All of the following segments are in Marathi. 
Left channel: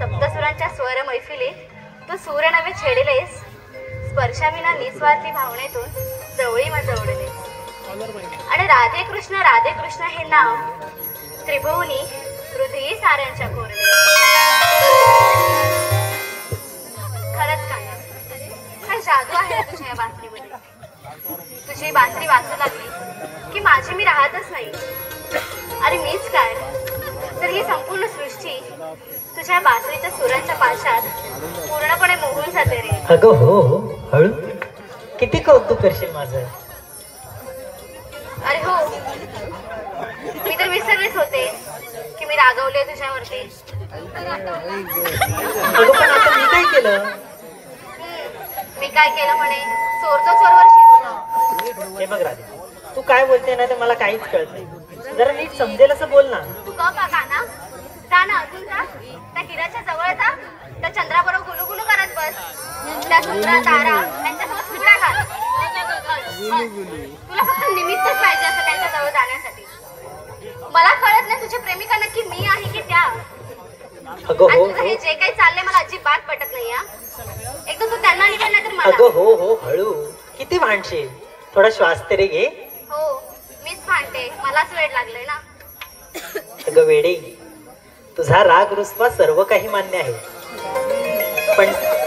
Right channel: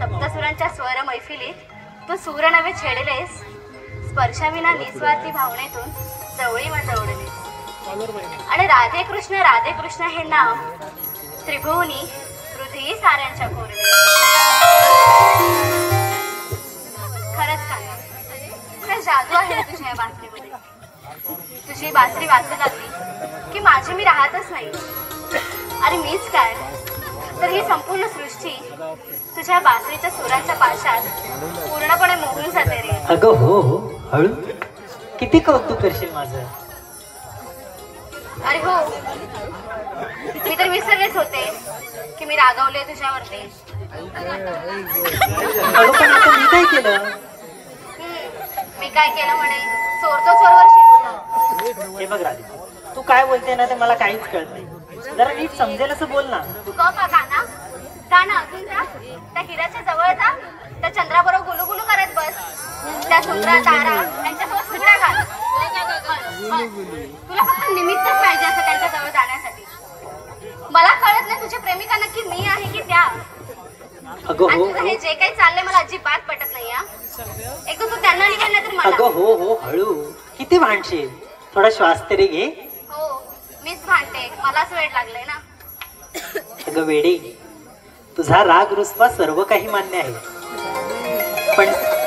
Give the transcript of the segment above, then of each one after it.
सप्तसुरांच्या स्वर मैफिलीत तू सूर नवे छेडलेस, स्पर्शाविना निस्वार्थी भावनेतून जवळी वाजवलेस. आणि राधे कृष्ण हे नाव त्रिभुवनी हृदयी साऱ्यांच्या कोरले. खरंच काय जादू आहे तुझ्या या बासरीमध्ये. तुझी बासरी वाजू लागली की माझी मी राहतच नाही. आणि मीच काय तर ही संपूर्ण सृष्टी तुझ्या बासरीच्या सुराच्या पाशात पूर्णपणे मोहून जाते रे. अगं हो हो, हळू. किती कौतुक करशील माझं. अरे हो, मी तर विसरलेच होते की मी रागवले तुझ्यावरती. मी काय केलं? मी काय केलं म्हणे, चोरतो चोरवर शिकवतो. हे बघ राधे, तू काय बोलते ना ते मला काहीच कळत नाही. जरा नीट समजेल असं बोल ना. तू गाणं अजून जा. त्या हिराच्या जवळ जा, त्या चंद्राबरोबर गुलुगुलू करत बस. त्या सुंदर तारा त्यांच्यासोबत फुगड्या घाल. तुला फक्त निमित्तच पाहिजे असं त्यांच्याजवळ जाण्यासाठी. मला कळत नाही तुझी प्रेमिका नक्की मी आहे की त्या. तुझं हे जे काही चाललंय मला अजिबात पटत नाही. एकदा तू त्यांना निघाल नाही तर मला. अगं हो हो, हळू. किती भांडशील, थोडा श्वास तरी घे. हो, मीच भांडते, मलाच वेळ लागलंय ना. अगं वेडे, तुझा राग रुसवा सर्व काही मान्य आहे,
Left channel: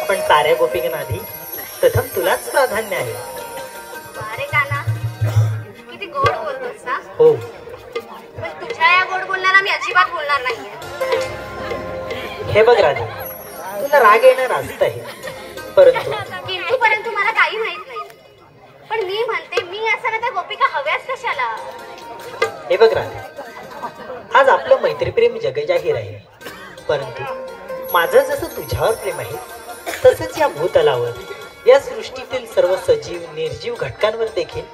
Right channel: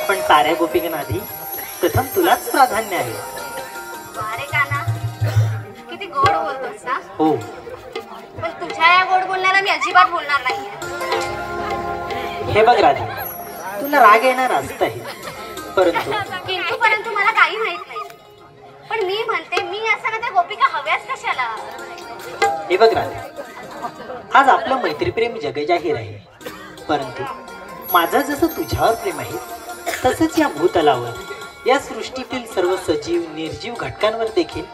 पण साऱ्या गोपिकांआधी प्रथम तुलाच प्राधान्य आहे. अरे काना, किती गोड बोलतोस ना. हो, पण तुझ्या या गोड बोलण्याला मी अजिबात बोलणार नाहीये. हे बघ राधे, तुला राग येणार असत आहे, परंतु मला काही माहित नाही. पण मी म्हणते, मी असताना त्या गोपिका हव्याच कशाला. हे बघ राधे, आज आपलं मैत्रीप्रेम जगजाहीर आहे, परंतु माझं जसं तुझ्यावर प्रेम आहे तसंच या भूतलावर, या सृष्टीतील सर्व सजीव निर्जीव घटकांवर देखील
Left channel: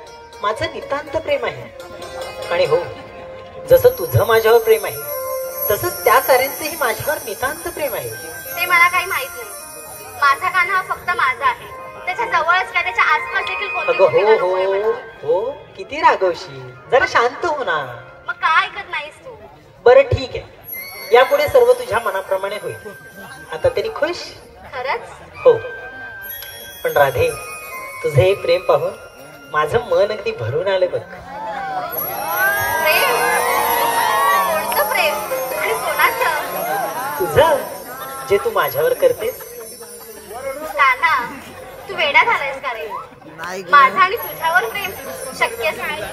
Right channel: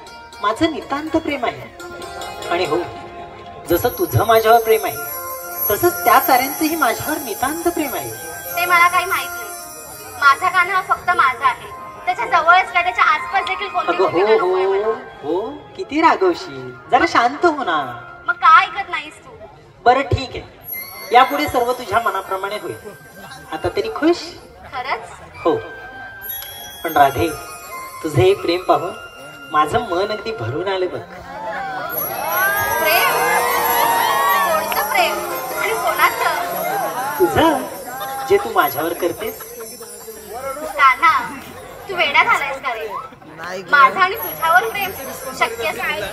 माझं नितांत प्रेम आहे. आणि हो, जसं तुझं माझ्यावर प्रेम आहे तसंच त्या साऱ्यांचंही माझ्यावर नितांत प्रेम आहे. ते मला काही माहित नाही. माझा काना हा फक्त माझा आहे, त्याच्या जवळच काय त्याच्या आसपास देखील कोणती हो हो हो, किती रागवशील. जरा शांत हो ना. मग काय ऐकत नाहीस तू. बरं ठीक आहे, यापुढे सर्व तुझ्या मनाप्रमाणे होईल. आता तरी खुश. खरंच हो, पण राधे, तुझं हे प्रेम पाहून माझं मन अगदी भरून आलं बघ. प्रेम? कोणतं प्रेम आणि कोणाचं? तुझं, जे तू माझ्यावर करतेस. कान्हा, तू वेडा झालायस का रे. माझं आणि तुझ्यावर प्रेम शक्यच नाही.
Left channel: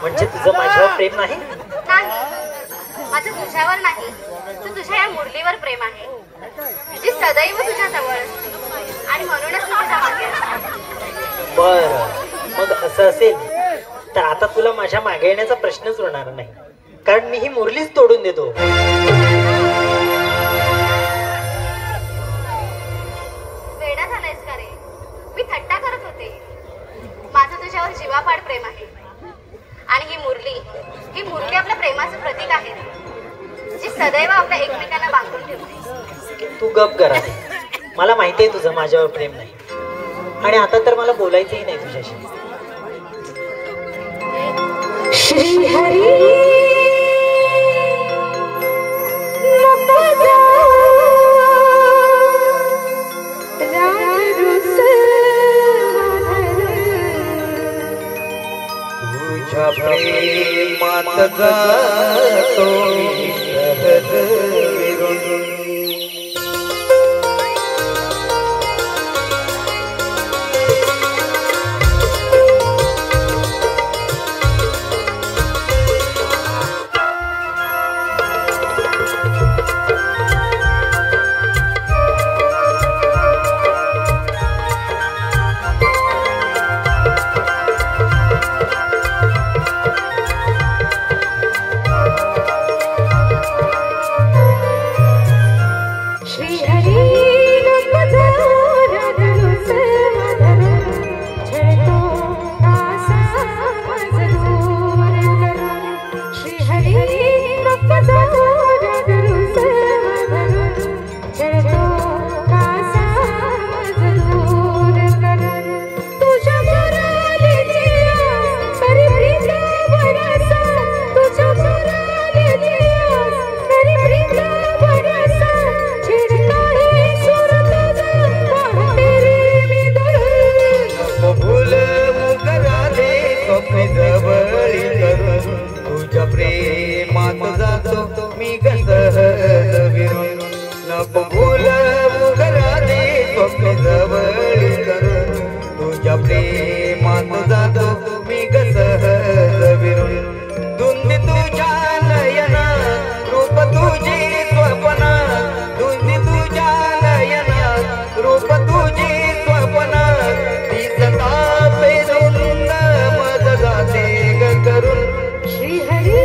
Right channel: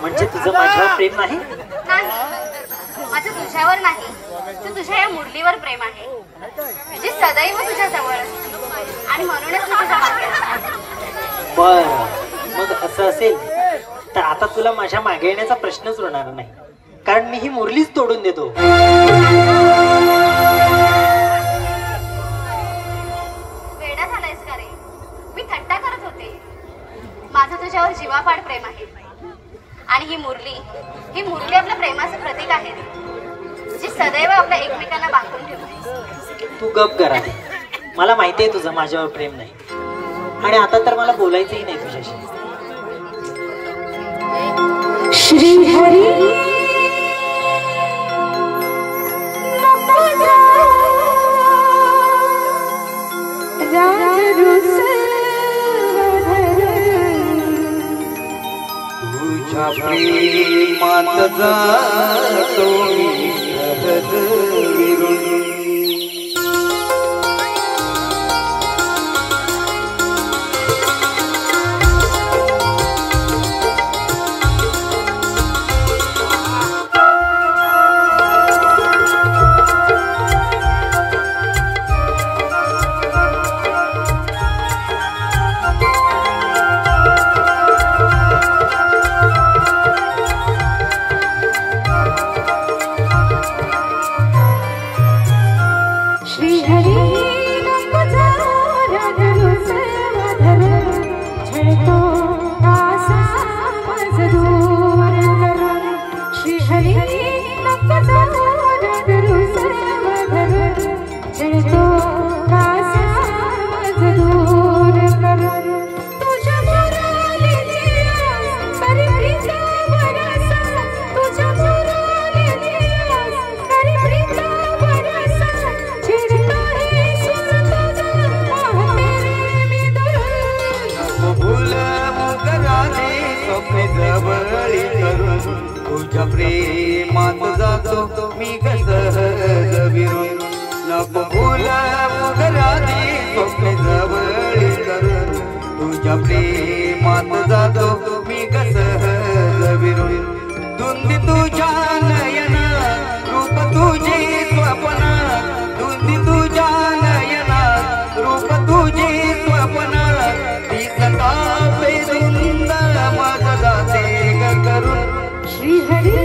म्हणजे तुझं माझ्यावर प्रेम नाही? माझं तुझ्यावर नाही, तर तुझ्या या मुरलीवर प्रेम आहे, जी सदैव तुझ्या जवळ असते. आणि म्हणूनच मी तुझ्या मागे असते. बरं, मग असं असेल तर आता तुला माझ्या मागे येण्याचा प्रश्नच उरणार नाही, कारण मी ही मुरलीच तोडून देतो. वेडा झालायस का रे. मी थट्टा करत होते. माझं तुझ्यावर जीवापाड प्रेम आहे. आणि ही मुरली आपल्या प्रेमाचं प्रतीक आहे, जी सदैव आपल्या एकमेकांना बांधून ठेवते. तू गप करा. मला माहिती आहे तुझं माझ्यावर प्रेम नाही, आणि आता तर मला बोलायचंही नाही तुझ्याशी. श्री हरी तुझ्या प्रेमात जातो मी सहज विरून. Chiri नको भूल मग राधे स्वप्ने जवळ करून तुझ्या प्रेमात जातो मी सहज विरून धुंदी तुझ्या नयनात रूप तुझी स्वप्नात धुंदी तुझ्या नयनात रूप तुझी स्वप्नात दिसता बेधुंद मज जाते ग करून श्रीहरी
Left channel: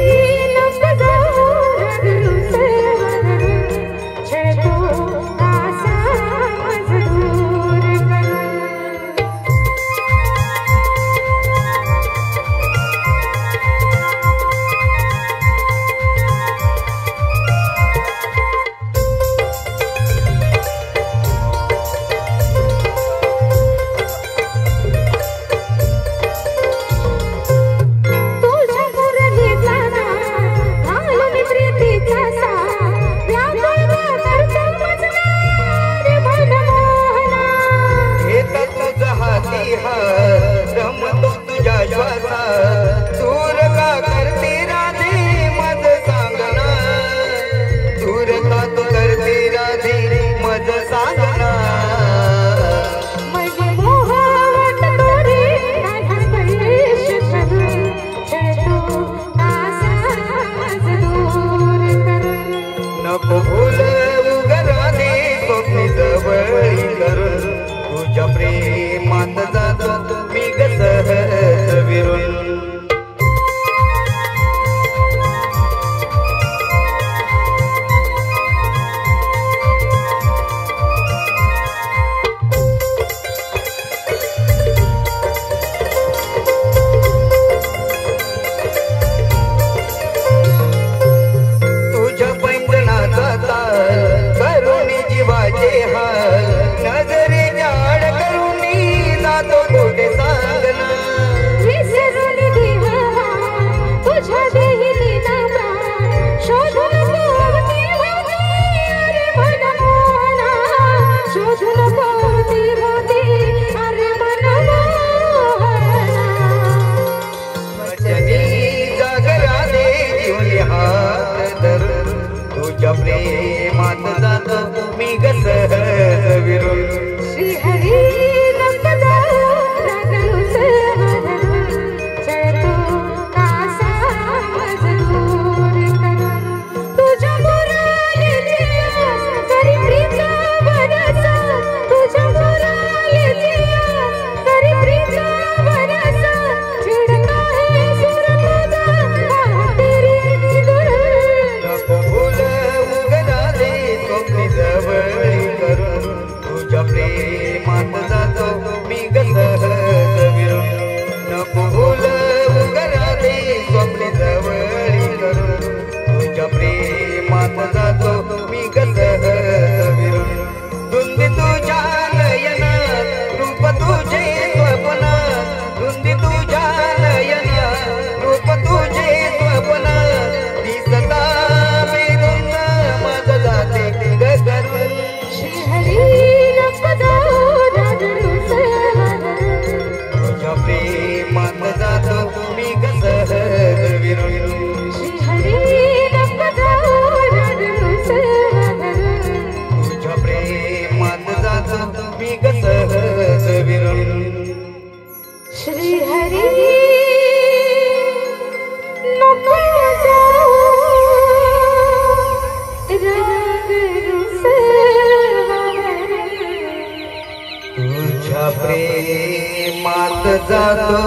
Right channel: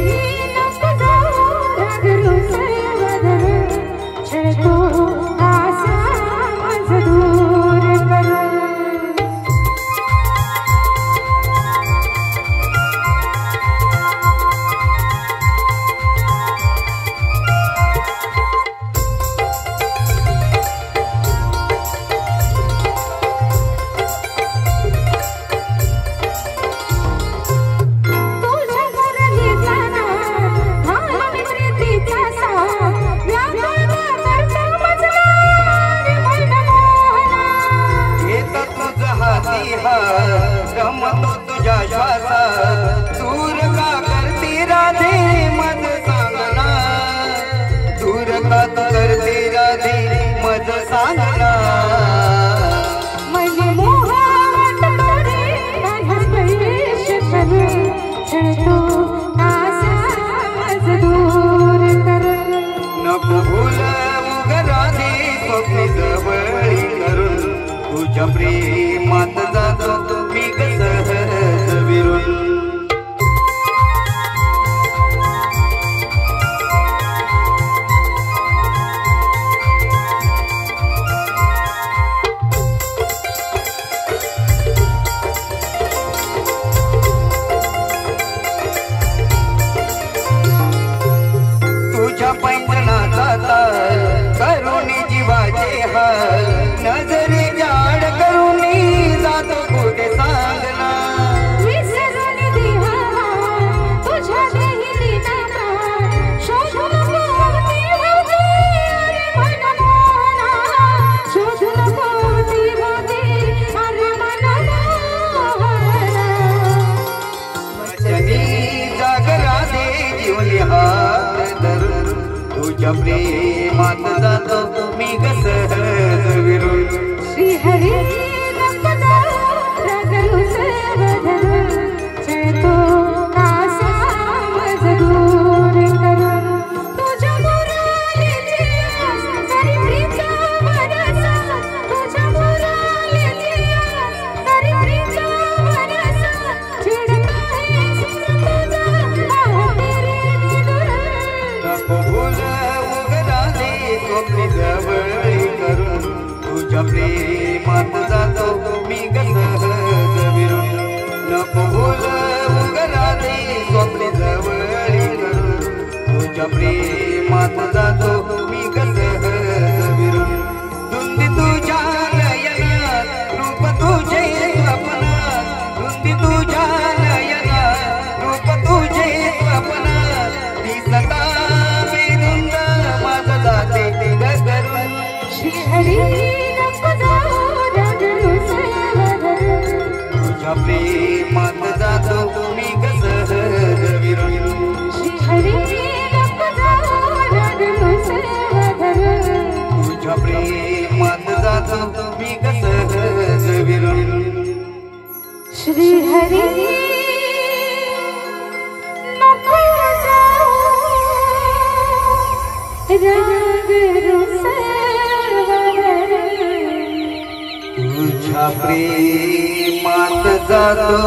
तुझ्या प्रेमात जातो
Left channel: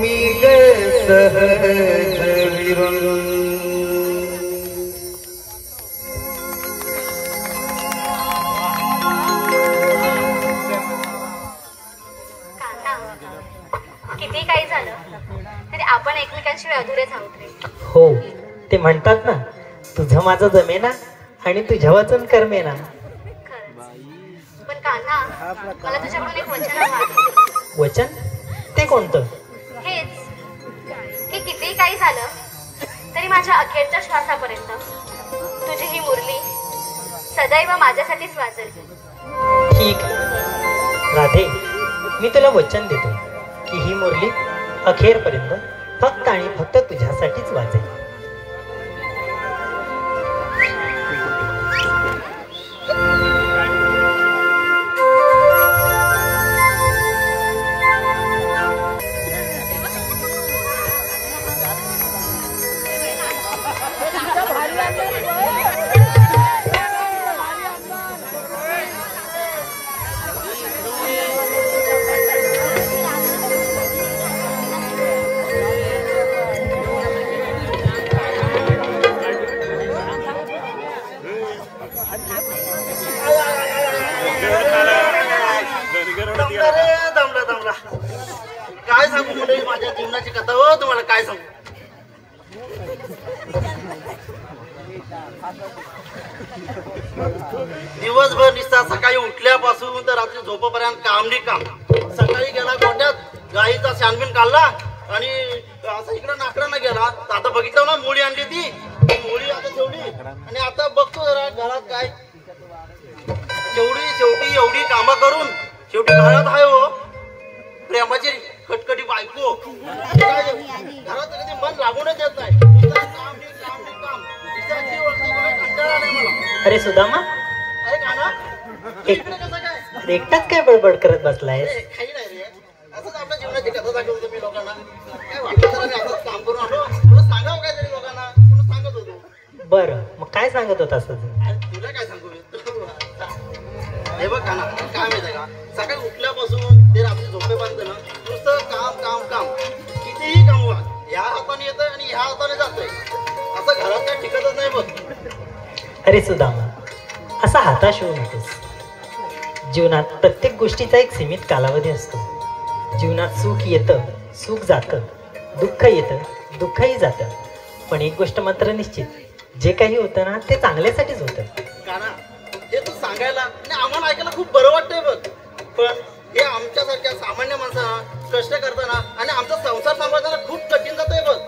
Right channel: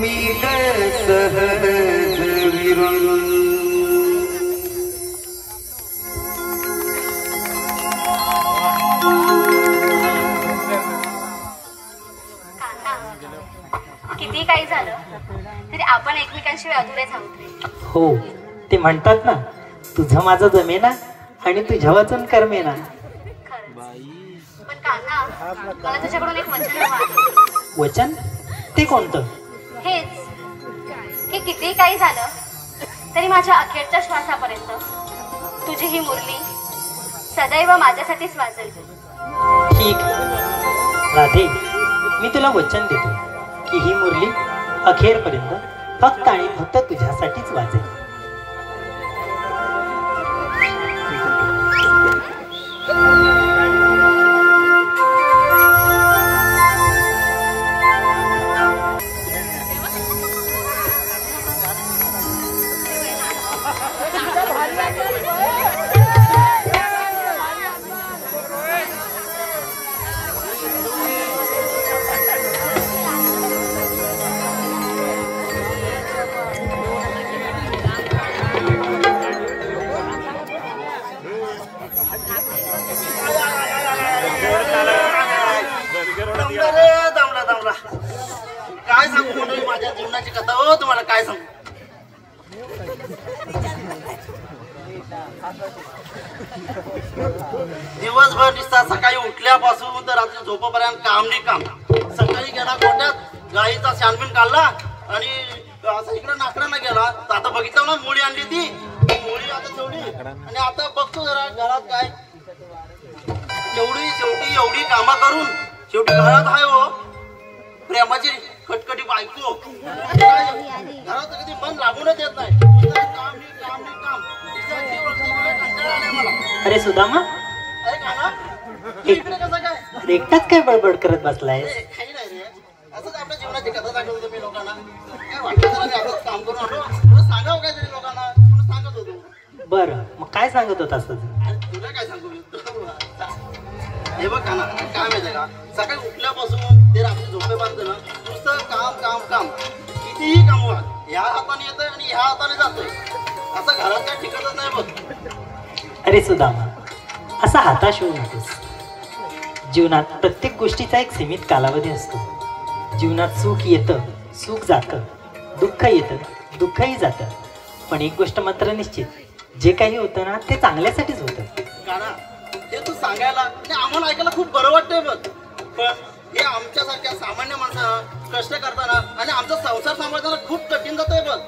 मी सहज विरून किती काही झालं तरी आपण एकमेकांशिवाय अधुरेच आहोत रे. हो, ते म्हणतात ना, तुझं माझं जमेना आणि तुझ्या वाचून करमेना. पण कान्हा, मला तुझ्याकडून एक वचन हवं आहे. वचन? ते कोणतं? हेच की किती काही झालं तरी माझ्या अखेरच्या श्वासापर्यंत तुझी ही मुरली सदैव माझ्यासाठीच वाजेल. ठीक राधे, मी तुला वचन देतो की ही मुरली अखेरपर्यंत फक्त आणि फक्त तुझ्यासाठीच वाजेल. काय सांगू मंडळी माझ्या जीवनाची कथा हो तुम्हाला काय सांगू. दिवसभर निसता सकाळी उठल्यापासून तर रात्री झोपेपर्यंत काम नी काम. सकाळी गेला गोट्यात गाईचा शानबीन काढला आणि असं इकडे नाकडांना गेला. आता बघितलं ना मुळी आणली ती मुळी आता ठेवली आणि आता बघतो जरा घरात काय शेवटी एवढी कामं करून शेवटी घरात आहे हो प्रेमाची खटखटी बायको. घरात कधी मन लागूनच येत नाही. काम नी काम नी काम. अरे सुदामा, अरे का ना कसं काय एकटाच काय बडबड करत बसलाय? काही नाही रे असंच आपल्या जीवनाची कथा दाखवतो मी लोकांना. काय वाटतं असंच काम करून आलो तुला सांगावं काय तरी लोकांना तुला सांगत होतो. बरं मग काय सांगत होतास तू? तुला काय सांगू मी हे बघ ना काय माहिती का सकाळी उठल्यापासून ते रात्री झोपेपर्यंत ना नुसतं काम काम काम. कितीही काम होणार ह्या हाताने येतंय आणि ह्या हाताने जातंय. असं घरात काय टिकतच नाही बघ. अरे सुदामा, असा हताश होऊ नकोस. जीवनात प्रत्येक गोष्टीचा एक सीमित कालावधी असतो. जीवनात सुख येतं, सुख जातं, दुःख येतं, दुःखही जातं. पण एक गोष्ट मात्र निश्चित, जे काही होतं ना ते चांगल्यासाठीच होतं. काना हे तू सांगायला आणि आम्हाला ऐकायला खूप बरं वाटतंय बघ. पण हे आमच्यासारख्या सामान्य माणसांना कष्ट करताना आणि आमचा संसार सांभाळताना खूप कठीण जातंय बघ.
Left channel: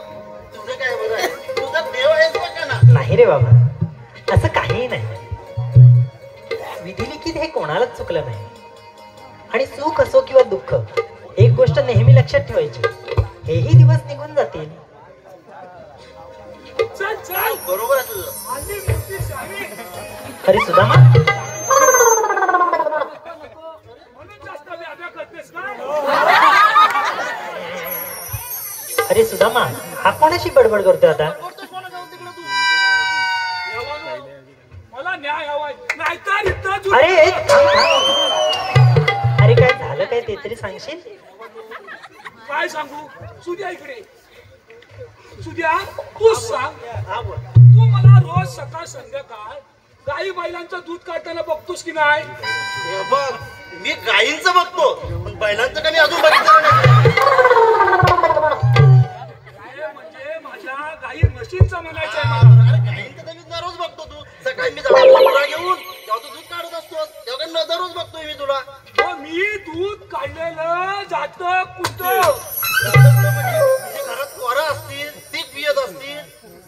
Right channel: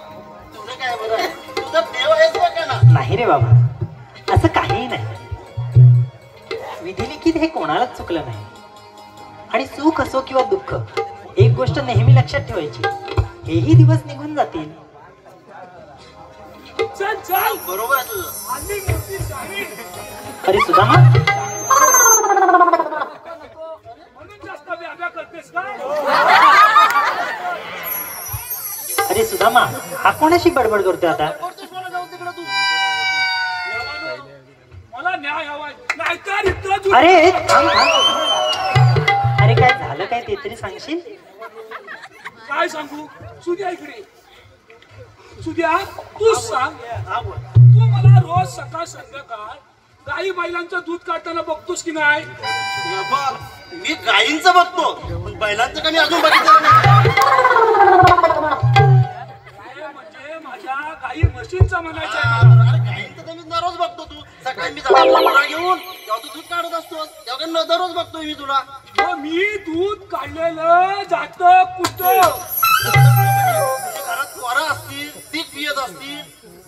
तुझं काय बरं आहे तुझा देव आहेस बघ का ना. नाही रे बाबा, असं काहीही नाही. विधिलिखित हे कोणालाच चुकलं नाही. आणि सुख असो किंवा दुःख, एक गोष्ट नेहमी लक्षात ठेवायची, हेही दिवस निघून जातील. बरोबर आहे तुझं. अरे सुदामा, अरे सुदामा, हा कोणाशी बडबड करतोय आता? अरे अरे काय झालं काय ते तरी सांगशील? काय सांगू सुद्या इकडे सुद्या तूच सांग. तू मला रोज सकाळ संध्याकाळ गाई बैलांचं दूध काढताना बघतोस की नाही? हे बघ मी गायींचं बघतो पण बैलांचं कमी अजून बघितलं नाही. म्हणजे माझ्या गाई म्हशींचं म्हणायचं आहे मला. अरे गायींचं तर मी दररोज बघतो. तू सकाळी मी जवळ घेऊन तेव्हा तू दूध काढत असतो तेव्हा दररोज बघतोय मी तुला. मी दूध काढलेलं जात कुठं घरात पोरं असतील ती पियत असतील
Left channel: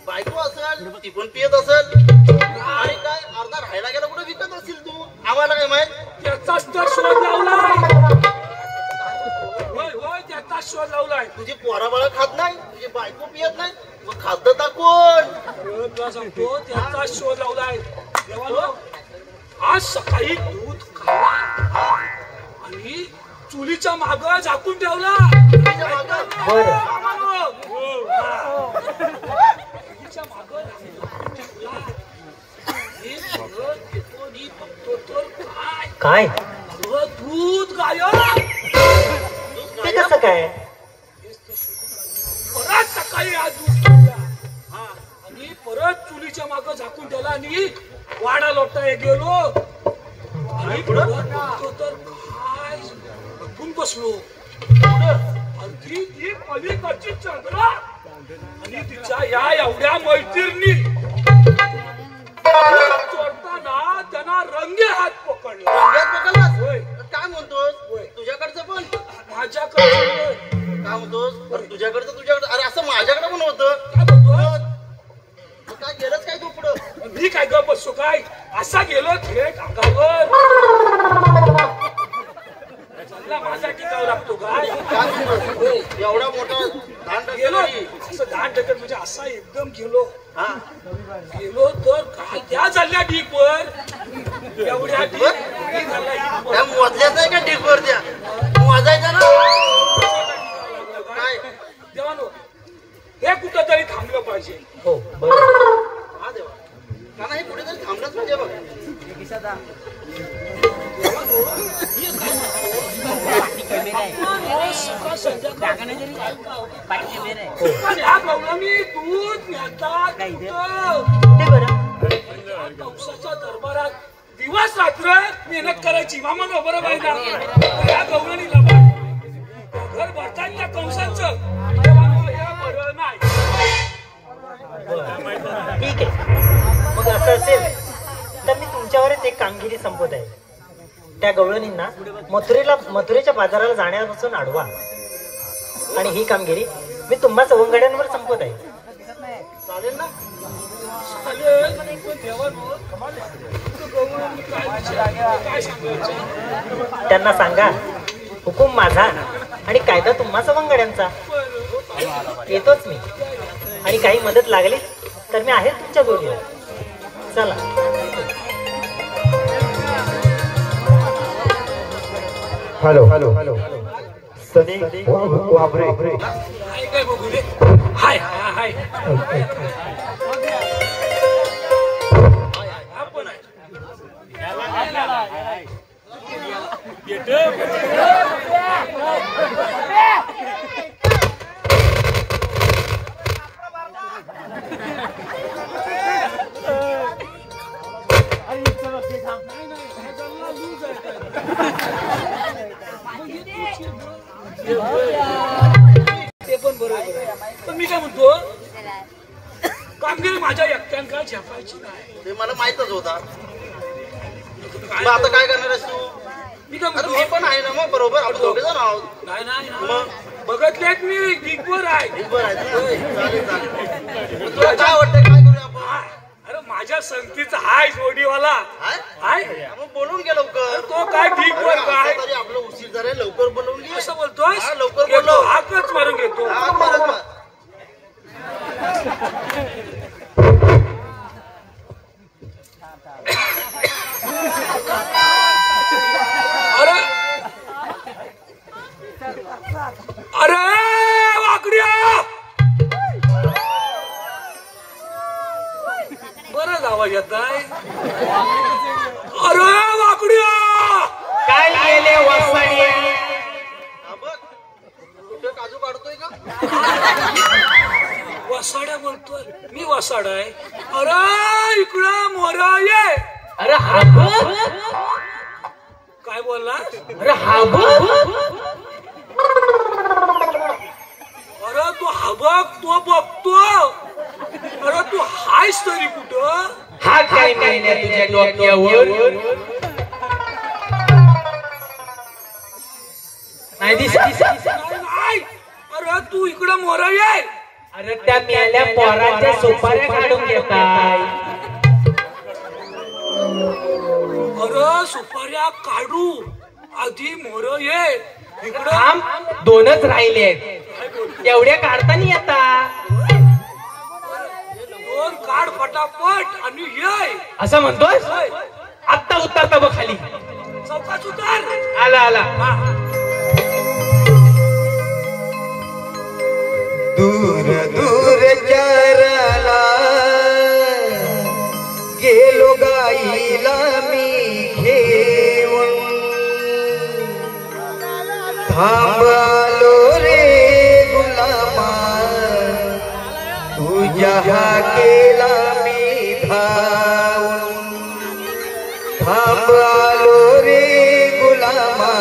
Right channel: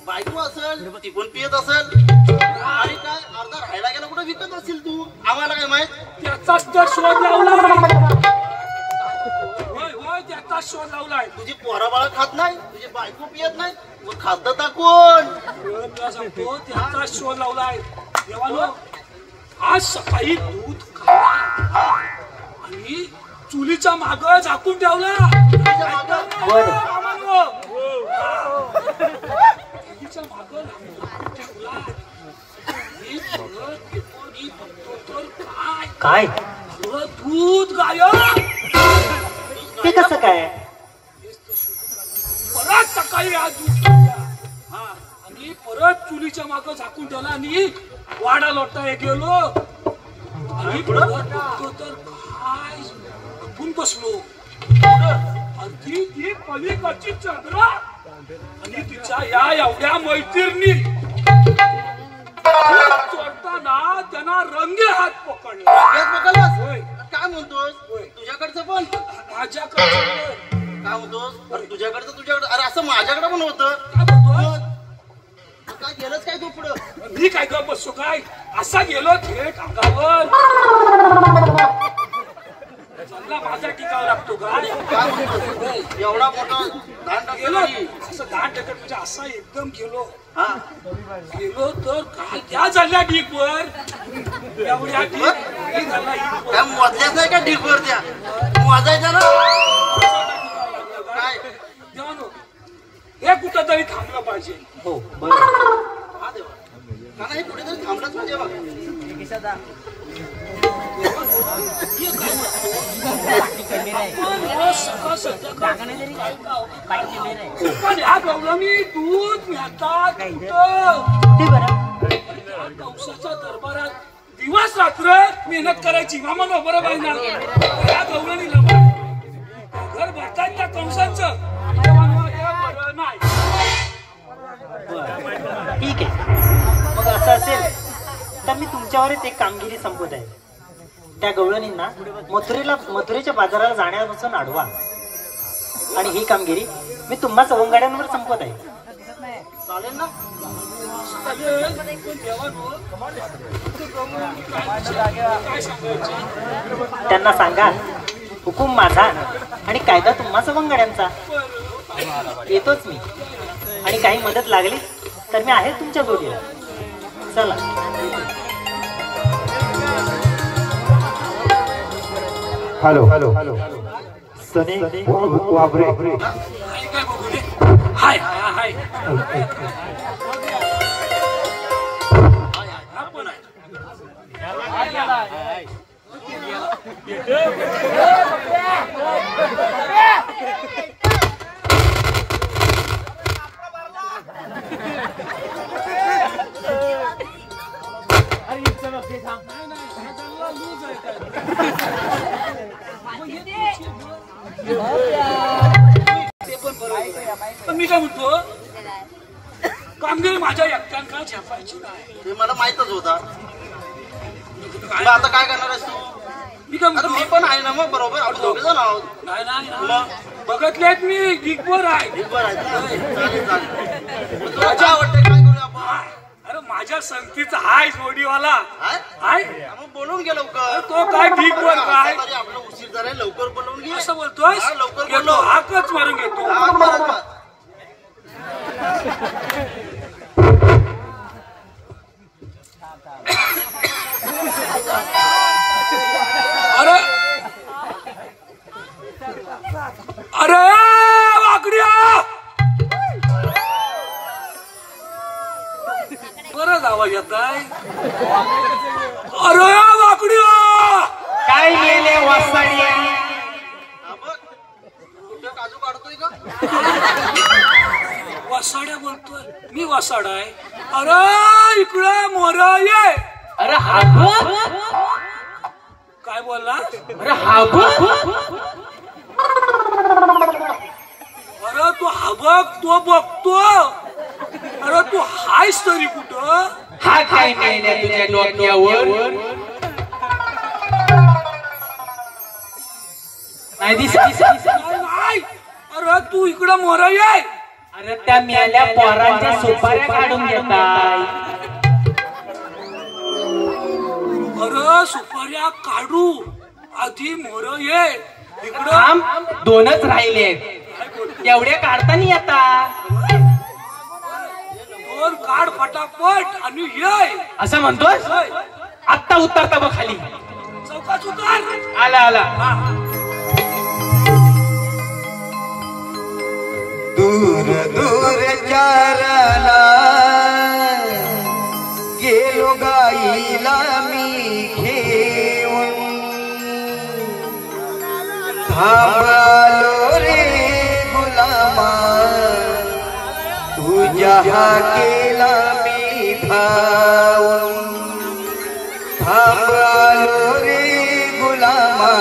बायको असेल ती पण पियत असेल आणि काय अर्धा राहायला गेला कुठे विकत असतील तू. आम्हाला काय माहित. त्याचाच तर शोध लावलाय. होय होय त्याचाच शोध लावलाय. तुझी पोरं बाळा खात नाही तुझी बायको पियत नाही मग खात कोण? तुला सांगतो त्याचा शोध लावलाय. देवानो आज सकाळी दूध खाल्ला आणि चुलीच्या माग झाकून ठेवला. चुलीच्या माग काय दूध गायब. ते कसं काय? परत सकाळी आज दूध काढला आणि परत चुलीच्या माग झाकून ठेवला आणि वाडा लोटा गेलो आणि तर काय लपून बसलो. अगदी ती पलीकडची चंद्रा आणि तिच्या या एवढ्या मैत्रिणी चोरताना त्यांना रंगे हात पकडला. होय. काय म्हणतोस तुझ्याकडचं पण माझ्याकडे काय म्हणतोस तुझ्याकडचं तुझ्याकडे. अरे असं माझ्याकडे पण होतं. काय म्हणतो काय गेलंच काय तू पुढं. मी काय ग बसतो काय असा गेलो थेट अंगावर. माझा टिकाव लागतो काय एवढा मोठा धान गेलो टाकला असं धान टाकत म्हणजे असा एकदम गेलो. हा गेलो तर काय त्या झाल्या ढीकवर एवढ्या ढीक झाला काय मोजल्याच नाही का ढीकवर त्या मोजायचं ना काय. देवानो हे कुठं तरी थांबलं पाहिजे. हो बरोबर. हा देवा का नाही कुठेतरी थांबलाच पाहिजे बघ. पण ह्या गवळणी दूध नेतात ते बरं. कौसाच्या दरबारात दिवस रात्र मेहनत करायची. मामा बरोबर आहे ना. या गवळणीला खरं भरतायत त्या कंसांचं बरं नाही. बरं, ठीक आहे. मग असं असेल तर मी तुमच्यावरच एक कामगिरी संपवत आहे. त्या गवळणींना मथुरेच्या बाजाराला जाण्यापासून अडवा आणि ही कामगिरी मी तुम्हा सवंगड्यांवर संपवत आहे. चालेल ना? त्यांना सांगा हुकूम माझा आणि कायदा तुम्हा सवंगड्यांचा. येतोच मी आणि काही मदत लागली तर मी आहे तुमच्या जोडीला. चला. हॅलो हॅलो हॅलो सनी वाबरे. हाय हाय ते पण बरोबर. मी काय म्हणतो कामगिरी माझ्या एकट्यांका झेपायची नाही. ते मला माहितच होता. तुला आता काय करणार आहेस तू? मी काय आता म्हणतो मी पण आहे ना मग बरोबर. आपण दोघे जण आहोत. नाही नाही मग बघतलेत मी दिग्बर आहे. बरं आहे ना? चालेल, चालेल. तुला काय आवडतं काय करूया आपण? अरे माझ्या संगतीचा हाय जोडीवाला हाय? हाय मग बोलून घे लवकर. तो काय दिग्बर काय तरी आपलं उशीर जरा लवकर बोलवून घे. असं बोलतोस? हा, लवकर घेतो, बोलव. हाकच मारून घेतो. हा, बरोबर. अरे अरे वाकड्या बरं आवाज येत आहे. अरे वाकड्या काय गेले वासाडी हा बघ. कुठे काजू काढतोय का? वासाड्या बोलतोय. मी वासाड आहे. अरे इकडं मोर ये. अरे हा काय बोलला? अरे हा अरे तू हा बघ तो बघतो. अरे तू हायस तरी कुठं? हा काय नाही तुझ्या डोक्यावर नाही नाही. अरे तू इकडं मोर ये. अरे त्या मेल्या पोरांच्या सुपाऱ्या काढून घेताय. अरे सुपाऱ्या काढू आधी मोर ये इकडं. थांब, दोनच राहिले एवढे काढता नाही आता. दोन काढ फटाफट आणि ये. असं म्हणतोस? आत्ता उतरता बघ खाली. चौकात उतर. आला आला. दूर दूर चाराला गेलो गाईला मी घेऊन. थांबलो रे गुलामा तुझ्या हाकेला मी धावून. थांबलो रे गुलामा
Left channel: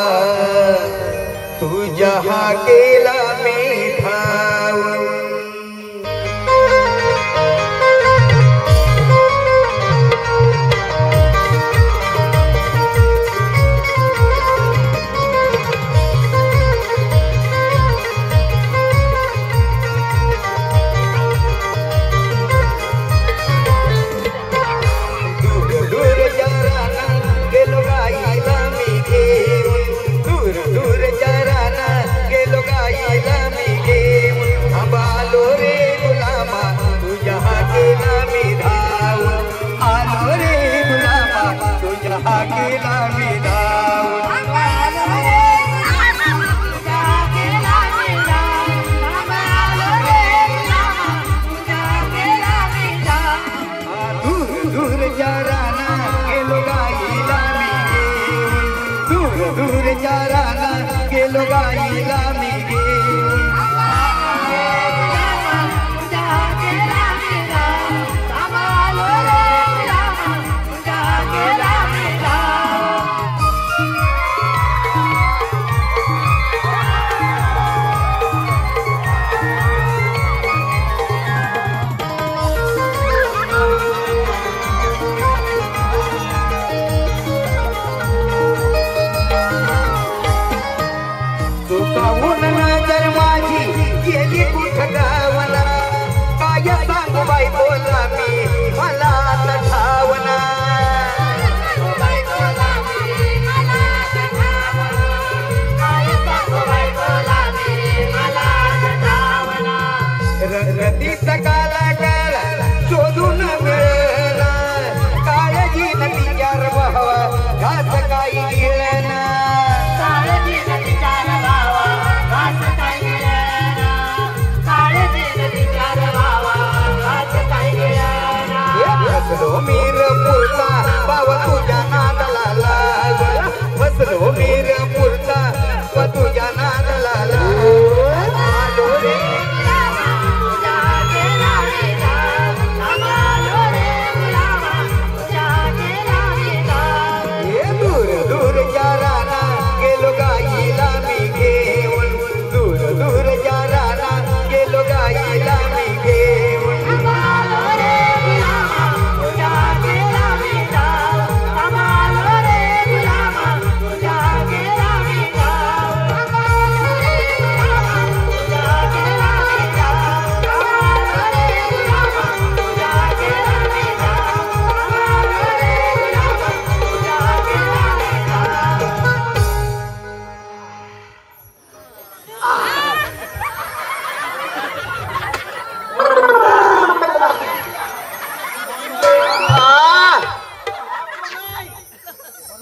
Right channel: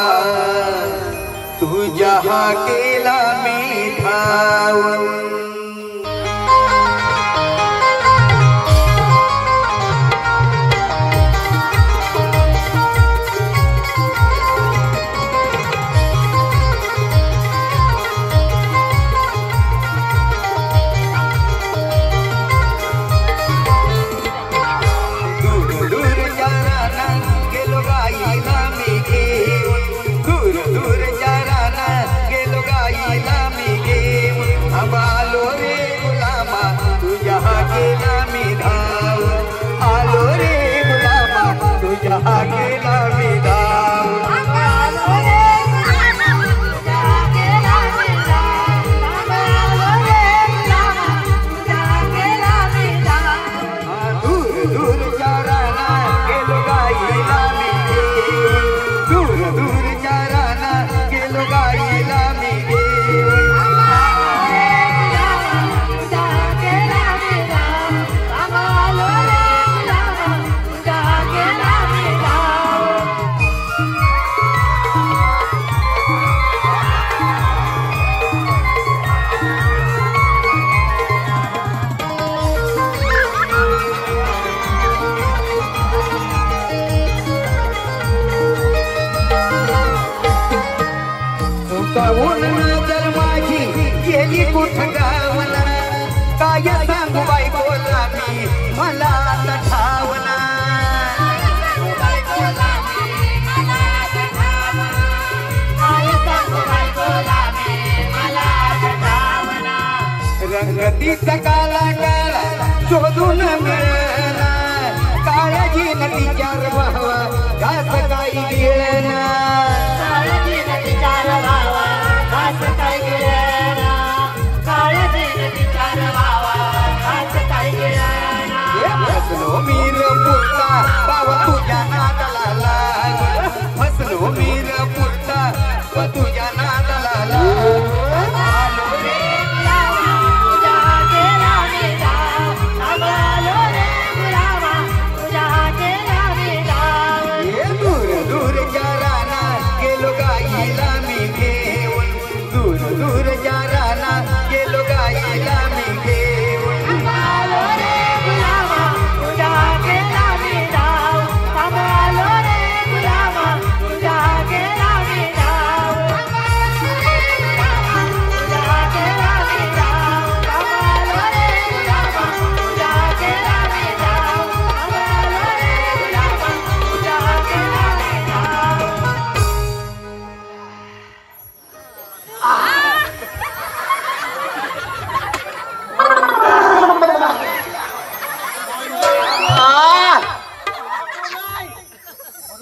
तुझ्या हाकेला मी धावून.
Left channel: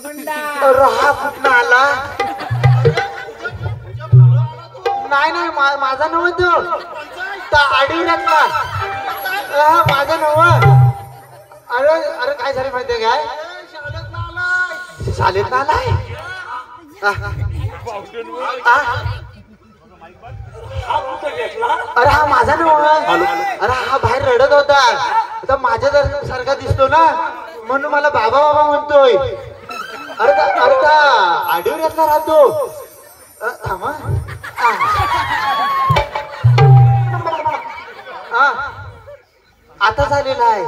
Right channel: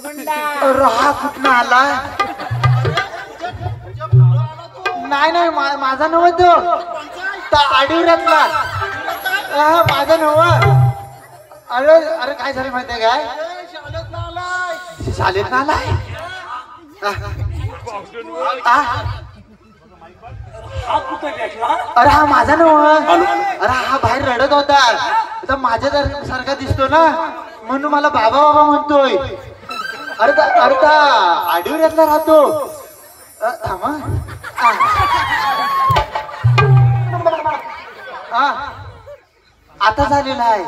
अरे हा कुठं आला? नाही माझा नव तो आडीवऱ्यातला माझा नव. अरे काय झालं माहितीये काय? शाळेत आलाय. अरे हा माझा नव. अरे हा बाहेर रडत होता तर माझ्या सारखा दिसतो ना म्हणून मला बाबा बाबा म्हणतोय. अरे त्या आडीवऱ्यातला राहतो. थांबा. आता झालेला आहे.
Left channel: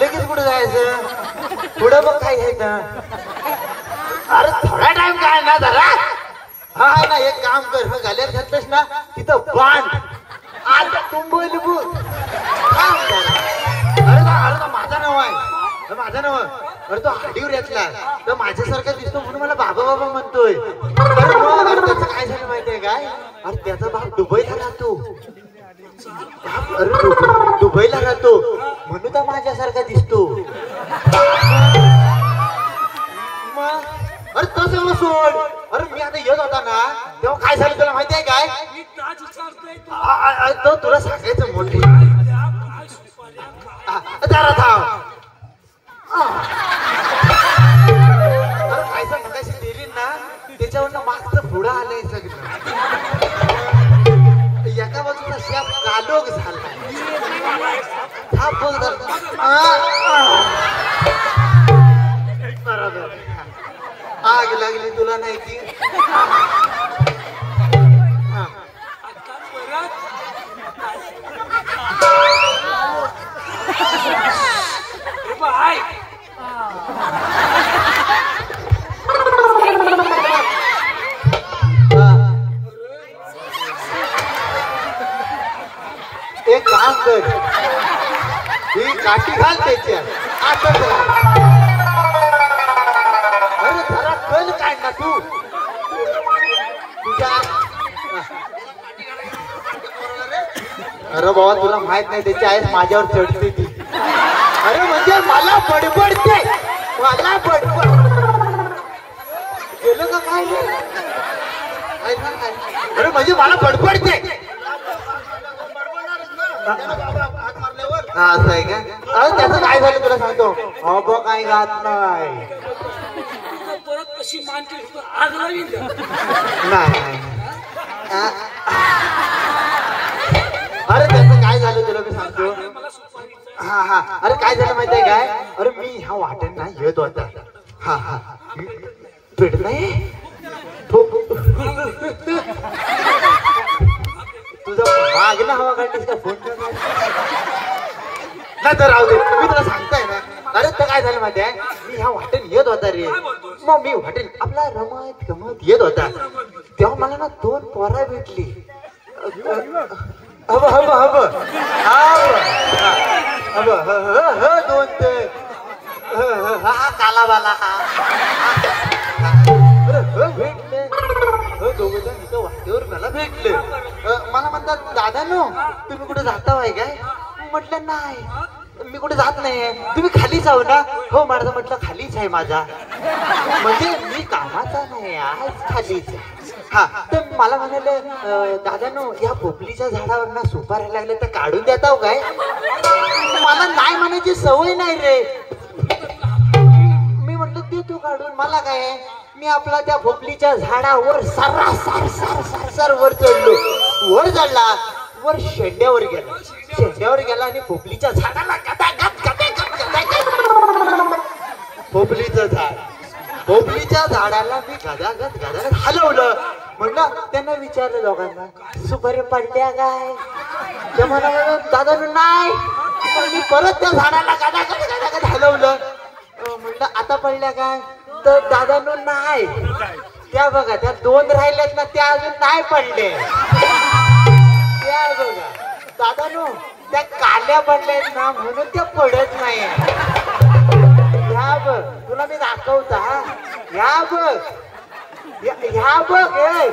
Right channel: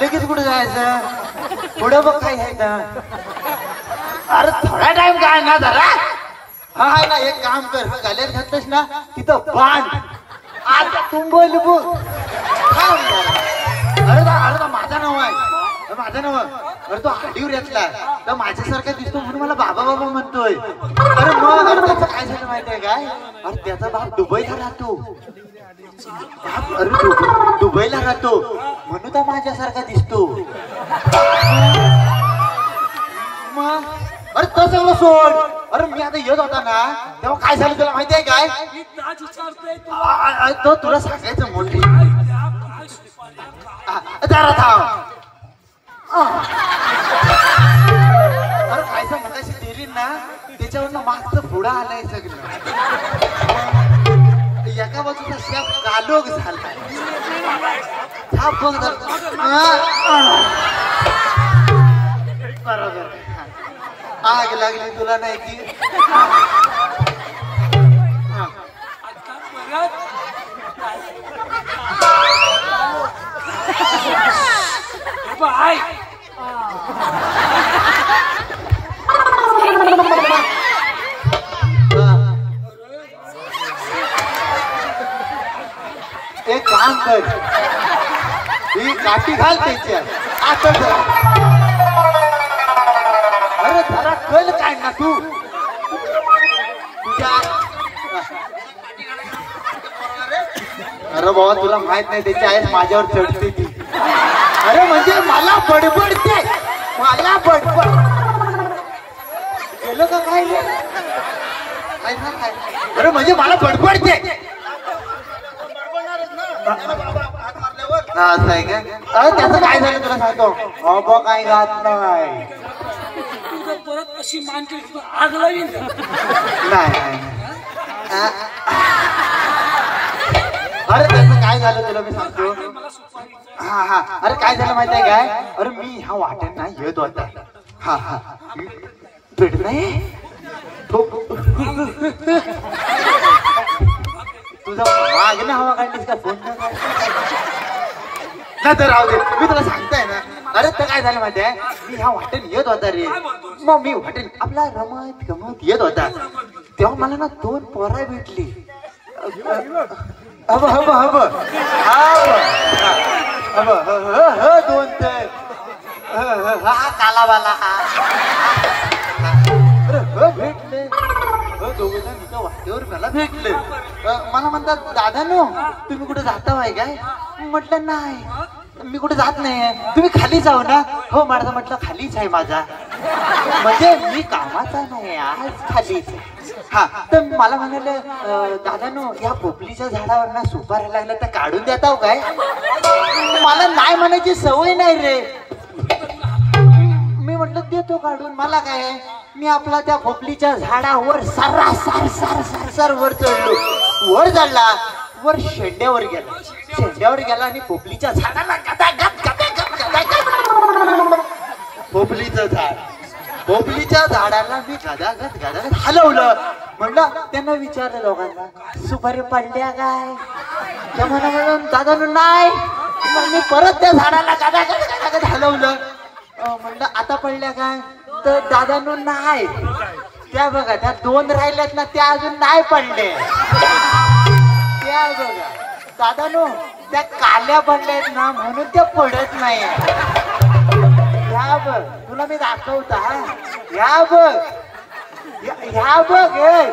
लगेच कुठे जायचं? पुढं बघ काय आहे ना. अरे थोडा टाइम काय ना जरा. हा ना एक काम कर. गाल्यात घातलंस ना तिथं बांध. आता तुंबोय लिबू. अरे माझा नाव आहे. माझा नाव. अरे तो हाडीवर यातला तर माझ्यासारखा दिसतो म्हणून मला बाबा बाबा म्हणतोय. अरे मग त्याचं काय झालं माहितीये काय? अरे त्याचा बाप दुबईला राहतो. अरे दुबईला राहतो म्हणून तर माझ्यासारखा दिसतो. मग अरे तो सगळं सोड. अरे मी आता येत होता ना तेव्हा काय झालं तुला माहितीये काय? तो तुला सांगायचं मोठे. जरा थांब. अरे काय सांग मगाशी दिली ना त्याच्यावरनं मागचं पुढं आलंय सगळं. एका बाजूचा शेप कालोख झाला. बरोबर आग लागली तुला नाही की. एक काम कर. ही काठी घाल त्याच्या. अरे जरा कळ काय ना तू तुझ्या. अरे बाबा तुला माहित नाही त्याची आई माझ्यावर चढते ती. अरे म्हणजे मला बडबडते. मला बडबड गेलं का काय नाही. अरे म्हणजे मला बडबडते. असं आहे का? त्याचं काय झालं तुला सांगतो. बाबा काही घात नाही. परत कशी मानते आग लावीन. नाही. अरे त्याचं काय झालं तुला मी सांगतो. हा अरे काय झालं माहितीये काय? अरे मी ह्या वाटेन ना येत होता. हा भेट नाही तुझा मागणं हवा काढलीस का? फोन ना तर राहू दे. मी तुला सांगताय ना. अरे तर काय झालं माहितीये मी ह्या वाटेन येत होता रे. मग मी वाटेन आपला रमत गमत येत होता तेव्हा मला ना 2 पोरा भेटली. हब हब हब हब 2 ते हा कालावाला भेटले. दोघं जण इथं वाटेवर मला भेटले. मला म्हणतात दादा नो तुम्ही कुठे जाता वाय काय? म्हटलं नाही मी कुठे जात नाही. तुम्ही खाली जाऊ ना. हो माझा म्हटलं खालीच आहे माझा. म्हणजे मी कामाचा नाही आज खालीच. हा तर मला म्हणाले दादा नो या पोपलीच्या झाडावर ना सुपारी लागल्या तर काढून देता हो काय? मला नाही म्हणायची सवय नाही रे. मी म्हटलं देतो काढून. मला काय मी आपला त्या पोपलीच्या झाडावर सर वर चढलो. वर चढला वर शेंड्यावर गेला आणि पोपलीच्या झाडाला पोपलीच्या झाडाला मी गदागद हलवलं. म्हणलं त्यांना विचारलं दोघांना सुपारी पडल्या काय? म्हणून दादा नाही. मी परत त्या झाडाला गदागद हलवलं. म्हणलं आता पडल्या काय? तर दादानू नाही. त्या बघा त्या 2 राहिल्यात ना त्या अजून नाही पडले. त्या बघा दादानू त्या काल्या पडल्यात ना म्हणून त्या पडत नाही. ह्या बघ तुला मी दाखवता. ह्या बघ ह्या बघ हे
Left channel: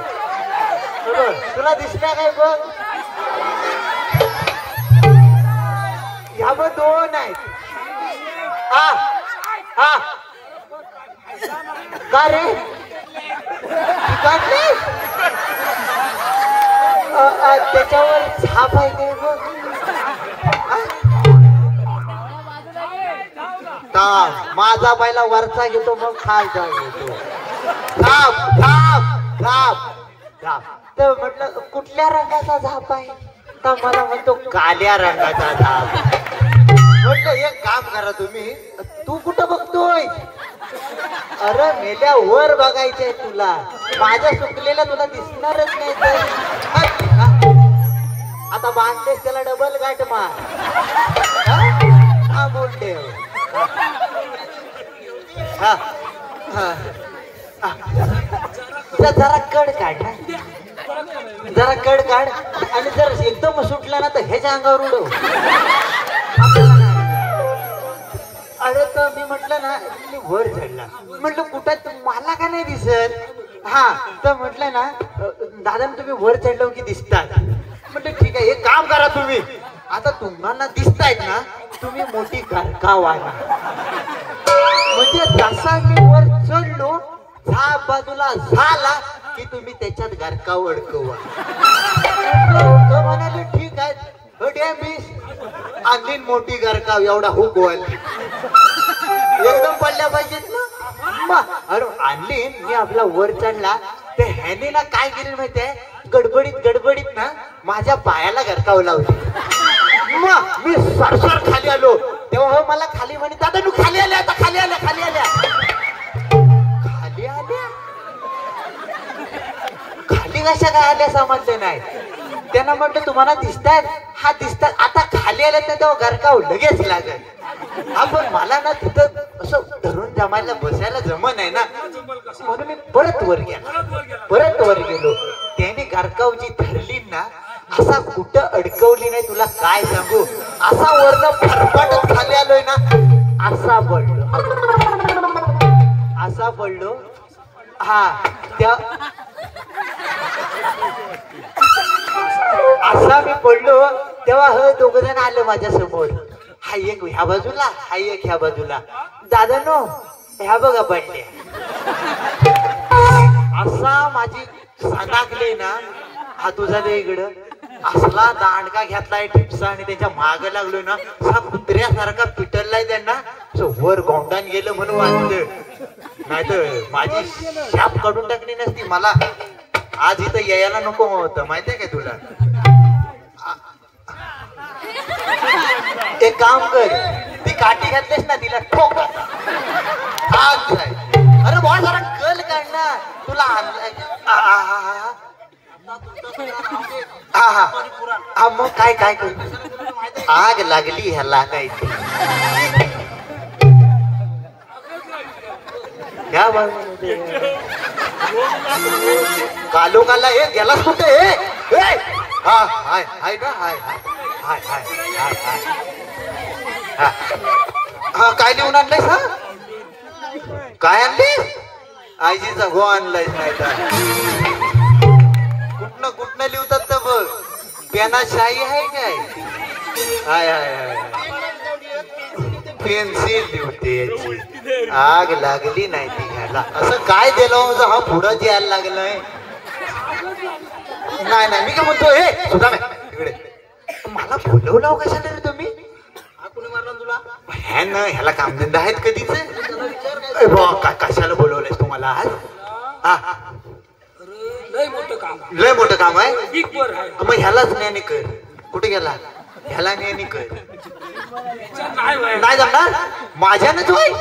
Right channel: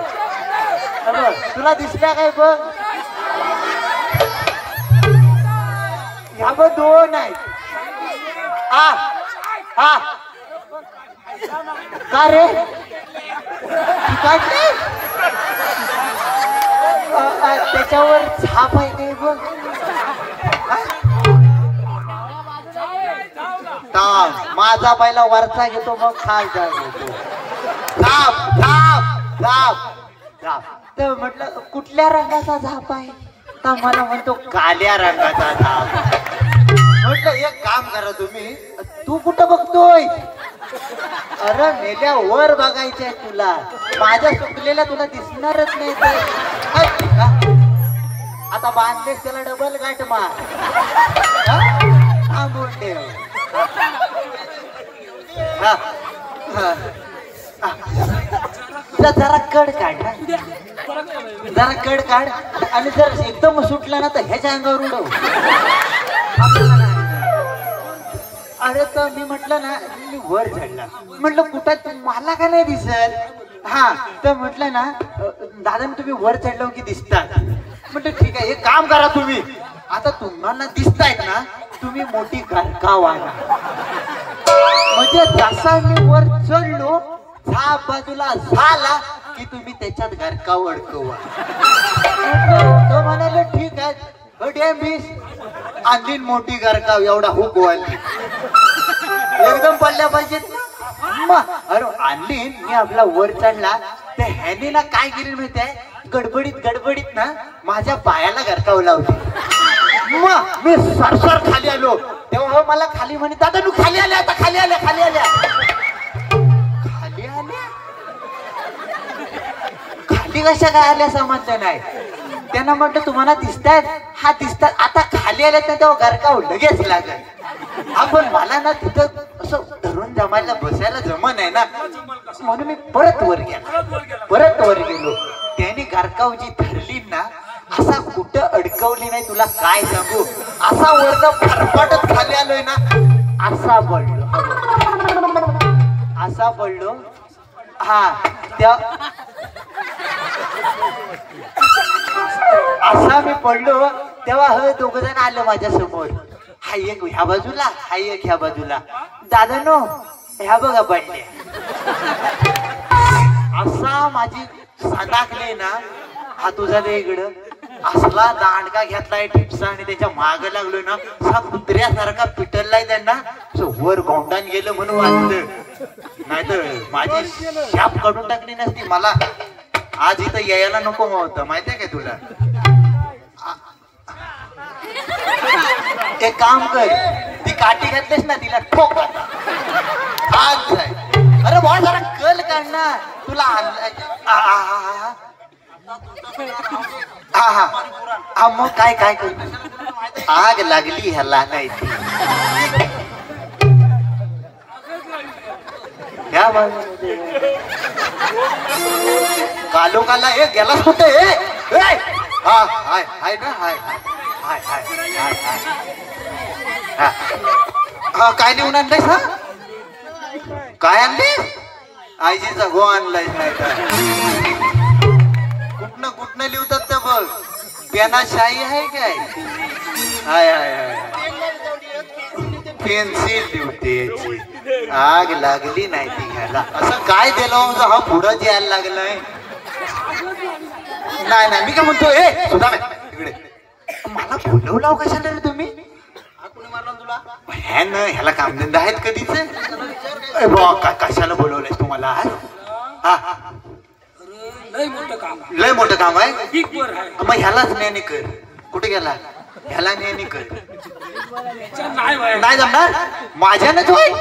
तुला दिसल्या काय बघ. ह्या बघ 2 आहेत. हा का रे काय ते? त्याच्यावर झाप आहे काय बघ. माझा बैला वरचा घेतो मग खालचा घेतो. झाप झाप झाप झाप. तर म्हटलं कुठल्या रंगाचा झाप आहे? तर मला म्हणतो काल्या रंगाचा झाप. म्हटलं एक काम करा तुम्ही. तू कुठं बघतोय? अरे मेल्या वर बघायचंय तुला. माझ्या सुकलेल्या तुला दिसणारच नाही तर. आता बांधलेस त्याला डबल गाठ मार. थांबून ठेव. जरा कड काढ ना. जरा कड काढ आणि जर एकदम सुटला ना तर ह्याच्या अंगावर उडव. अरे तर मी म्हटलं ना मी वर चढला. म्हटलं कुठं मला का नाही दिसत. हा तर म्हटलं ना दादा तुम्ही वर चढलो की दिसतात. म्हटलं ठीक आहे एक काम करा तुम्ही. आता तुम्हाला दिसतायत ना तुम्ही मोठी गारकाव आणा. म्हणजे जसा मी वर चढलो झाप बाजूला झाला की तुम्ही त्याच्यात गारकाव अडकवा. म्हणाले ठीक आहे. आणली मोठी गारकाव एवढा हुक वाली एकदम पडल्या पाहिजेत. अरे आणली मी आपला वर चढला तर ह्यानी ना काय केली माहितीये गडबडीत ना माझ्या पायाला गरकाव लावली. मग मी सरसर खाली आलो तेव्हा मला खाली म्हणे दादा तू खाली आल्या आता खाली आल्या खाली आल्या खाली आल्या खाली कशा काय आल्या समजलं नाही. त्यांना म्हटलं तुम्हाला दिसतात. हा दिसतात. आता खाली आल्या तर तेव्हा गरकाव लगेच लागेल. आपण मला ना तिथं असं धरून जमायला बसायला जमन आहे ना म्हणून मी परत वर गेलो. त्याने गारकाव जी धरली ना असा कुठं अडकवली नाही तुला काय सांगू. असा वरनं फरफाटत खाली आलोय ना असा पडलो. हा त्या असा मी पडलो तेव्हा ह दोघ जण आलं माझ्या समोर. हा एक ह्या बाजूला हा एक ह्या बाजूला. दादा नो ह्या बघा पडले. असा माझी सदाकले ना हा तुझा दे इकडं असला दांडका घेतलाय टिपसा आणि त्याच्या माग लागलोय ना असा कुत्र्यासारखा पिटललाय त्यांना. वर गोंडान गेलं म्हणून वाचलं नाही तर माझी शाप काढून टाकली नसती. मला आज इथं यायला नको होतं माहितीये का तुला. ते काम कर ती काठी घातलीस ना तिला ठोक. अरे बाबा जरा कल काढणार तुला हा मग काय काय करतो आग लागली ह्याला नाही कालो काला हे गेला कुठे हाय ना हाय काय लिहून आणलंयस ना काय आणले आईजीचा गो आणलाय नाही कुठनं लिहतात तर बघ. पेना शाई आहे काय हाय हाय हाय पेन्सिल लिहते. आग लागली नाही ती घ्यायला. असं काय दिलं हा पुढं यायला लागलंय. नाही मी काय म्हणतो हे सुद्धा तिकडे मला बोलवलं कशाला रे तुम्ही. तुला ह्याला कामधंदा आहेत कधीच कशाला बोलवलंय तुम्हाला आज. हा लय मोठं काम आहे. मग ह्यालाच नेणे कर. कुठे गेला ह्याला नेणे कर. नाही जमणार माझ्यानच होय.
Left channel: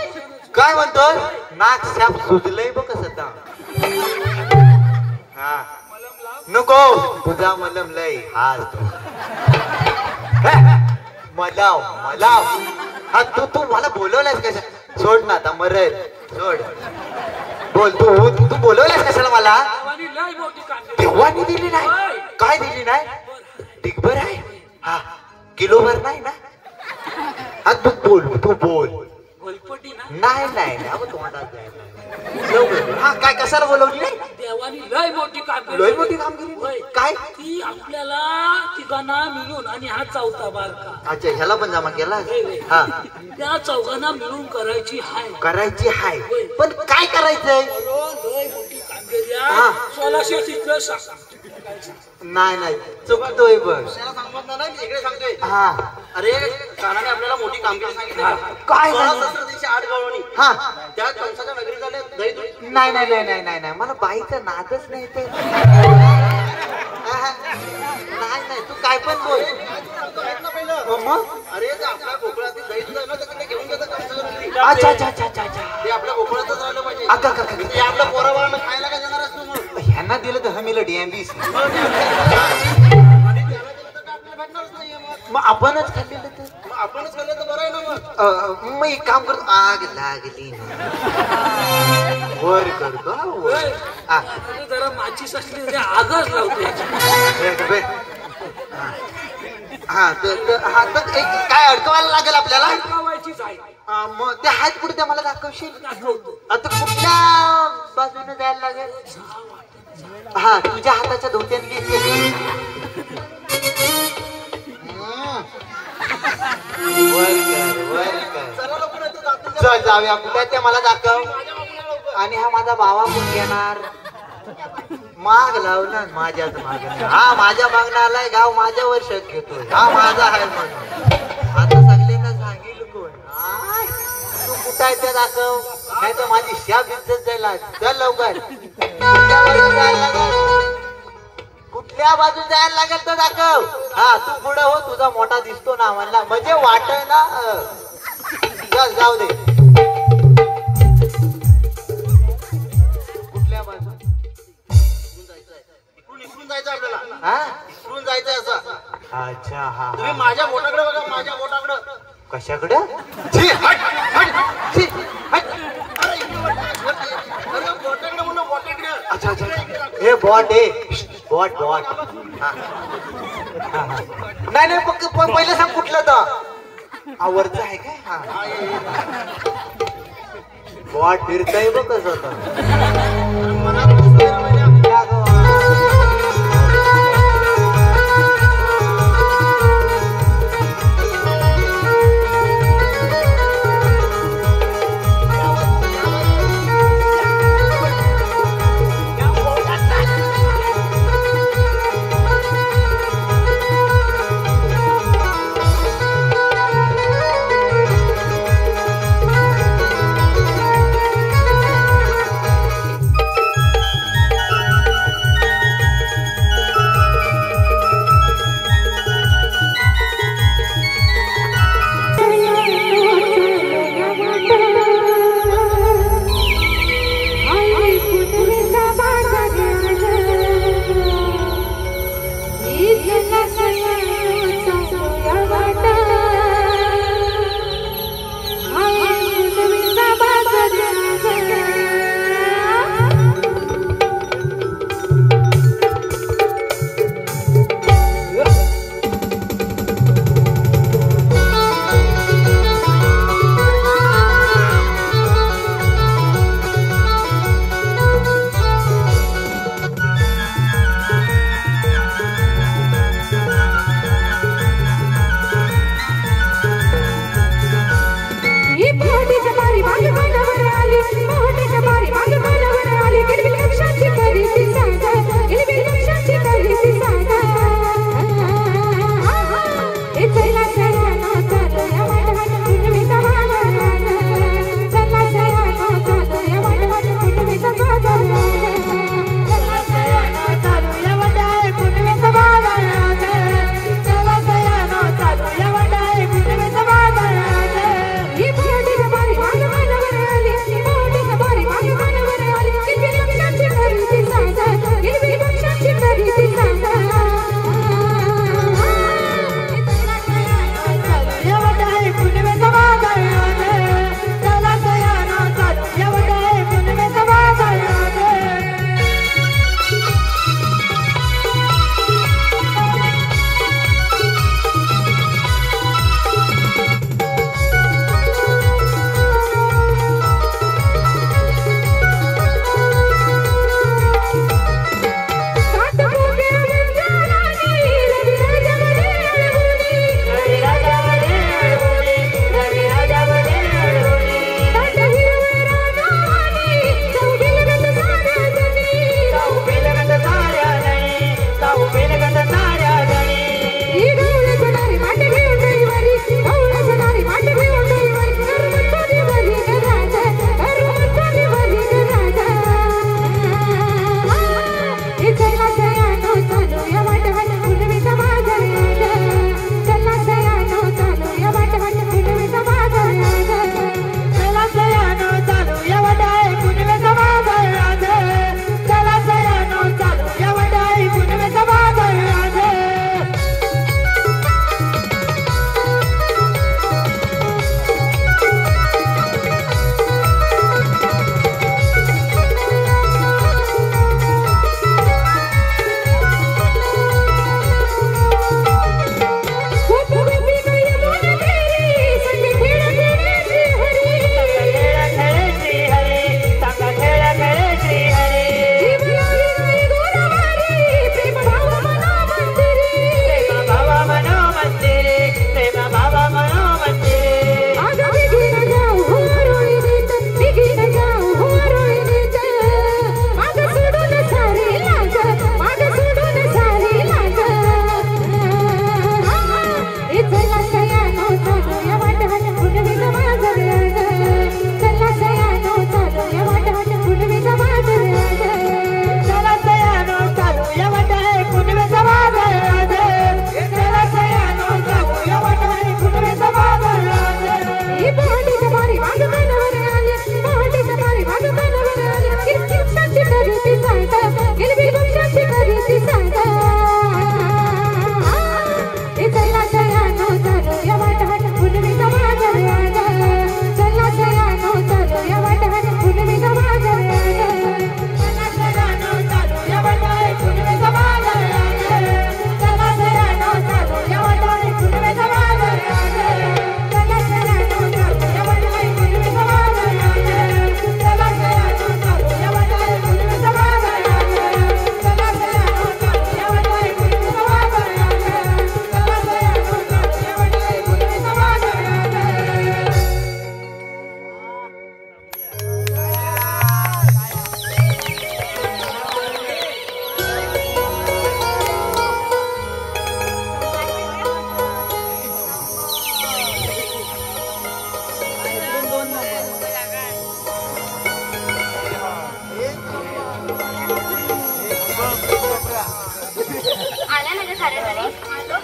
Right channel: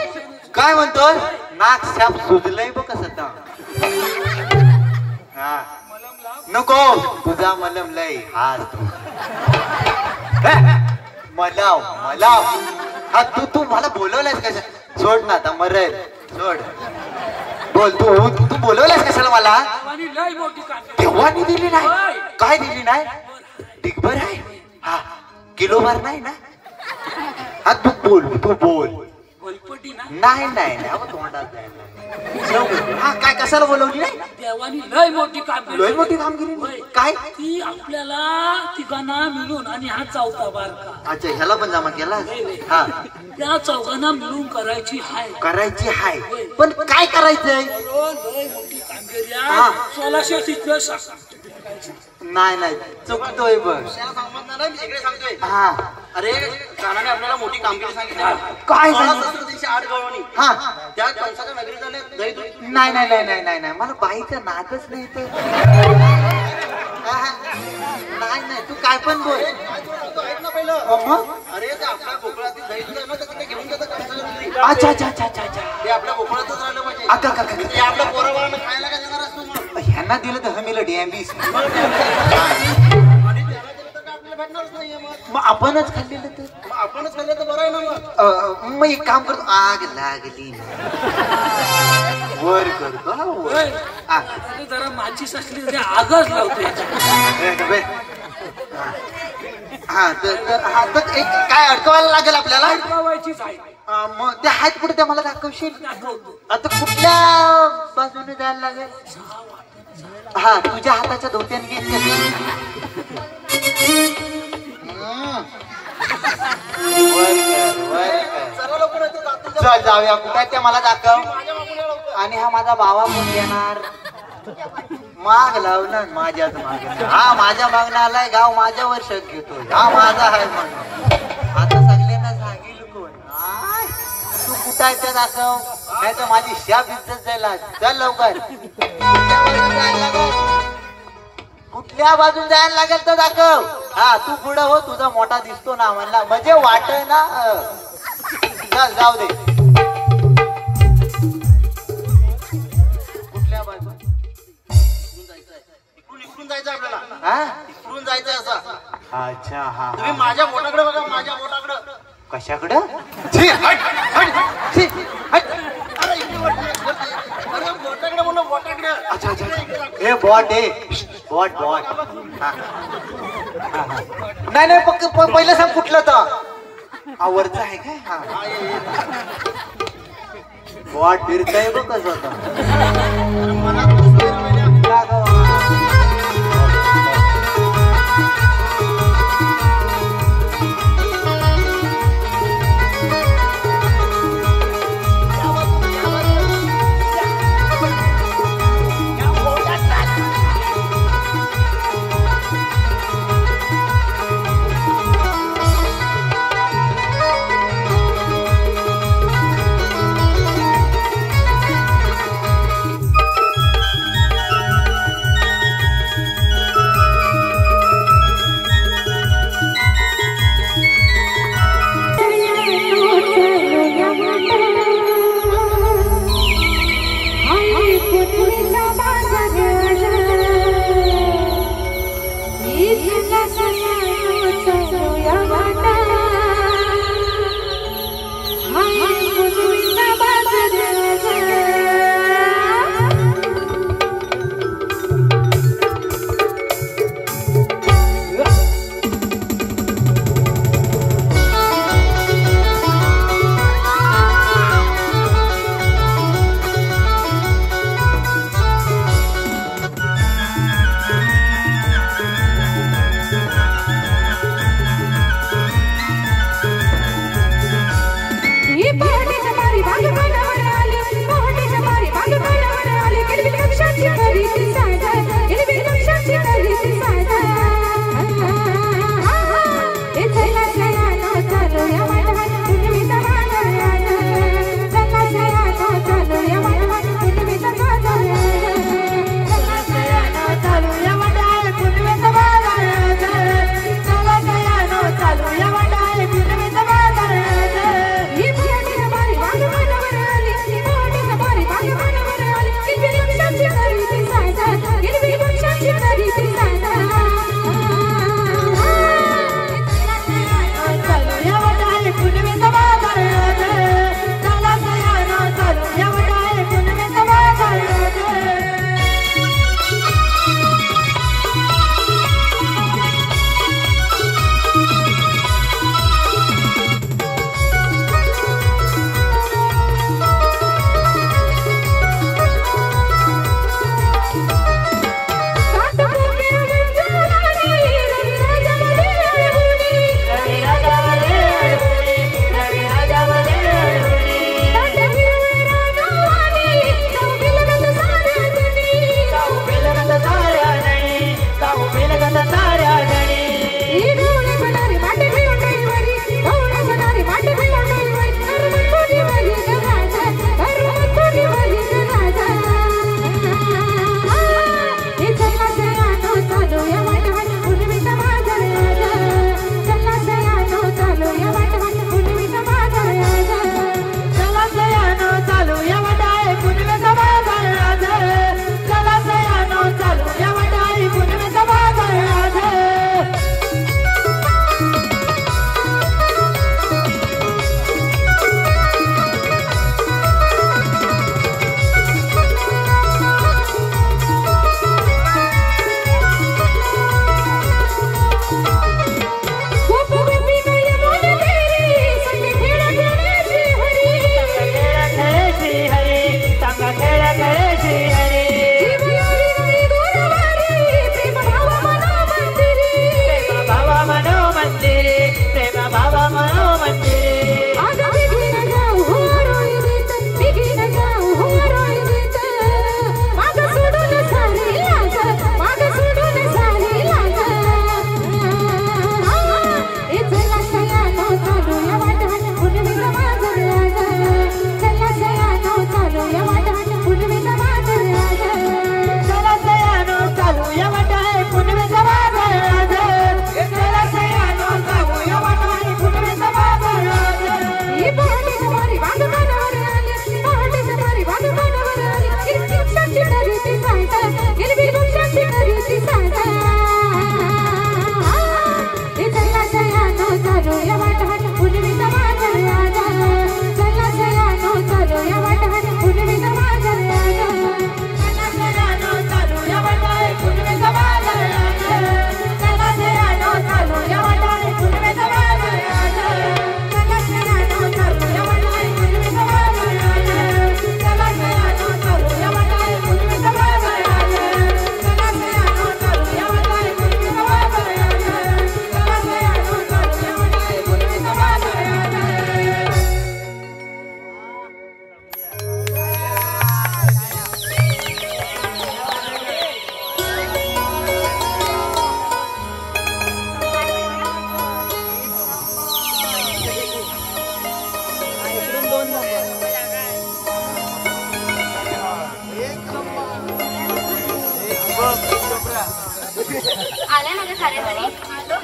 काय म्हणतोय नाक शाप सुजलंय बघ कसं. हा नको तुझा मलम लय आज मलाव हा तू मला बोलवलायस कशा. सोड ना आता मरेल सोड. बोल तू बोलवलायस कशाला मला. देवानी दिली नाही. काय दिली नाही डिगभर आहे. हा किलोभर नाही ना. हा तू बोल नाही हा काय कशाला बोलवली नाही. देवानी लय मोठी कामगिरी काय ती आपल्याला तिघांना मिळून आणि हा चौथा बारका. अच्छा ह्याला पण जमा केला. हा त्या चौघांना मिळून करायची हाय पण काय जायचंय कामगिरी हा. 1600 तिथलं सांग. नाही नाही चुकतोय बघ त्याला सांगत नाही मी इकडे सांगतोय हा अरे कानाने आपल्याला मोठी कामगिरी सांगितली काय 16,8 गावांनी हा त्या कंसाच्या नगरी झाले दही दूध नाही नाही नाही नाही नाही नाही मला बाईचा नादच नाही तर नाही नाही तू काय पण बोल ऐक ना पहिलं मग अरे ते आपल्या कोकणातील दही दूध आहे ना त्याचं ते घेऊन जातात कंसाच्या नगरी. अच्छा अच्छा अच्छा अच्छा अच्छा ते आपल्या कोकणातच राहिलं पाहिजे अक्का, अक्का, अक्का. ते आपल्या पोराबाळांना खायला काय देणार असतो मग ह्यांना दिलं तर हमीला डीएमबी आणि त्याला दिलं तर काय आपल्याला भेटणारच नाहीये मग आपणच खाल्लेलं तर मग आपणच खाल्लं तर बरं आहे ना मग मग एक काम करतो आग लागली वर करतो ना वर होय. हा. आता जरा माचीस असली तरी आगच लावते हा तर काय अडकवायला लागेल आपल्याला अडकावायचीच आहे. मग ते हात कुठे ते मला दाखवशील दाखवतो. आता कुठल्या बाजूने जायला लागेल हा तुझ्या हाताच्या धोत्याने चल जाऊया कुठे त्या मला दाखव आणि हा माझा भावा कोण येणार माग लावला माझ्याच मागे हा माझ्या मागणं आलाय गाव माझ्यावर शक घेतो हा माझा आहे म्हणून. आता सगळ्यांना सांगेल कोण आय, तू कुठं आहे त्या दाखव नाही तर माझी शाप इज्जत जायला चल लवकर कुठल्या बाजून जायला लागेल तर दाखव हा तू पुढं हो तुझा मोठा दिसतो ना म्हणला म्हणजे वाट ना चल जाऊ दे कुठल्या बाजू इकडून जायचं आपल्याला हा इकडून जायचं असं अच्छा हा तुम्ही माझ्या बोटाकडे बघा माझ्या बोटाकडे कशाकडं छी, हट, हट, छी, हट. अरे बोटाकडे म्हणून बोटाकडे अच्छा अच्छा हे बॉट आहे बॉट बॉट नाही नाही पहिलं सांग कुठलं तर हा वरचा आहे काय हा बॉट फिरतय बघ कसं आले माझ्या साऱ्या आलो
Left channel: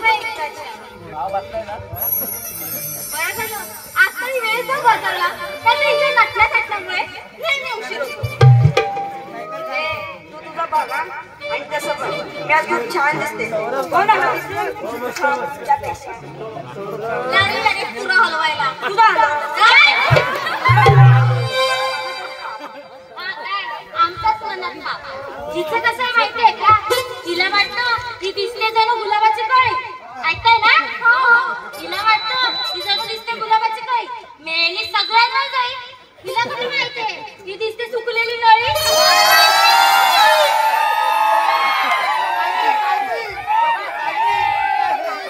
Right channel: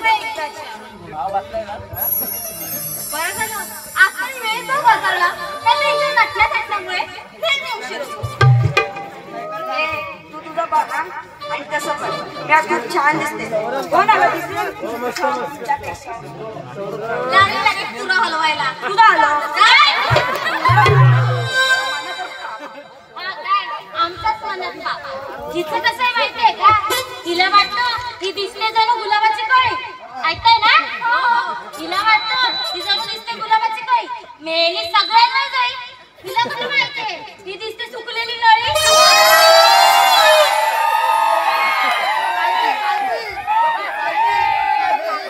बरं झालं आजकाल वेळ जो बदलला त्याच्या हिच्या नटल्या थटल्यामुळे नेहमी उशीर होतो. तू तुझं बघा आणि तसं बघ मी आज खूप छान दिसते. कोण आलं तिथे पुरा हलवायला तुझा हलवलं काय आमचाच मनात बाप तिचं कसं आहे माहितीये का तिला वाटतं ती दिसते जणू गुलाबाची कळी ऐकताय ना तिला वाटतं ती जणू दिसते गुलाबाची कळी मेली सगळ्यांना जाईल तिला कुठे माहितीये ती दिसते सुकलेली नळी.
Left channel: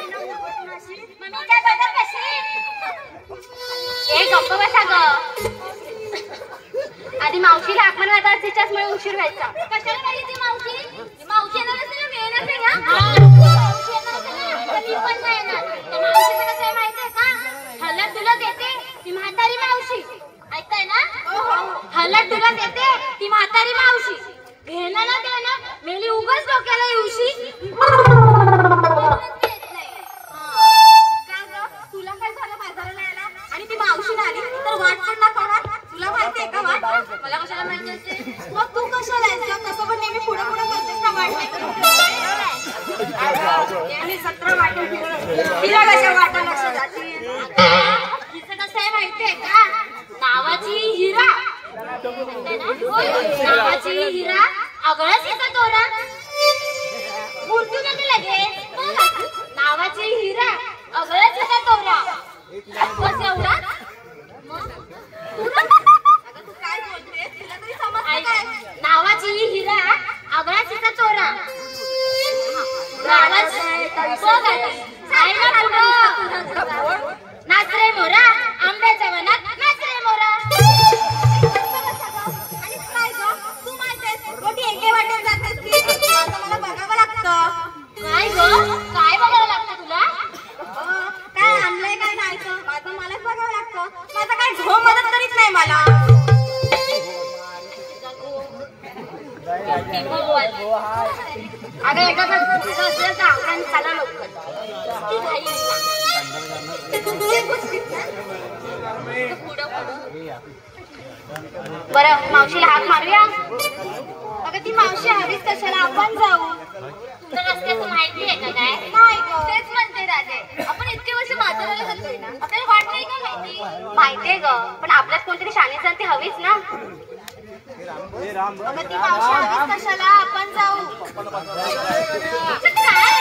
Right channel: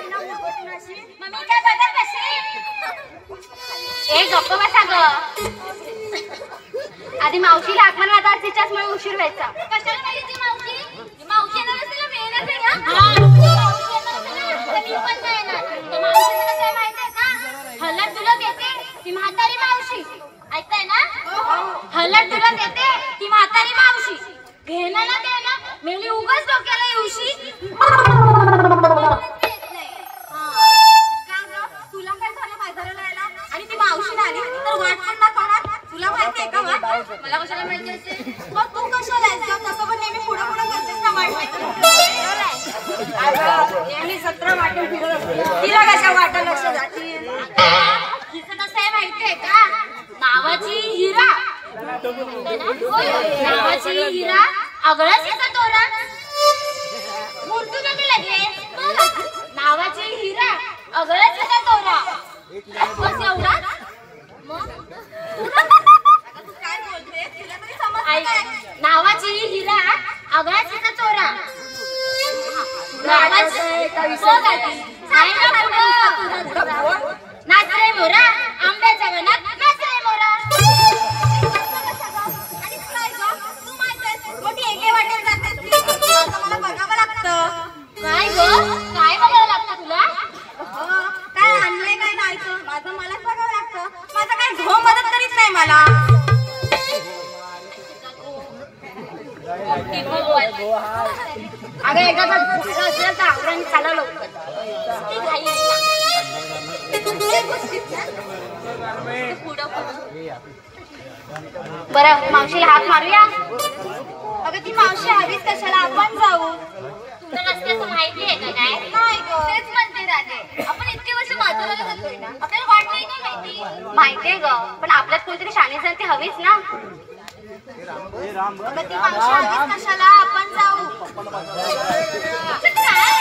मम्मी काय बघा कशी ए गप्प बसा ग आधी मावशीला आगमन आता तिच्याचमुळे उशीर व्हायचा. कशाला नाही ती मावशी मावशीला नसताना मिळणार नाही ना मी पण नाही येणार. त्या मावशीचं कसं आहे माहितीये का हलत तुला देते ती म्हातारी मावशी ऐकताय ना हलत तुला देते ती म्हातारी मावशी घेणं ना देणं मेली उगाच डोक्याला येऊशी. तुला काय झालं बाजाराला यायला आणि ती मावशी आली तर वाट पण ना कळणार तुला माहिती आहे का वाट मला कशाला माहिती असते मग तू कशाला यायचं तसं पण नेहमी पुढे पुढे करतेस ना वाट आणि 17 वाटून तिला कशा वाटा लक्ष जातील तिचं कसं आहे माहितीये का नावाची हिरा नावाची हिरा अगळच येतात तो ना मूर्ती नका लगेच नावाची हिरा अगळच येतात तो ना बस एवढा काय बोलते तिला तरी समजतं नावाची हिरा अगळ्याचा चोरा नावाची नाच रे मोरा आंब्याच्या वनात नाच रे मोरा. आणि काय ग तू माझ्यास मोठी एके वाटेत जातेस ती आता मला बघावं लागतं. काय ग काय बघायला लागतं तुला काय आणलंय काय नाही माझं मलाच बघावं लागतं. माझा काय झो मदत करीत नाही मला. अगं एकदा असेल तर आवडून चाला लवकर बरं मावशीला हाक मारूया. अगं ती मावशी हवीच कशाला आपण जाऊ तुमच्या रस्त्याचं माहिती आहे का नाही तेच म्हणते राजे आपण इतके वर्ष म्हाताऱ्याला जातोय ना आपल्याला वाट नाही का माहिती माहितीये ग पण आपल्यात कोणतरी शाणी जण ती हवीच ना. ती मावशी हवीच कशाला आपण जाऊ काय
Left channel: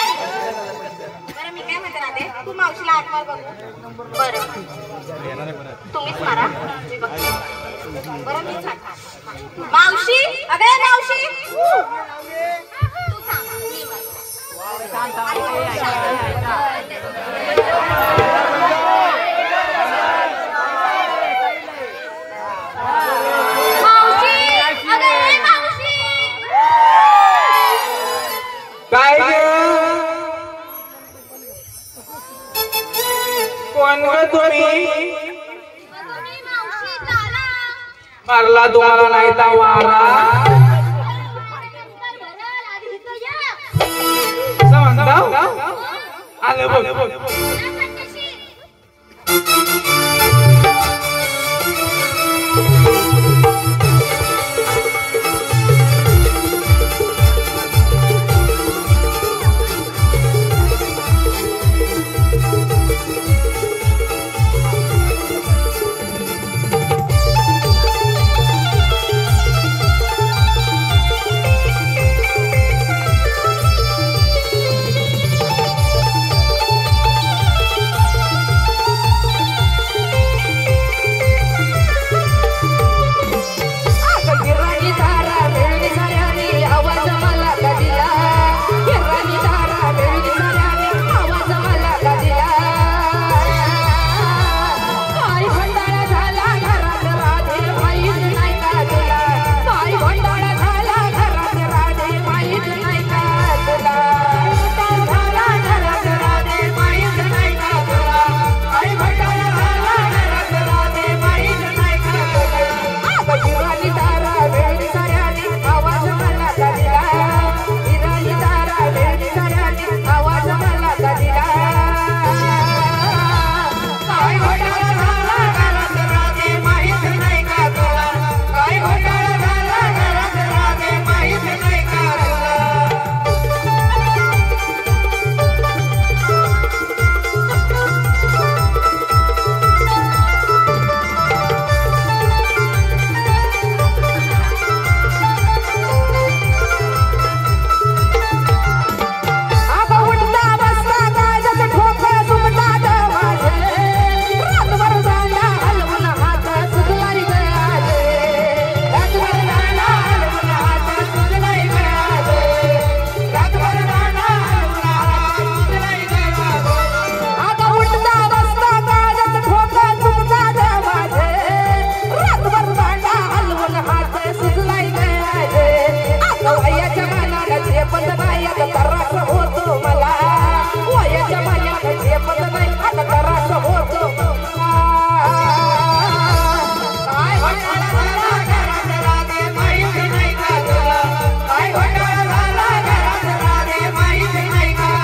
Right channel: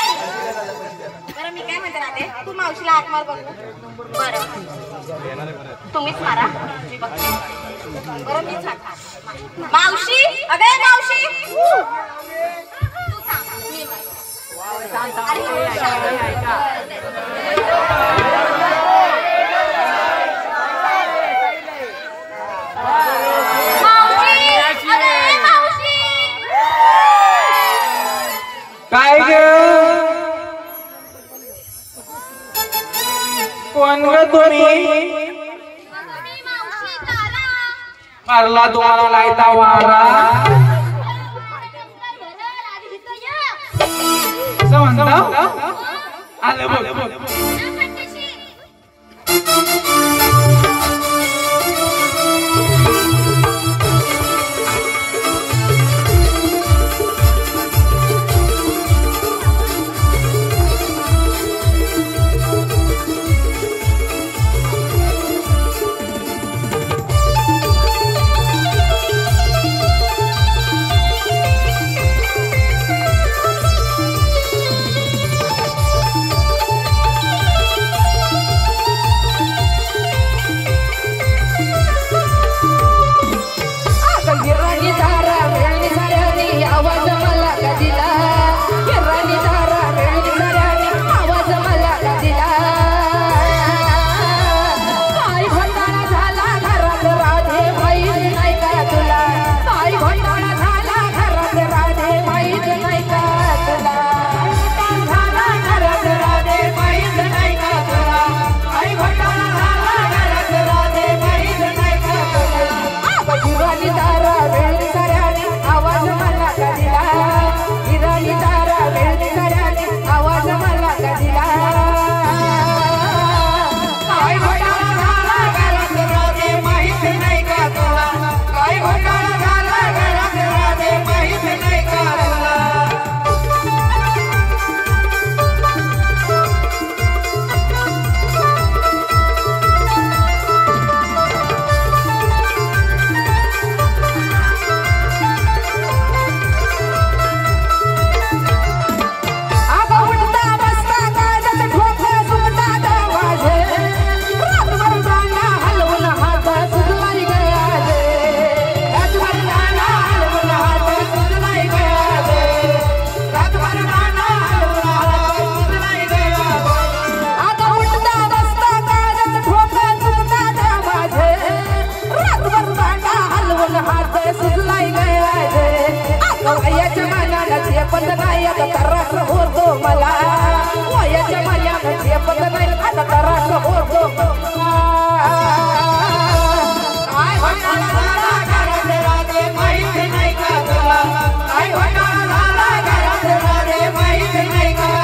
बरं मी काय म्हणते राजे तू मावशीला हाक मार बरं तुम्हीच मारा मी बघते बरं मीच हाक मावशी अगं मावशी तू सांग मी काय कोण ग तुम्ही मारला तुम्हाला नाही तर वारा म्हणता आलं बघ सुजलाय गया वयाच्या मानानं झेपत नाही आता त्रास होतो मला वयाच्या मानानं झेपत नाही आता त्रास होतो काय घोटाळा झाला घरात राधे माहित नाही का तुला काय घोटाळा झाला घरात राधे माहित नाही का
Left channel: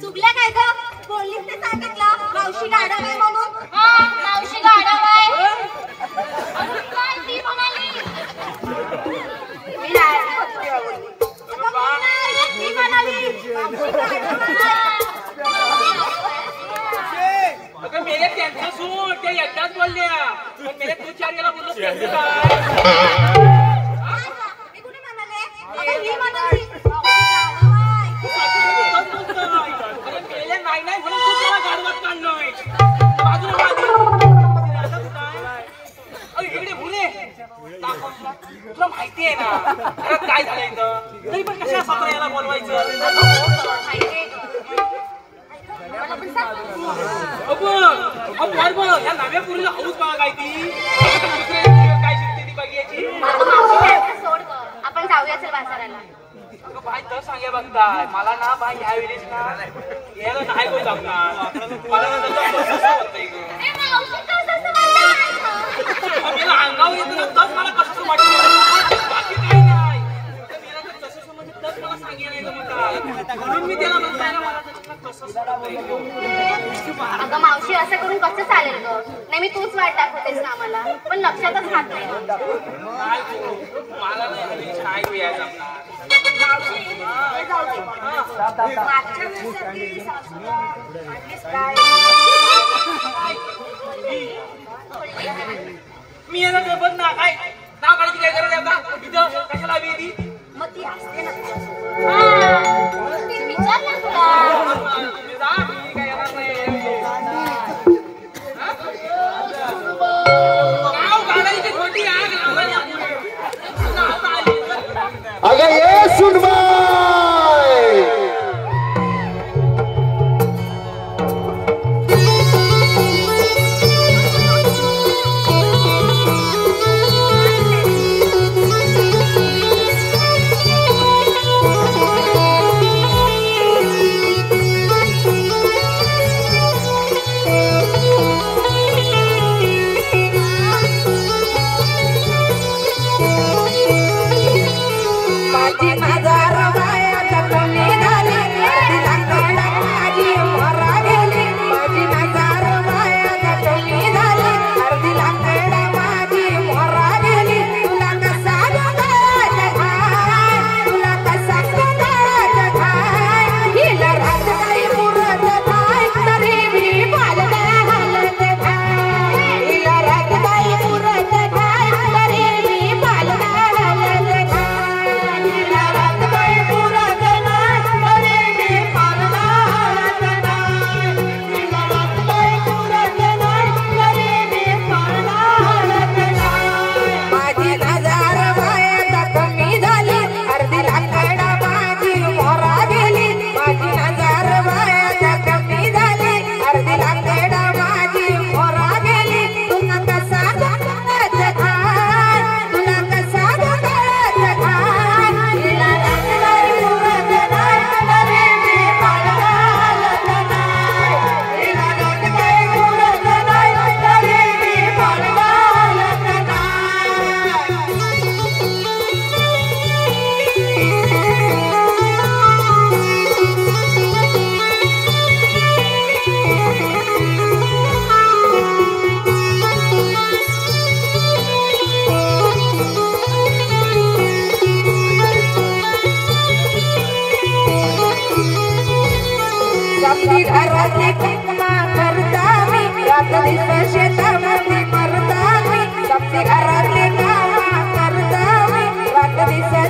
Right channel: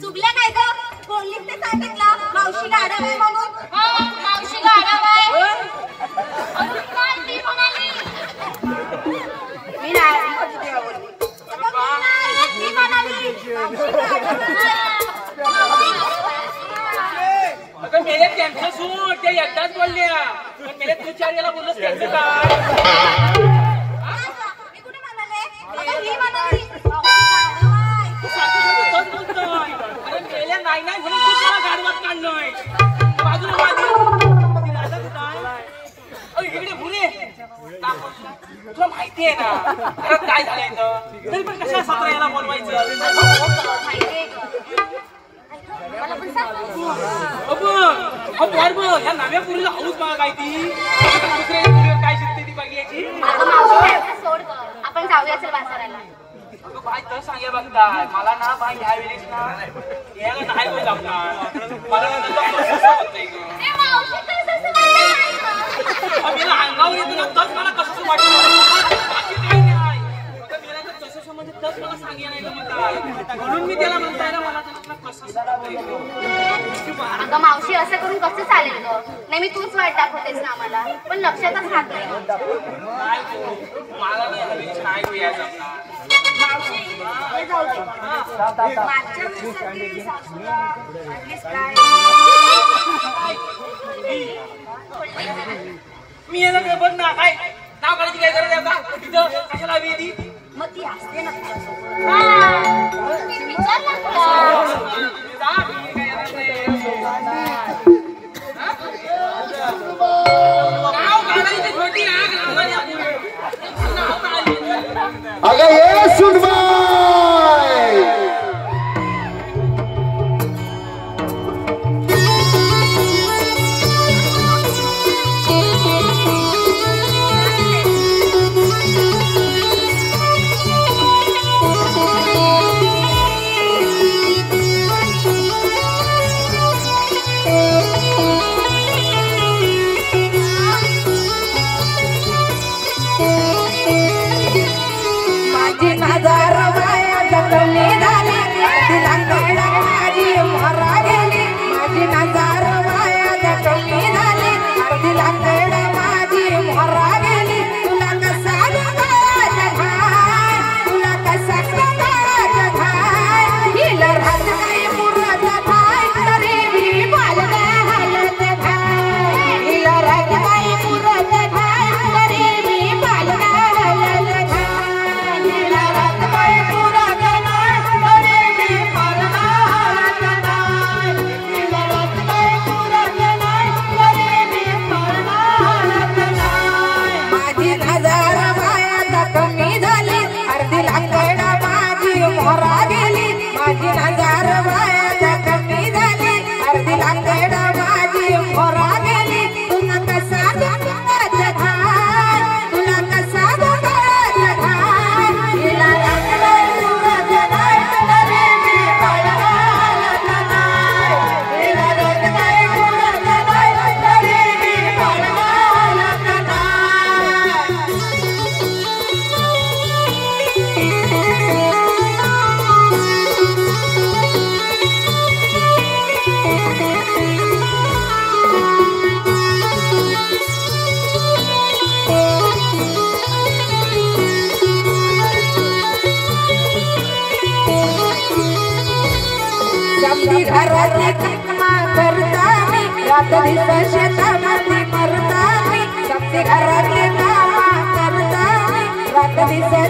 चुकल्या काय ग बोलली ते सांगितलं मावशी गाडव आहे म्हणून मावशी गाडव आहे अगं मेले त्यांचं सूट ते एकदाच बोलल्या पण मेले तू चार याला बोलत त्यांचं काय मी कुठे म्हणाले नाही नाही म्हणून तूच मला गाडवात काढलोय बाजूला इकडे पुणे तुला माहिती आहे ना काय झालंय तरी पण कशा याला बनवायचं या नव्या पुरीला हौस बघा काय ती काय शिकते ती बघायची आपण जाऊया चल बाजाराला बाय तर सांगे बघताय मला ना बाय यावेळेस ना याला नाही होईल मला अंगावर येतो ना तस मला कसं वाटतं बाकी काही नाही तसं समज तस मला सांगायला म्हणून मी त्याला म्हणताय अगं मावशी असं करून कसं चालेल ग नाही मी तूच वाट दाखवतेस ना आम्हाला पण लक्षातच राहत नाही मला नाही यायचं मी याला बघ ना काय नाव काढायची काय गरज आहे का तिथं कशाला हवी ती मग ती असते ना नाव काढायची खोटी आग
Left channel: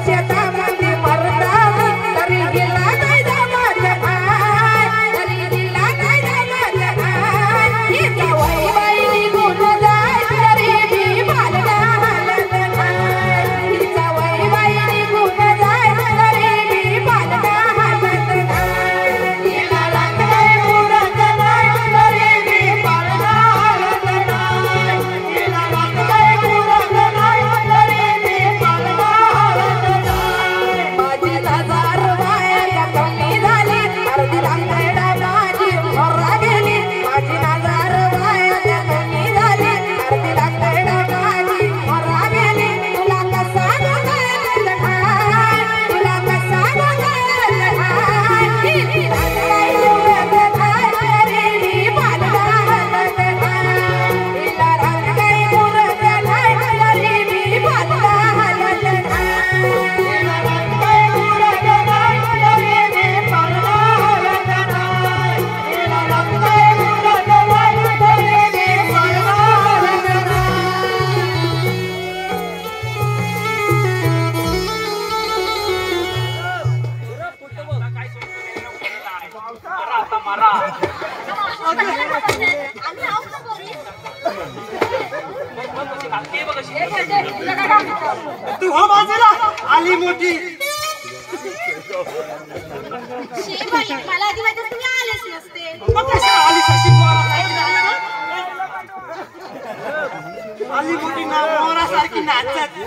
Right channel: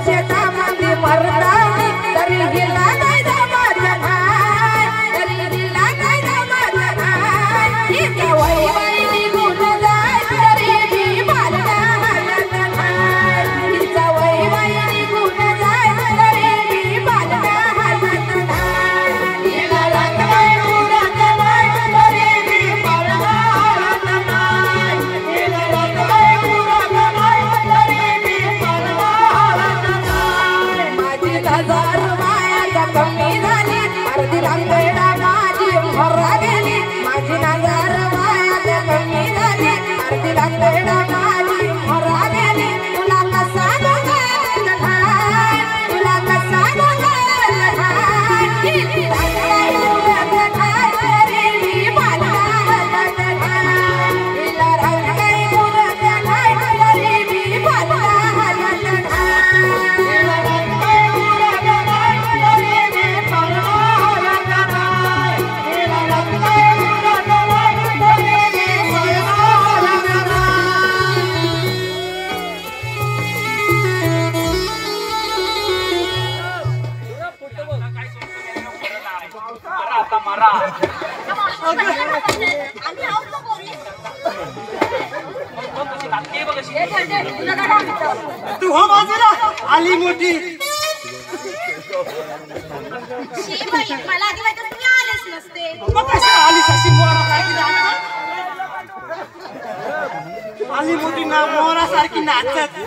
शेतामध्ये मरतानी तरी गेला नाही दामाचं काय तरी गेला नाही दामाचं काय इथं वही बाई निघून जाय तरी बी मला हालत नाही इथं वही बाई निघून जाय तरी बी मला हालत नाही गेला नाही उरत नाही तरी बी मला हालत नाही गेला नाही उरत नाही तरी बी मला हालत नाही माझी नजर वाया कमी झाली अर्धी रंगेला माझी मरा गेली माझी नजर वाया कमी झाली अर्धी रंगेला माझी मरा गेली तुला कसा बघायला काय तुला कसा बघायला काय किती रंगेला काय तरी बी मला हालत नाही तिला रंगे उरत नाही तरी बी मला हालत नाही तिला रंगे उरत नाही तरी बी मला हालत नाही तिला रंगे उरत नाही तरी बी मला हालत तू हो बाजूला आली मोठी मला आधी माहिती तुम्ही आलेच नसते आली सारखी आली मोठी मोरासारखी नाचत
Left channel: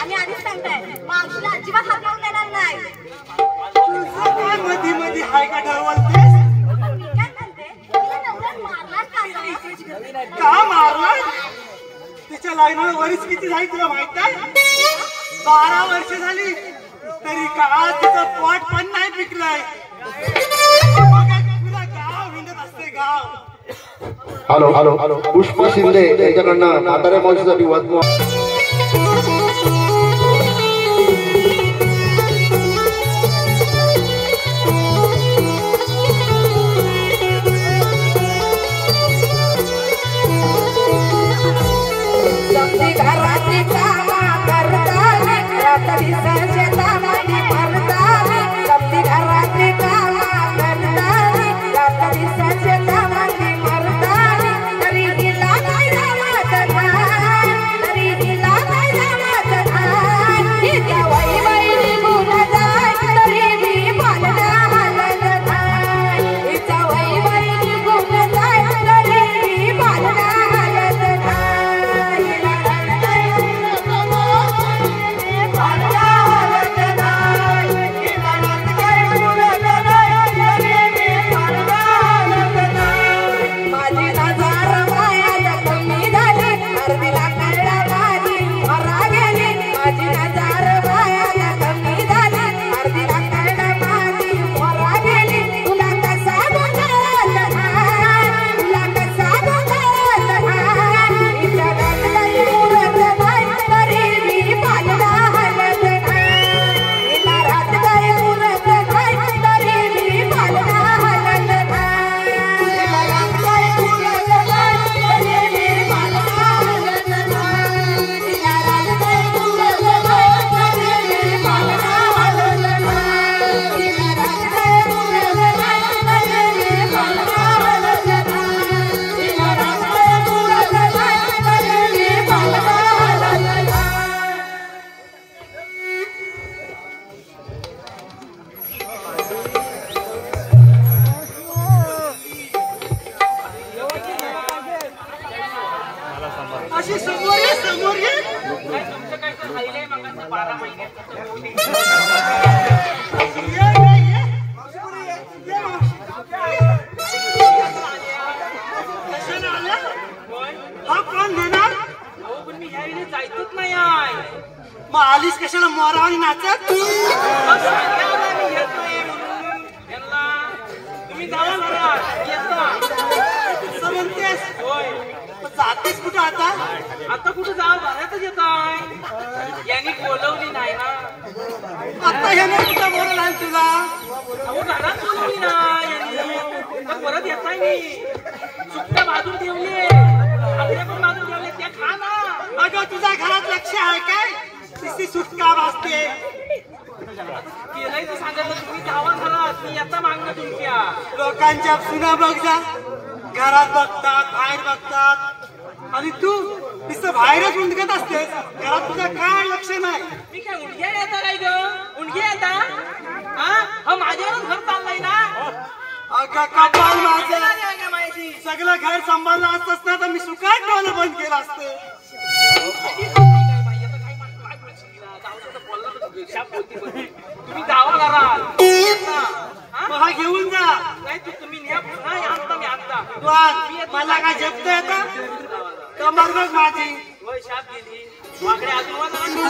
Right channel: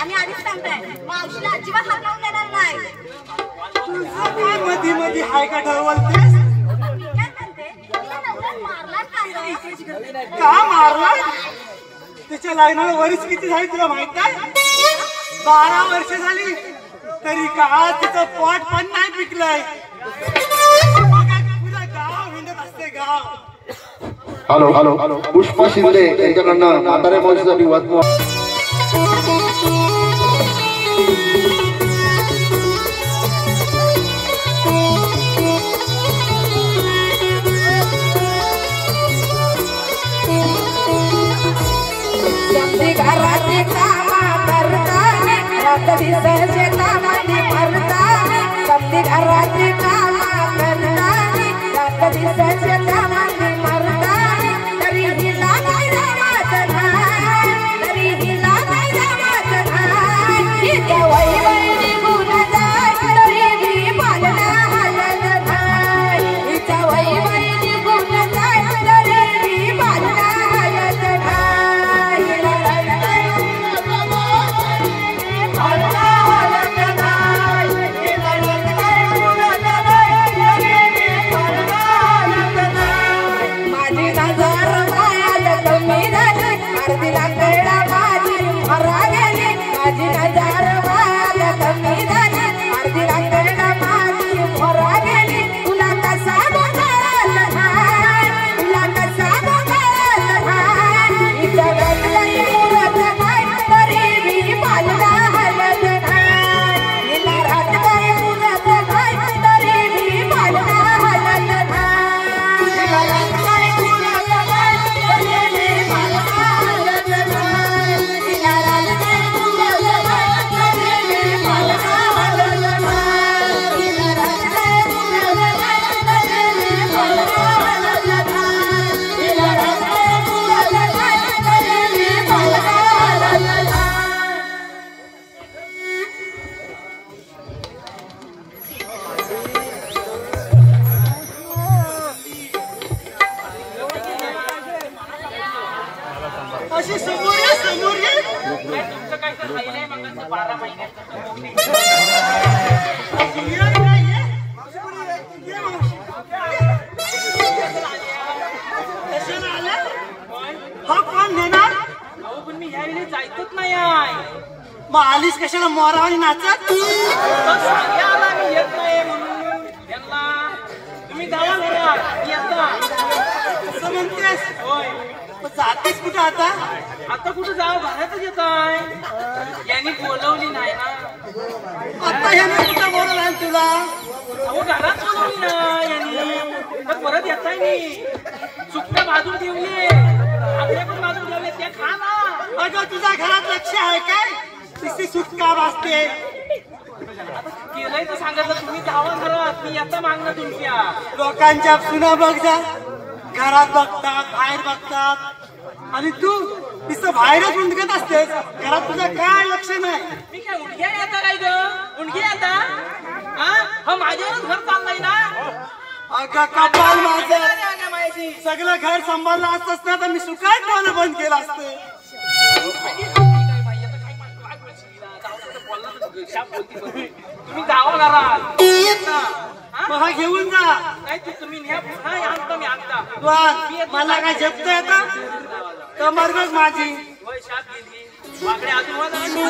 आम्ही आधीच सांगताय मावशीला अजिबात हात लावून देणार नाही तुझं मधी मधी हाय का बोलतेस मी काय म्हणते तिला नंतर मारणार का मारला तिच्या लग्नाला वरीच किती झाली तुला माहित आहे 12 वर्ष झाली तरी का तिचं पोट पण नाही पिकलंय पुरा गाव हिंडत असते गाव हॅलो हॅलो पुष्पा शिंदे यांच्याकडनं म्हातारे मावशीसाठी वाचवा समधी घरातली कामं करतानी रात्री शेतामध्ये मरतानी समधी घरातली कामं करतानी रात्री शेतामध्ये मरतानी तरी हिला नाही रामात नाही तरी हिला नाही रामात नाही इथं वही बाई निघून जाय तरी बी मला हालत नाही इथं वही बाई निघून जाय तरी बी मला हालत नाही माझी नजर वाया कमी झाली अर्धी रंगेला माझी मरा गेली माझी नजर वाया कमी झाली अर्धी रंगेला माझी मरा गेली तुला कसा बघायला काय तुला कसा बघायला काय इथं रंगई उरत नाही तरी बी मला हालत नाही तिला रंगई उरत नाही तरी बी मला हालत नाही अशी समोर ये समोर ये हा कोण देणार पण मी यायला जायचंच नाही आहे मग आलीस कशाला मोरावानी नाचत मी येतोय म्हणून यांना तुम्ही जावा जरा येतो असं म्हणतेस तू जातेस कुठं आता आता कुठं जावं घरातच येत आहे यांनी बोलवली नाही ना आता हे ना कुठं बोलवलं तुला अहो, घरात बोलवली ना यांनी तर परत येत आहे मी सुट्ट्या बाजून ठेवली आपल्या पण बाजून ठेवले त्या खा ना अगं तुझ्या घरात लक्ष आहे काय? नुसती सुटका वाजते. केलंय तर सांगा तुम्ही जावं घरात, मी आता मागणं तुमच्या. लोकांच्या सुना बघ जा, घरात बघतात, बाहेर बघतात, आणि तू नुसतं बाहेरच उंडकत असतेस. घरात तुझं काय लक्ष नाही. मी काय उंडक्या येता काय ग? उंडकी येता हा माझ्यावरच घर चाललंय ना. अगं कपाल माझं, सगळं घर सांभाळलं असतंच ना तर मी सुखात ठेवणं बंद केलं असतं. तुम्ही जावा घरात, मला घेऊन जा. नाही तू तुम्ही मी आता मला काय जपता येतं तर मरगच माझी. वर्षात गेली मागणे आजूबाजूला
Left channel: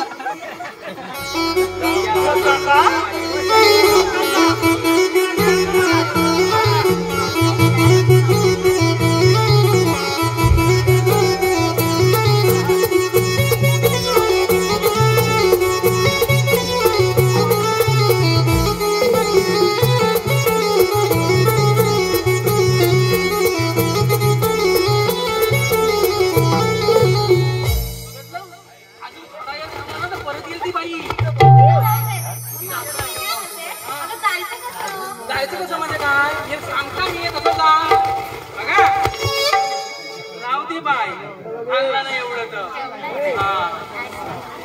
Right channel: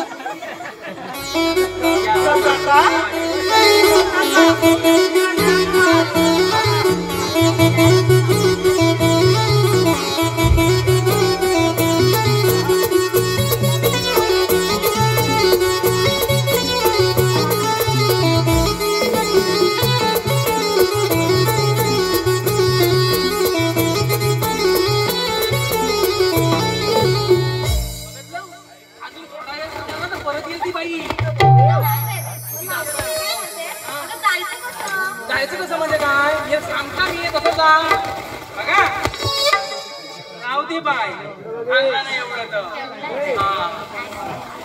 जायचं कसं म्हणजे काय हे सांगता मी तसं जा बघा. राहू दे बाय एवढं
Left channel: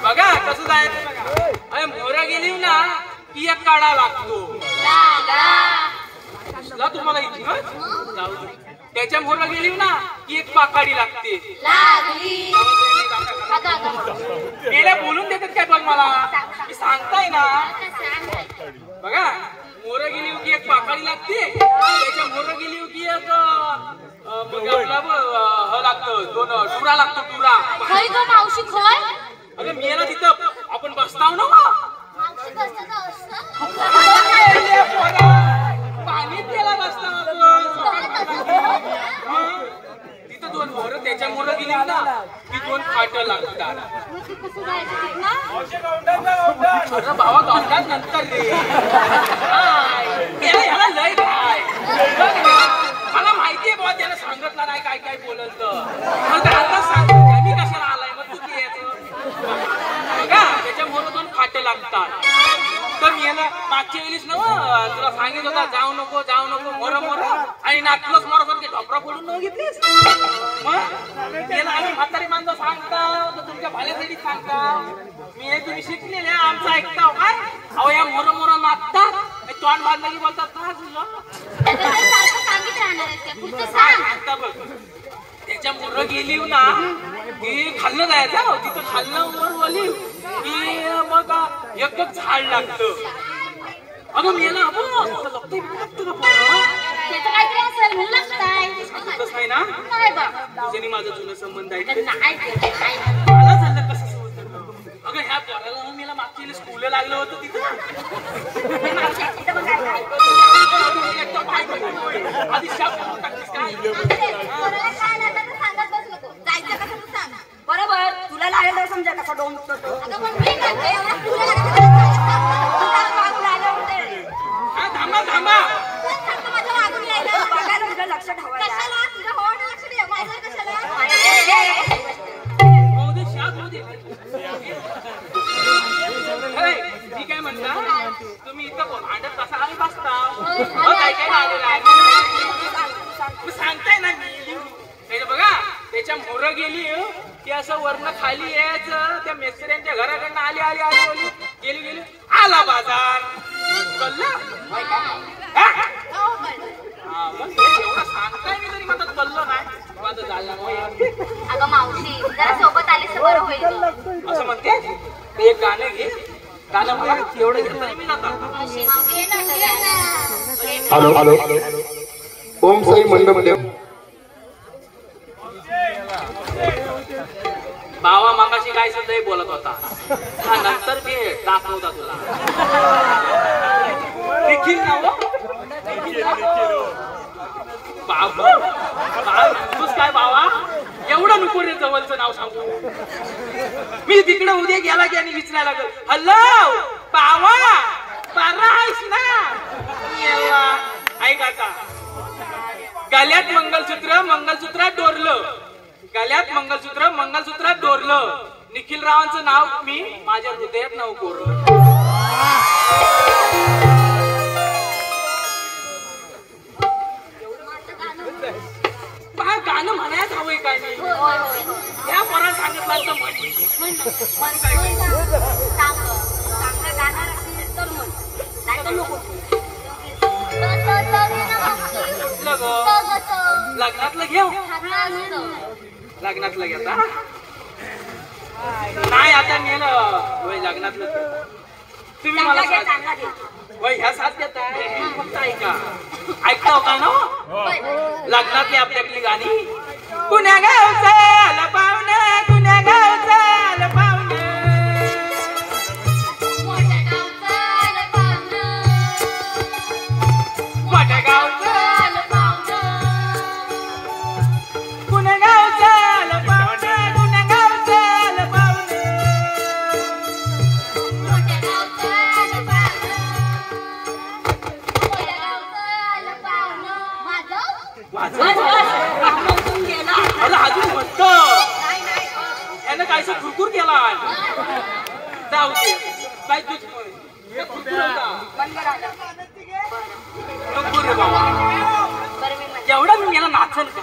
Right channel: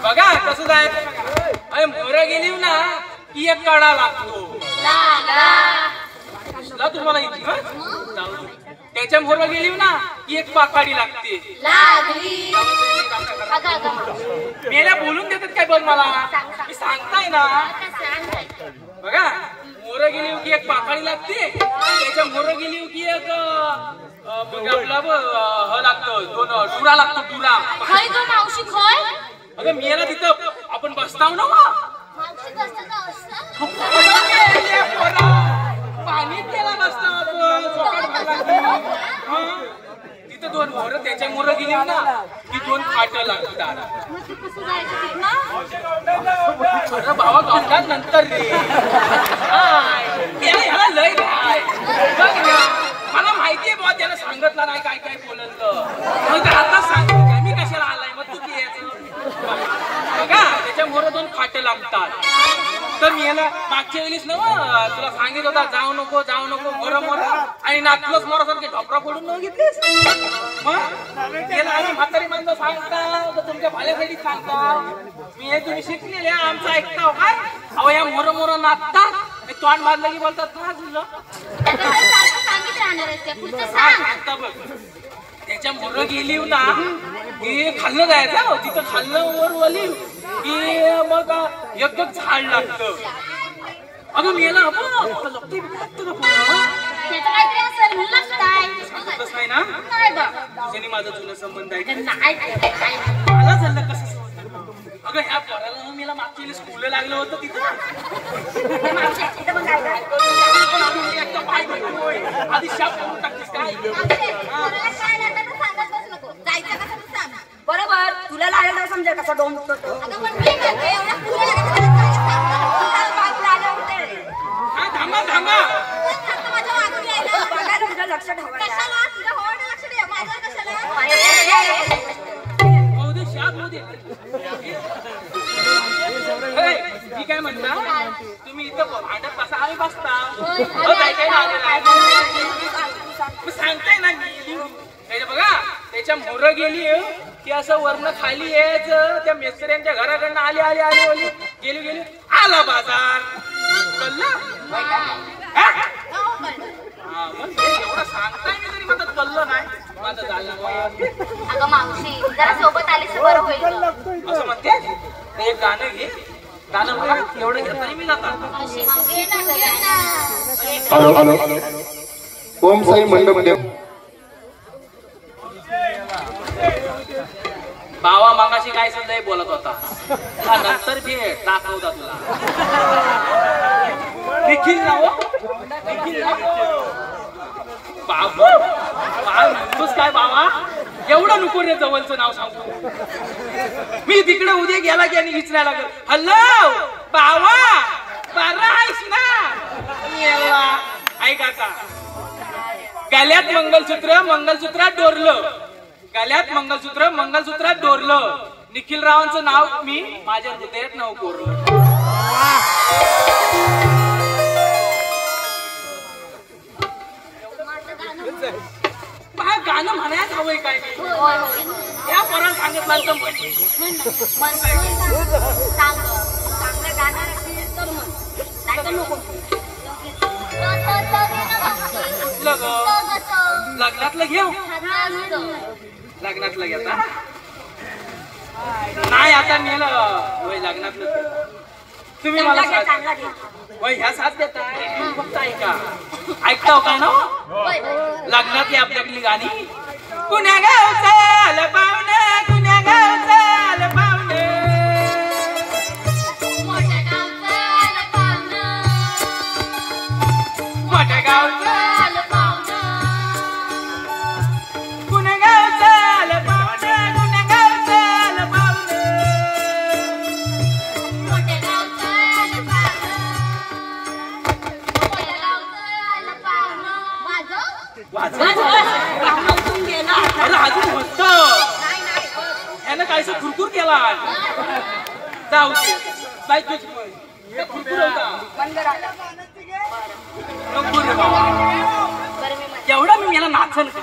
बघा कसं जायचं बघा. अरे मोर गेली ना की एक कडा लागतो तुम्हाला इथे त्याच्या मोर गेली ना की एक पाकाडी लागते. गेल्या बोलून देतात काय बघ मला मी सांगताय ना बघा. मोर गेली की एक पाकाळी लागते, त्याच्या मोर गेली की एक लागतं टुरा लागतो टुरा. अगं मेला तिथं आपण बसताव ना पाणीच गेला बसताव तिथं दोन मोर त्याच्या मोर गेली ना की दोन फाट लागतात. भावा गावतात नंतर रे ह्याला लय मला माहितीये बाबा त्याला सांगितलं नाही काय काय बोलत आताच सांगतो मी कशाला आलाय मग तू बघा त्याच्या मोर दोन फाटे लागतात. तर मी याला मागच्या वेळीच ना तुला सांगितलं होता जाऊ नको मोर मोर आणि नाचलोच मोरासारखे ढोकरा पडून न घेतलीस. त्याला आम्ही म्हातारी माणसं सांगता तुमच्या भाल्यासाठी सांगता मी हे तुम्ही शिकलेले आमचं ऐकता काय. अहो या मोर मोर नाचतात तोंड बांधलं की बोलतात का तुला त्याच्या मोर गेली ना की खाल्लं जायचं तिथं खाल्लं वर वली की मग एकच झाड लागतं. अगं मी ना कसं आहे ना त्याने माझा जुना संबंध आहे मला झालं कसं. अगं ह्या घराला मला मागच्या वेळेस स्कूलला लागलं होतं तिथं आधी शाप टाकलीस बरोबर तुला लागलं समजा कसं डोंग थांबा लक्ष मी काय म्हणता तुम्ही इथं भांडत बसा आम्ही बसता काय काय सांगताय ना बघा. त्याच्या मोर गेली की असं वरण खाली यायचं त्या मिस्त्र्यांच्या घराकडनं आली गेली आला बाजार सांगताय मी तरी माझं चाललं नाही माझं झालं. अगं मावशी जरा सोबत आली तर बरं होईल असं म्हणते ते एक गाणं घे गाणं एवढं घेतलं मी हॅलो ओम साई मंडप बाबा मगाशी काय सध्या बोलत होता नंतर भेट दाखवता तुला देखील काय बाबा एवढं नको रे जवळचं नाव सांगू मी तिकडे उद्या गेला की आणि विचारायला लागलो हॅलो बाबा बारा आहेस ना ऐक आता गळ्यात मंगलसूत्रात डोरलं गळ्यात मंगलसूत्र, मंगलसूत्रात डोरलं. निखिल रावांचं नाव मी माझ्या हृदयात नाव कोरलं. गाणं म्हणायच हवंय काय या पोराला सांगितलं तर लग्नातलं घेऊ. लग्नातलं घेता नाही आता नेलं लग्नातलं. तुम्ही मला ह्या साथ देता फक्त ऐकता का ना लग्नातली आपल्याकडली गाणी. कुण्या गावचं आलं पाहुणं, कुण्या गावचं आलं पाहुणं, मोठ्या गावचं आलं पाहुणं, मोठ्या गावचं आलं पाहुणं, कुण्या गावचं आलं पाहुणं, कुण्या गावचं आलं पाहुणं, मोठ्या गावचं आलं पाहुणं, मोठ्या गावचं आलं पाहुणं. यानं काय खुरखुर केला जाऊ एवढं मी मला नाचल का.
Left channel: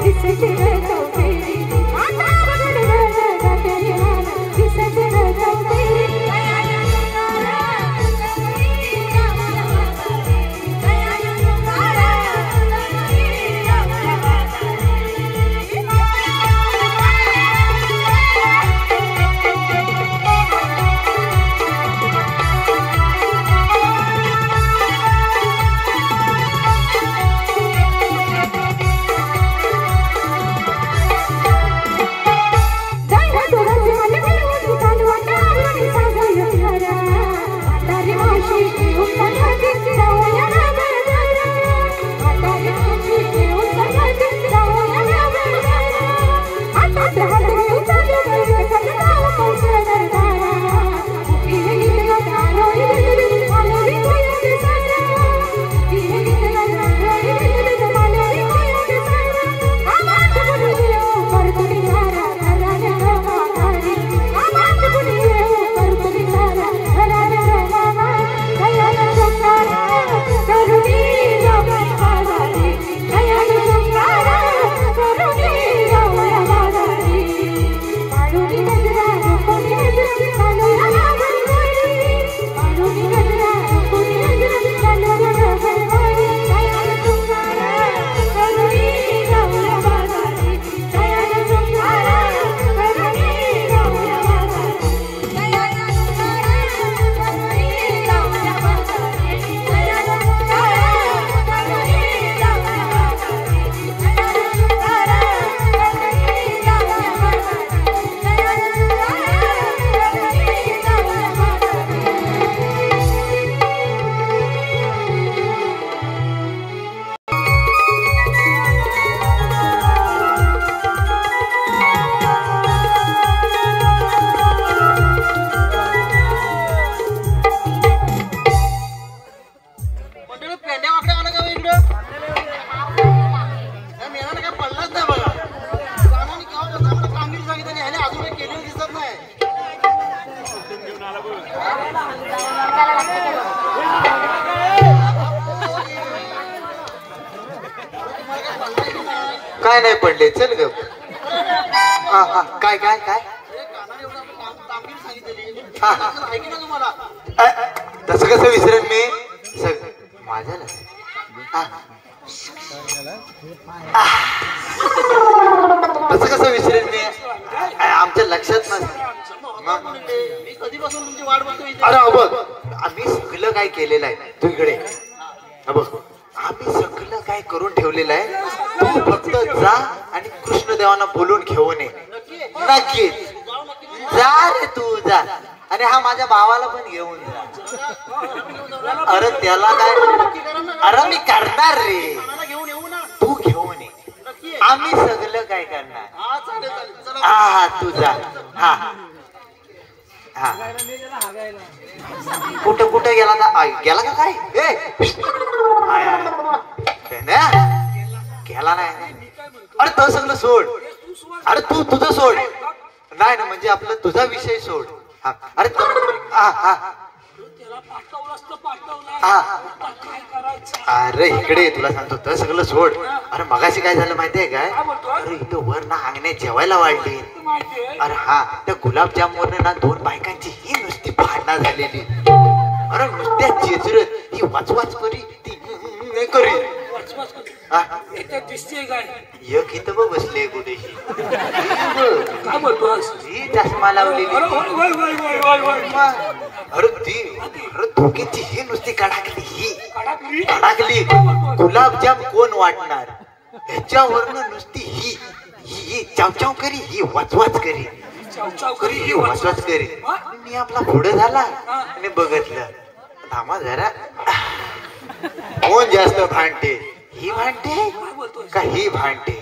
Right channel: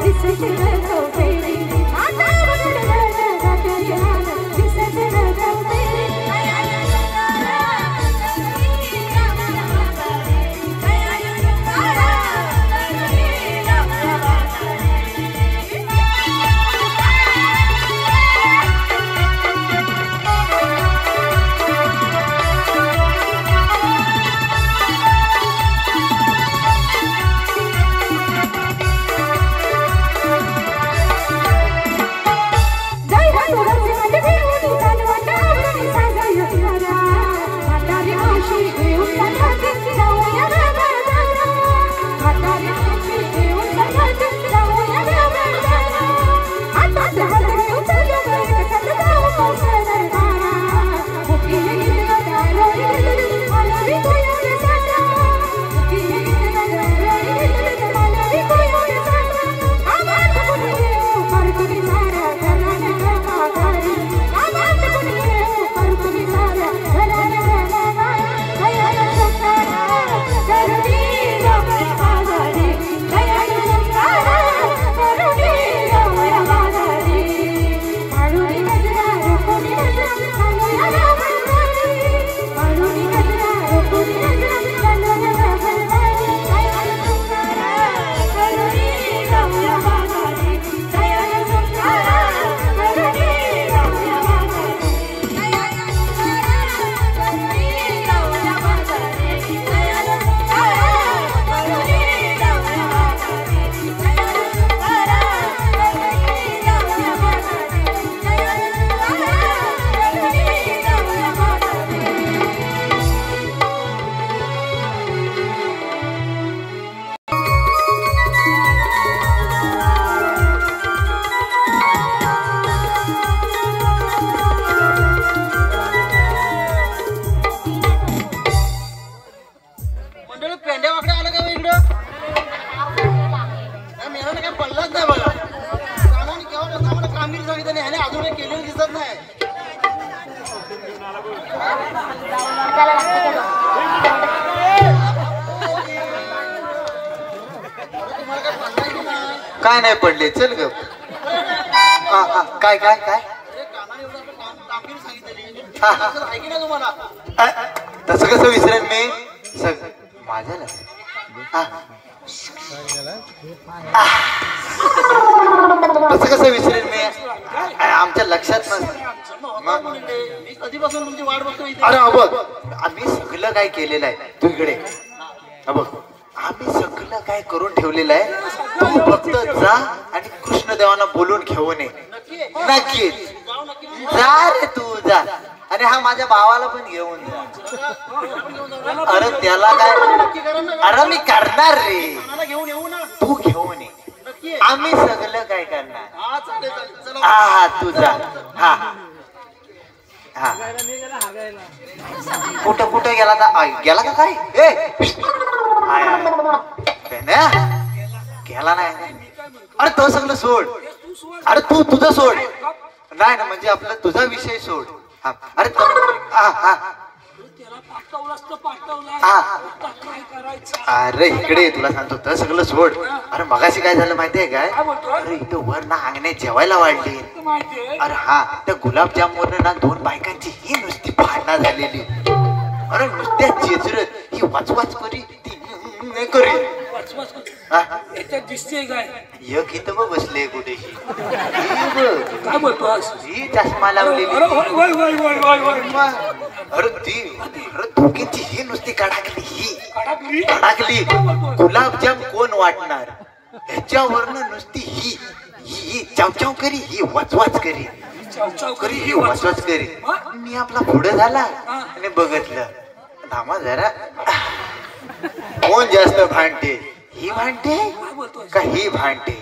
It's नाही पडले चल ग काय काय काय तसं कसं विसरेन मी माझ्या तसं कसं विसरेन मी आमच्या लक्षात कधीपासून तुमची वाट बघतोय अरे बघ आम्ही सगळं काय केलेलं आहे तू इकडे बघ आम्ही सगळं काय करून ठेवलेलं आहे तू फक्त जा आणि कृष्णदेवांना बोलून घेऊन ये नक्की जा रे तू जा आणि हा माझ्या भावाला पण घेऊन जा अरे त्याला काय अरे मी करणार रे घेऊन येऊ ना तू घेऊन ये आम्ही सगळं काय करणार हा चालेल चला हा हा तू जा हा हा कुठं कुठं गेला गेला का काय गेला नाही अरे तो सगळं सोड अरे तू तुझं सोड नाही ना म्हणजे आपलं तुझा विषय सोड हा अरे हा हा अरे इकडे तुला सांगतो तर सगळं सोड अरे मगाशी काय झालं माहितीये काय अरे इथं वर ना अंगण्यात जेवायला वाढली अरे हा त्या गुलाबजामून ना 2 बायकांची ही नुसती भांडणं झालेली अरे नुसत्या चेचरत ही वाचवाच करी ती करी एक इथं मग बसले कुठेशी ही चष्मा लावलेली अरे ती अरे दोघींची ही नुसती कडाकली ही कडाकली गुलाबजाम कोण वाटणार ह्याच्यावरनं नुसती ही ही चावचाव करी ही वाचवाच करी करी ही वाचवाच करी मी आपला पुढे झाला आणि बघितलं थांबा जरा कोण जास्त भांडते ही भांडते का ही भांडते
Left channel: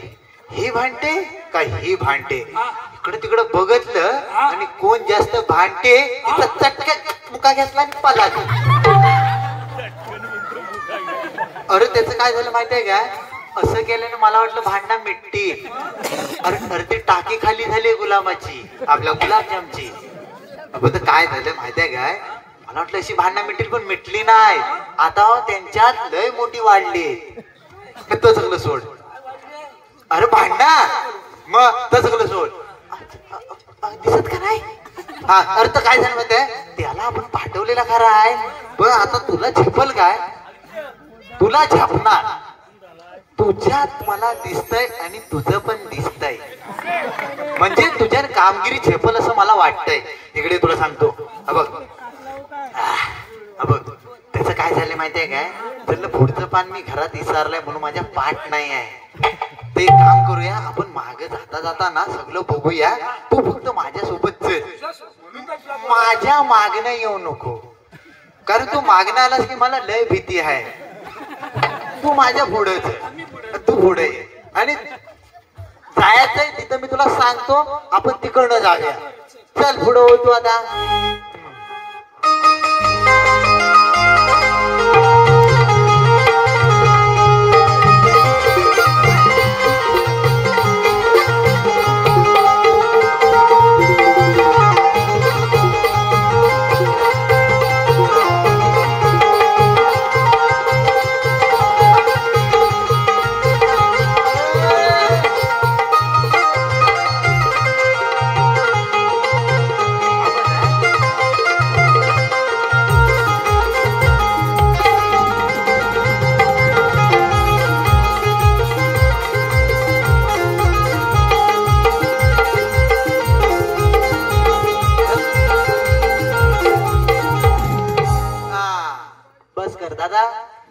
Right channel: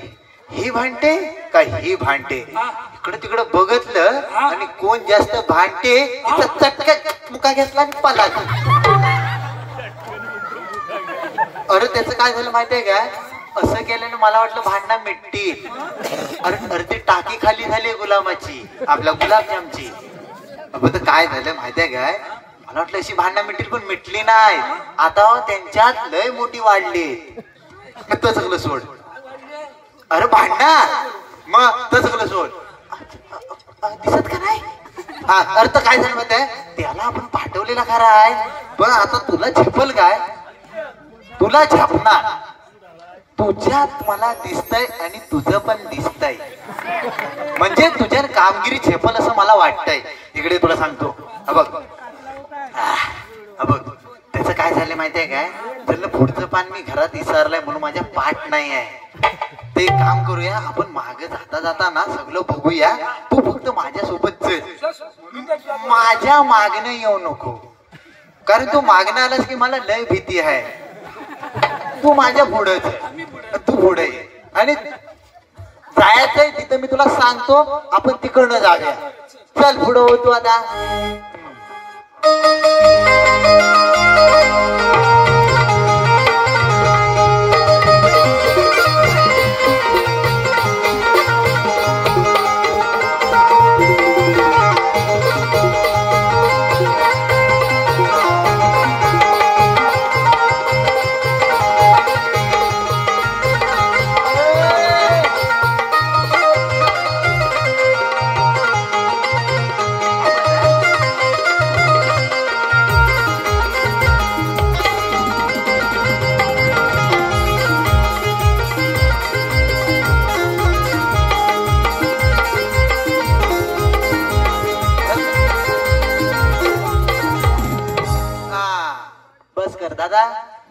ही भांडते का ही भांडते इकडे तिकडे बघितलं आणि कोण जास्त भांडते तिचा चटक्यात मुका घेतला आणि पळाला अरे त्याचं काय झालं माहितीये काय असं केल्याने मला वाटलं भांडणं मिटतील अरे ते टाकी खाली झाली गुलामाची आपल्या गुलाबजामची काय झालं माहितीये काय मला वाटलं अशी भांडणं मिटतील पण मिटली नाही आता त्यांच्यात लय मोठी वाढली तो सगळं सोड अरे भांडणार मग तर सगळं सोड दिसत का नाही हा अर्थ काय झालं माहिती त्याला आपण पाठवलेला खरा आहे पण आता तुला झेपल काय तुला झेपणार तुझ्यात मला दिसतंय आणि तुझं पण दिसतंय म्हणजे तुझ्या कामगिरी झेपल असं मला वाटतंय इकडे तुला सांगतो बघ त्याचं काय झालं माहितीये काय त्याला पुढचं पान मी घरात विसरलाय म्हणून माझ्या पाठ नाही आहे ते काम करूया आपण माग जाता जाता ना सगळं बघूया तू फक्त माझ्यासोबत चल माझ्या मागणं येऊ नको कारण तू मागणं आलास की मला लय भीती आहे तू माझ्या पुढंच तू पुढे आणि जायचंय तिथं मी तुला सांगतो आपण तिकडनं जाऊया चल पुढं होतो आता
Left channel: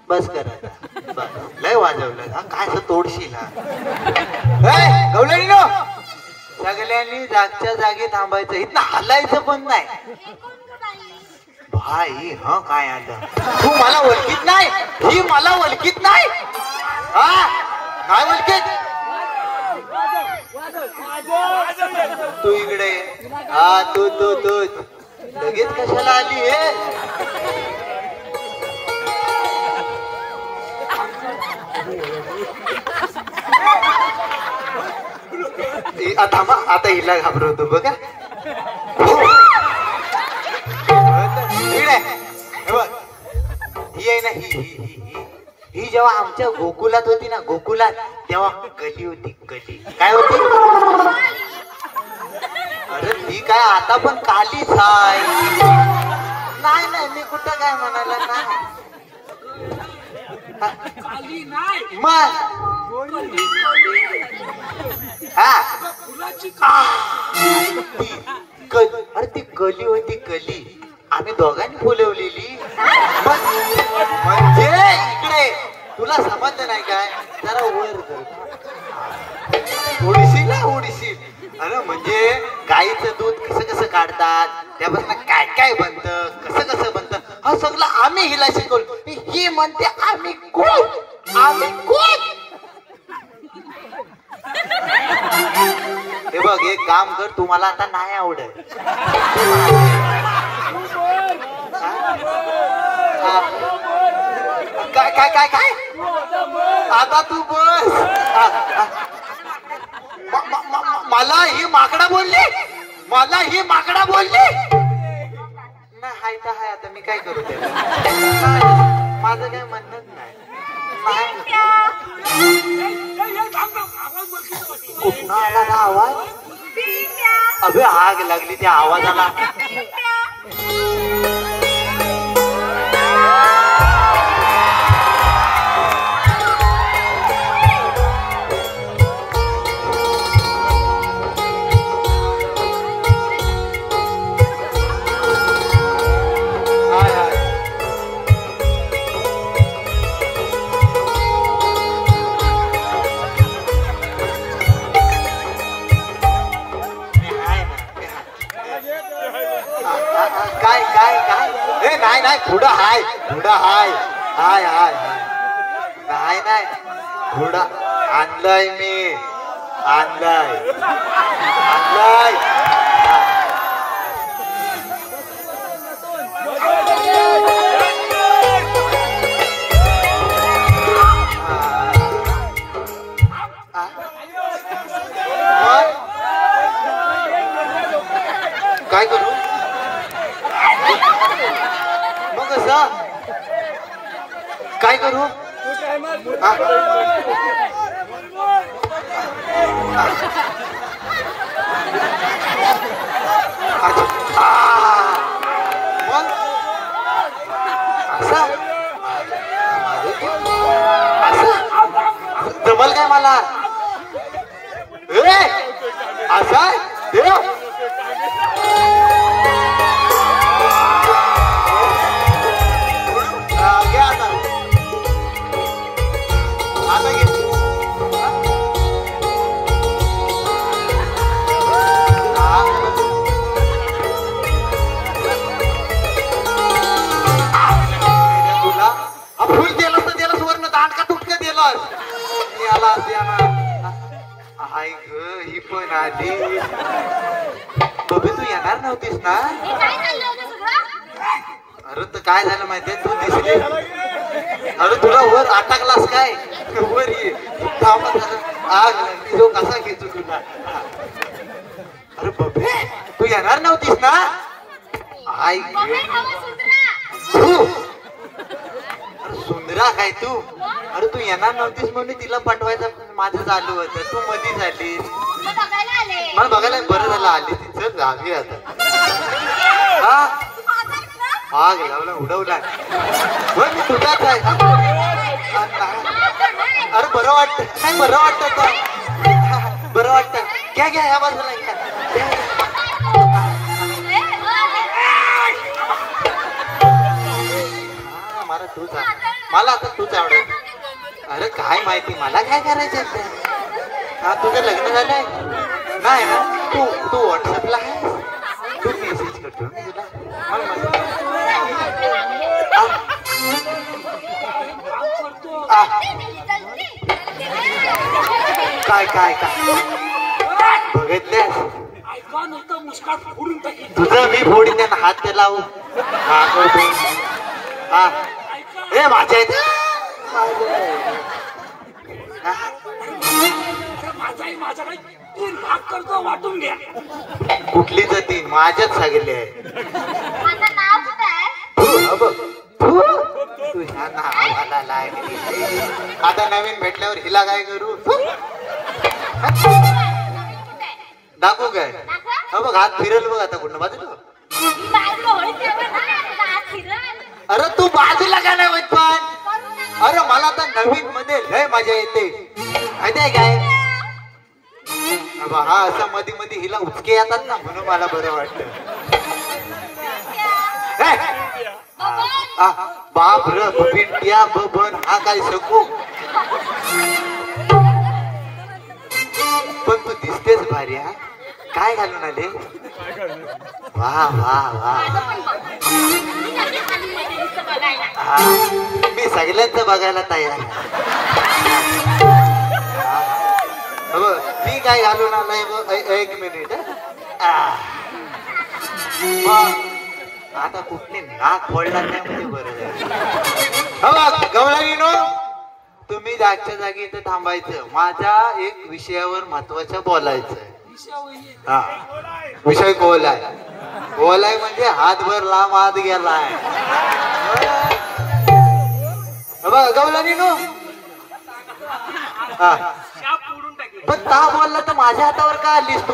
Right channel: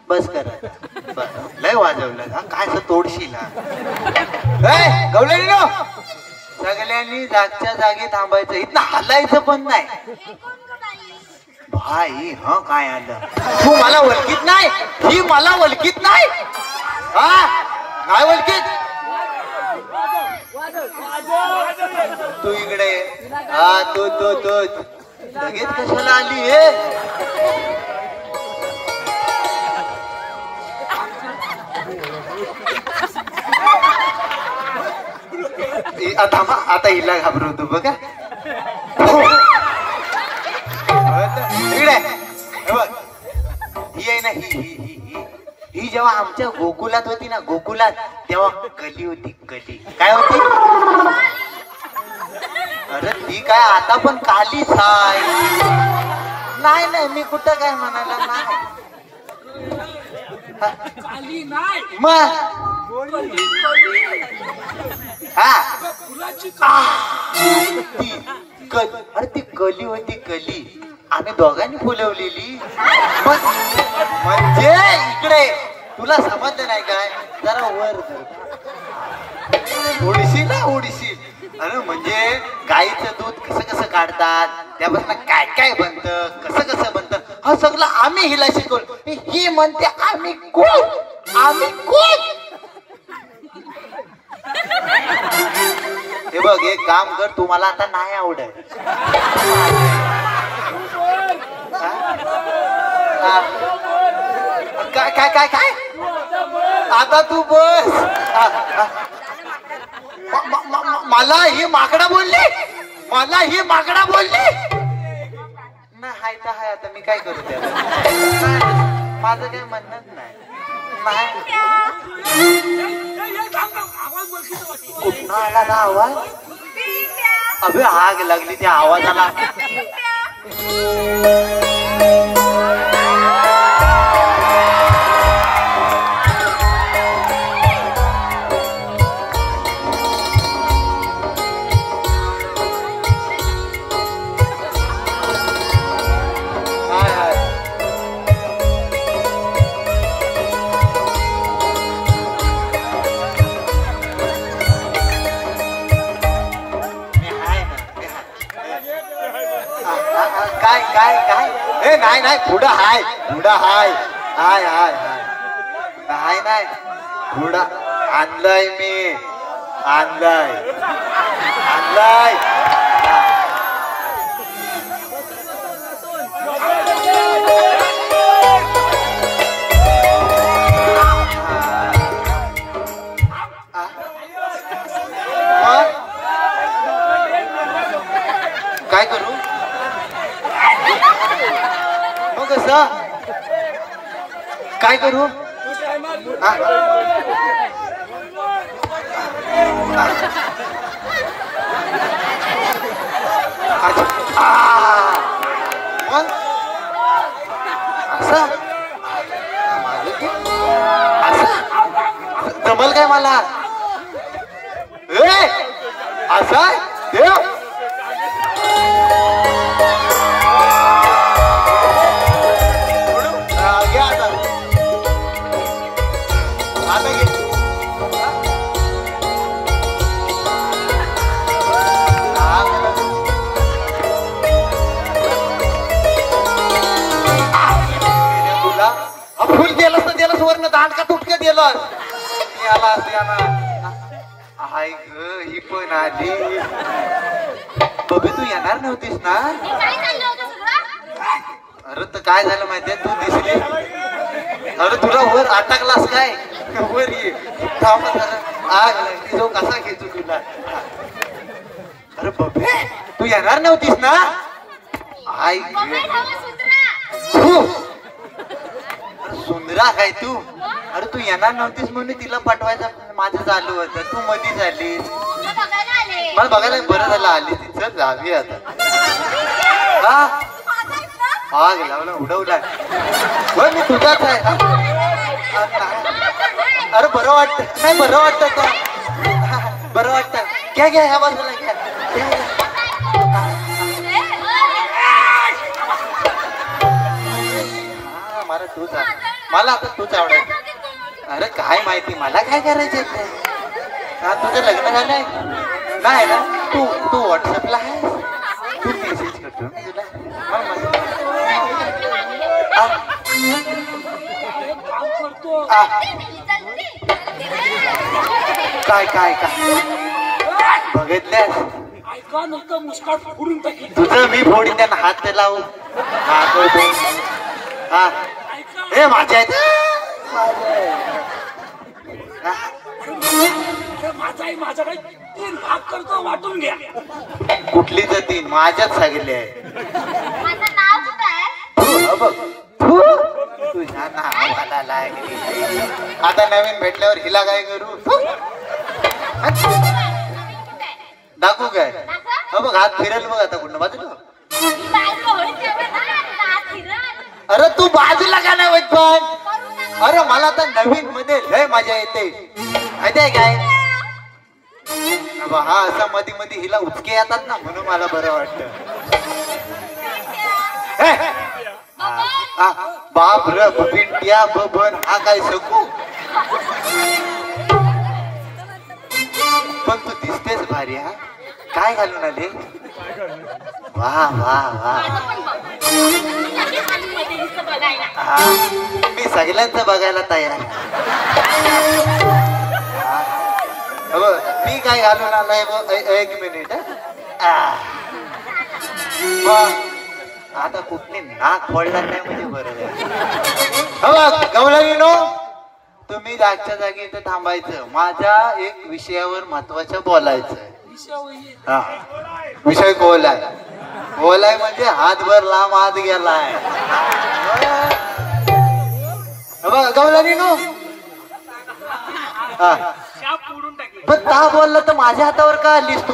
बस कर लय वाजवलं काय तोडशील गवल्यानी सगळ्यांनी जागच्या जागी थांबायचं इथं हलायचं पण नाही भाई ह काय आलं तू मला ओळखीत नाही ही मला ओळखीत नाही काय ओळखीत तू इकडे हा तू लगेच कशाला आली हे आता हिला घाबरवतो बघा इकडे ही आहे ना ही ही जेव्हा आमच्या गोकुलात होती ना, गोकुलात, तेव्हा कली होती. कली काय होती? अरे ती काय आता पण कालीच आहे. नाही नाही, मी कुठं काय म्हणाला ना. काली नाही, मग हा फुलाची ती अरे ती कली होती. कली आम्ही दोघांनी फुलवलेली. म्हणजे इकडे तुला समजलं नाही काय? जरा वर उडशील ना, उडशील. अरे म्हणजे गाईचं दूध कसं कसं काढतात, त्यापासून काय काय बनतं, कसं कसं बनतं, हा सगळं आम्ही हिला शिकवलं. ही म्हणते आम्ही कोण, आम्ही कोण. हे बघ, एक काम कर, तू मला आता नाही आवडत. काय काय काय काय आता तू बस. मला ही माकडा बोलली, मला ही माकडा बोलली. ना हाय तर हाय, आता मी काय करू त्याला? माझं काय म्हणणंच नाही. कुठं आला ना आवाज? अबे आग लागली त्या आवाजाला. काय काय काय? ए नाही नाही, पुढं हाय, पुढं हाय, हाय हाय हाय. नाही नाही, पुढं आणलंय मी, आणलंय आणलंय. काय करू मग? कसं काय करू? जमल काय मला? असा देव वर्ण दांडका तुटका दिला. हाय ग, ही पण आली. बघ, तू येणार नव्हतीस ना? अरे तर काय झालं माहितीये, तू दिसली. अरे तुला वर अटकलास काय? वर ये, थांब जरा. आग लागली, जो कसा घेतो तुला. अरे बबे, तू येणार नव्हतीस ना? आई सुंदरा काय तू? अरे तू येणार नव्हतीस म्हणून तिला पाठवायचं माझं चालू होतं. तू मध्ये झालीस. मला बघायला बरं झालं आली ती. चल जावी आता. आग लावला, उडवला. मी तुझाच आहे. अरे बरं वाटत नाही, बरं वाटत का? बरं वाटत. घ्या घ्या, ह्या बाजूला घ्या. मला आता तूच आवडत. अरे काय माहिती, मला काय करायचं? हा, तुझं लग्न झालंय नाही ना? तू व्हॉट्सअपला आहे, तू मेसेज करतो मी तुला. काय काय काय बघितल्यास? तुझा मी फोडीन त्यांना हात लावू. हा हे माझ्या आहेत. माझा काही 3 भाग करतो, वाटून घ्या. कुठली तर 3? माझ्याच सांगितले आहे. माझं नाव काय? तुझ्या नावाला लागली. आता नवीन भेटल्यावर हिला काय करू? दाखवू काय? हो बघ हात फिरेल बघ आता कुठं बाजूला. अरे तू बाजूला का नाही होत पण? अरे मला तर नवीन मध्ये लय मजा येते माहितीये काय? हा असं मध्ये मध्ये हिला उचके येतात ना म्हणून मला बरं वाटतं. बाप र पिंट्या बबन हा काय शकू. पण तू दिसतेच भारी. हा काय घालून आले? वा वा वा. मी सगळ्यांचं बघायला तयार. मी काय घालून आलाय बघ. एक मिनिट. आता कुठली नाक फोडला नाही म्हणजे बरं. गवळणीनो तुम्ही जागच्या जागी इथं थांबायचं. माझ्या एक विषयावर महत्वाच्या बोलायचं. हा विषय बोलाय. बोलाय म्हणजे हातभर लांब हात गेलाय. गवळणीनो ता बोललं तर माझ्या हातावर का आलीस तू?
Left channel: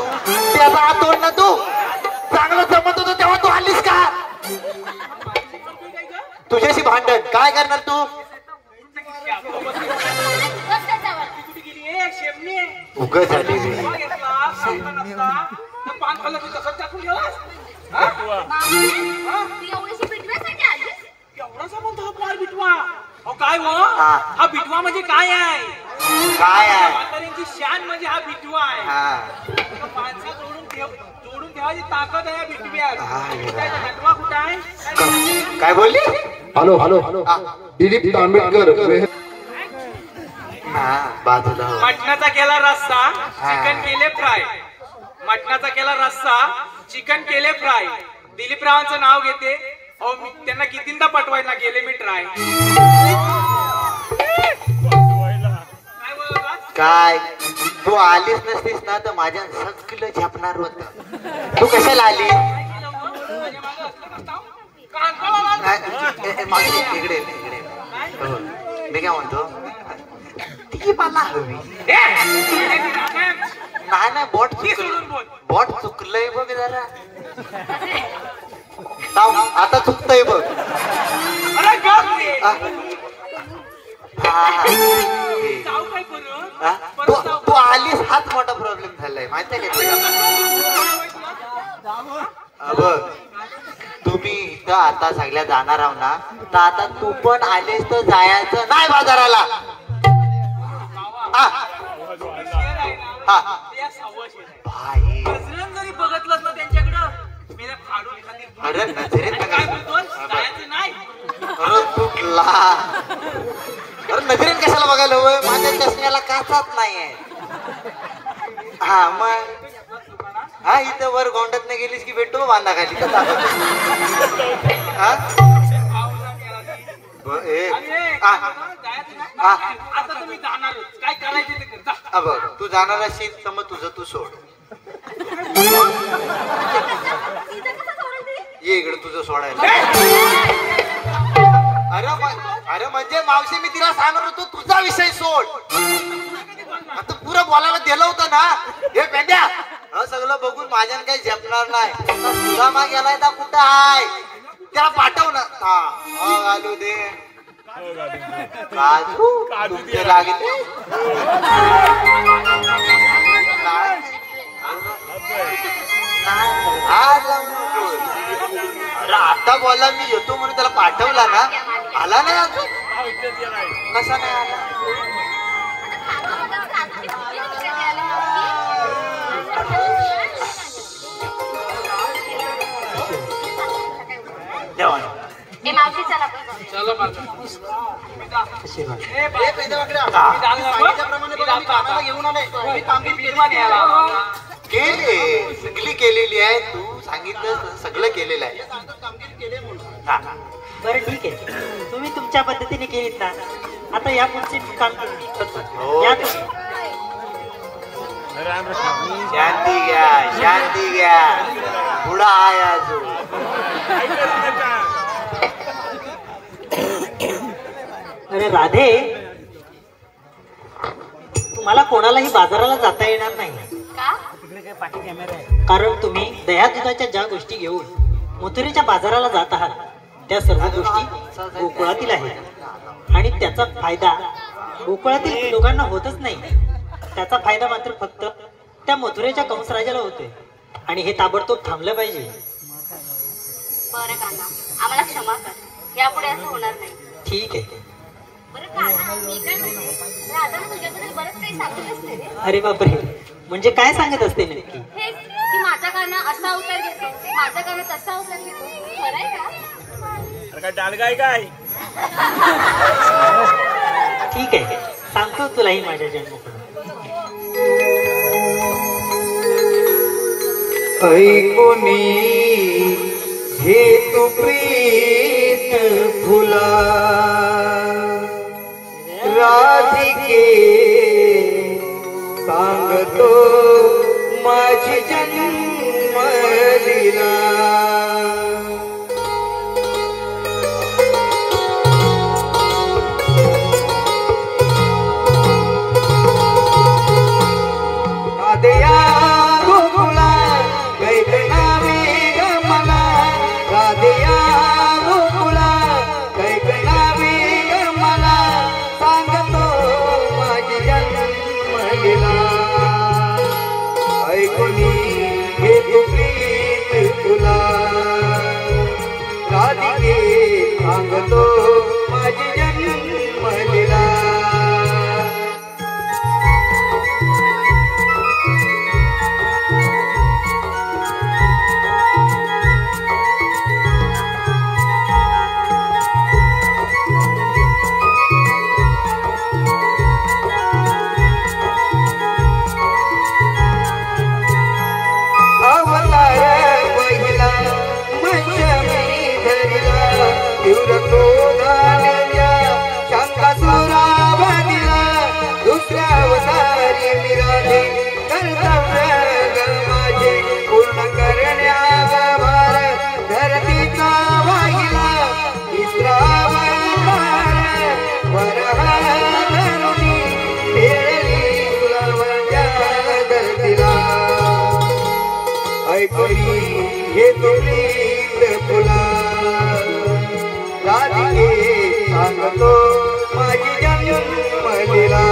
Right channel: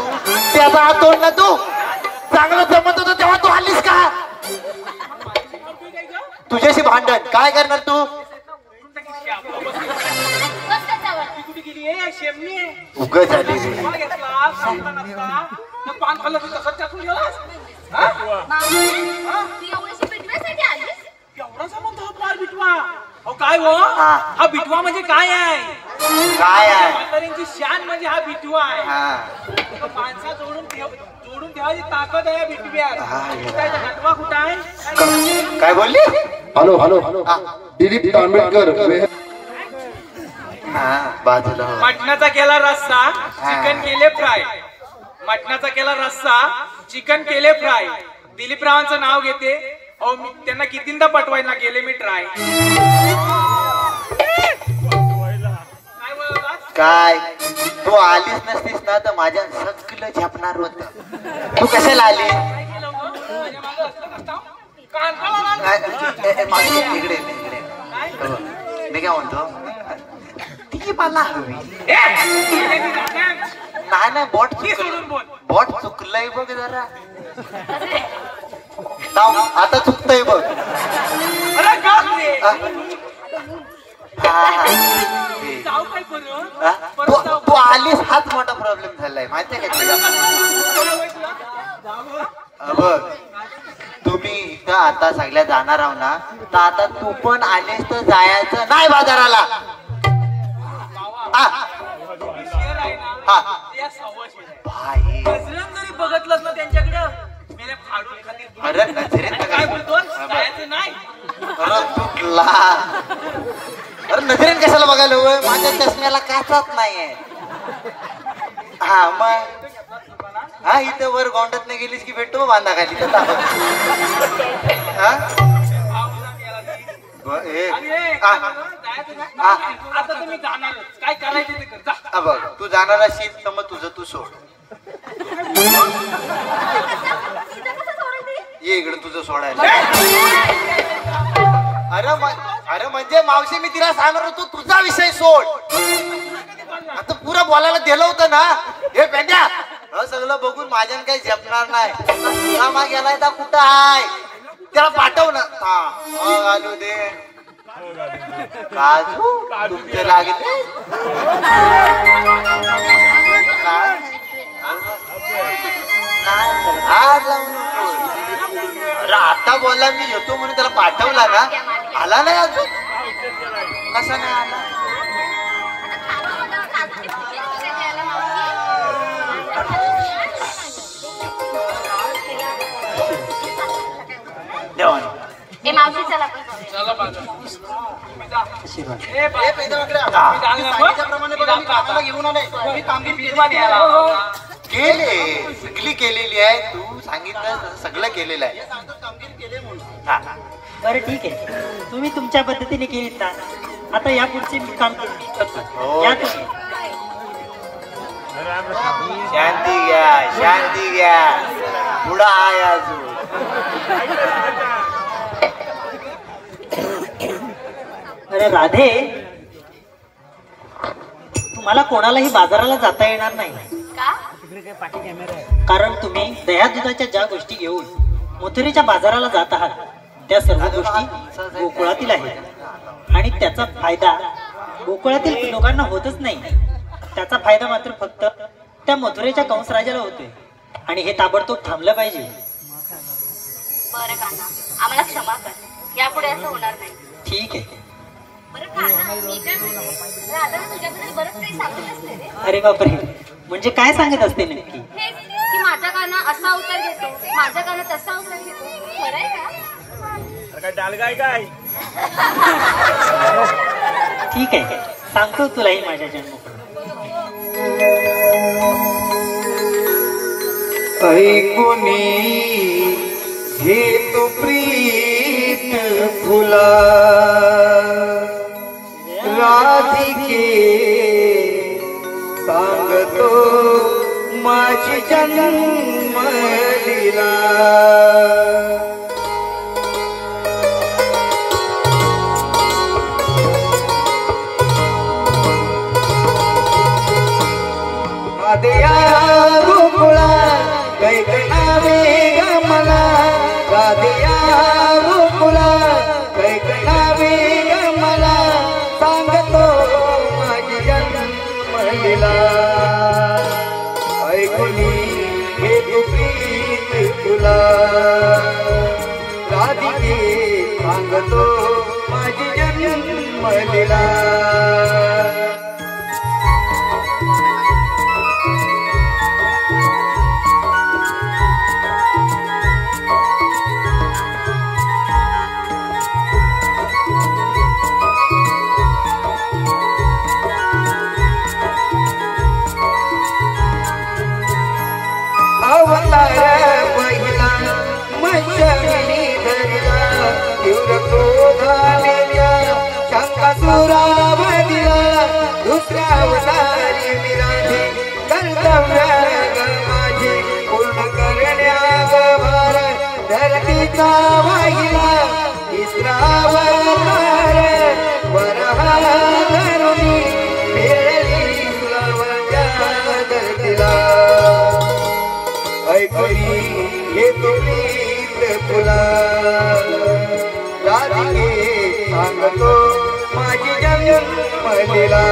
त्याचा हात तोडला तू. चांगलं जमत होतं तेव्हा तू आलीस का? तुझ्याशी भांडण काय करणार तू? उग झाली. काय हो हा बिटवा म्हणजे काय आहे? काय आहे? शान म्हणजे हा बिटवा आहे. माणसा जोडून ठेवायची ताकद आहे बिटव्यात. कुठं आहे? काय बोलली? Hello hello hello Dilip Ambedkar. बाजूला मटणाचा केला रस्सा चिकन केले फ्राय. मटणाचा केला रस्सा चिकन केले फ्राय. दिलीपरावांचं नाव घेते. अहो मी त्यांना कितींदा पटवायला गेले मी ट्राय. काय तू आलीच नसतीस ना तर माझ्या सगळं झेपणार होत. तू कशाला आली? इकडे मी काय म्हणतो ती मला हवी. नाही बोट बोट चुकलंय बघ जरा. आता चुकतंय बघ. तू आलीस हाच मोठा प्रॉब्लेम झालाय माहितीये का? बघ तुम्ही इथं आता सगळ्या जाणार आहो ना तर आता तू पण आलीस तर जायचं नाही बाजाराला. जरी बघितलं ना त्यांच्याकडं अरे नजरेत काय बोलतो नाही. तुटला. अरे नजरेत कशाला बघायला हवं? माझ्या चष्म्याला काचत नाहीये. हा मग हा इथं वर गोंडात नाही गेलीस की भेटतो बांधा खाली. आता तुम्ही जाणार काय करायचं ते कर. बघ तू जाणार असेल तर मग तुझं तू सोड. ये इकडे तुझं सोडायला. अरे म्हणजे मावशी मी तिला सांगणार होतो तुझा विषय सोड. आता पुरा बोलायला दिलं होतं ना. हे पेंड्या सगळं बघून माझ्यानं काही झेपणार नाही. तुझा माग गेलाय तर कुठं आहे त्याला पाठव ना. हा आलू दे काजू लागते. आता बोला मी येतो म्हणून त्याला पाठवला ना. आला नाही अजून. कसा नाही आला? मावशी चला. केले सगळी केलेली आहे. तू सांगितलं सगळं केलेलं आहे. बरं ठीक आहे तुम्ही तुमच्या पद्धतीने केलीत ना. आता या पुढचे मी काम करतो. या तुम्ही. शांती घ्या शांती घ्या. पुढं आहे अजून. तर राधे, तुम्हाला कोणालाही बाजाराला जाता येणार नाही, का? कारण तुम्ही दह्या दुधाच्या ज्या गोष्टी घेऊन मथुरेच्या बाजाराला जात आहात त्या सर्व गोष्टी गोकुळातील आहेत आणि त्याचा फायदा गोकुळातील लोकांना होतच नाही. त्याचा फायदा मात्र फक्त त्या मथुरेच्या कंसराजाला होतोय आणि हे ताबडतोब थांबलं पाहिजे. बरं कान्हा, आम्हाला क्षमा कर, यापुढे असं होणार नाही. ठीक आहे. बरं कान्हा, मी काय म्हणतो, राधाला तुझ्याबद्दल बरंच काही सांगत असते रे. अरे बापरे, म्हणजे काय सांगत असते नक्की? हेच की माझा कान्हा असा अवतार घेतो, माझा कान्हा तसा अवतार घेतो. खरं आहे का? ठीक आहे, सांगतो तुलाही माझ्या जन्मपण. ऐकुनी हे तू प्रीत फुला राधिके सांगतो माझी जन्म लीला. ऐकुनी हे प्रीत तुला राधिके सांगतो माझी जन्मलीला. फुला राधिके सांगतो माझी जन्मलीला.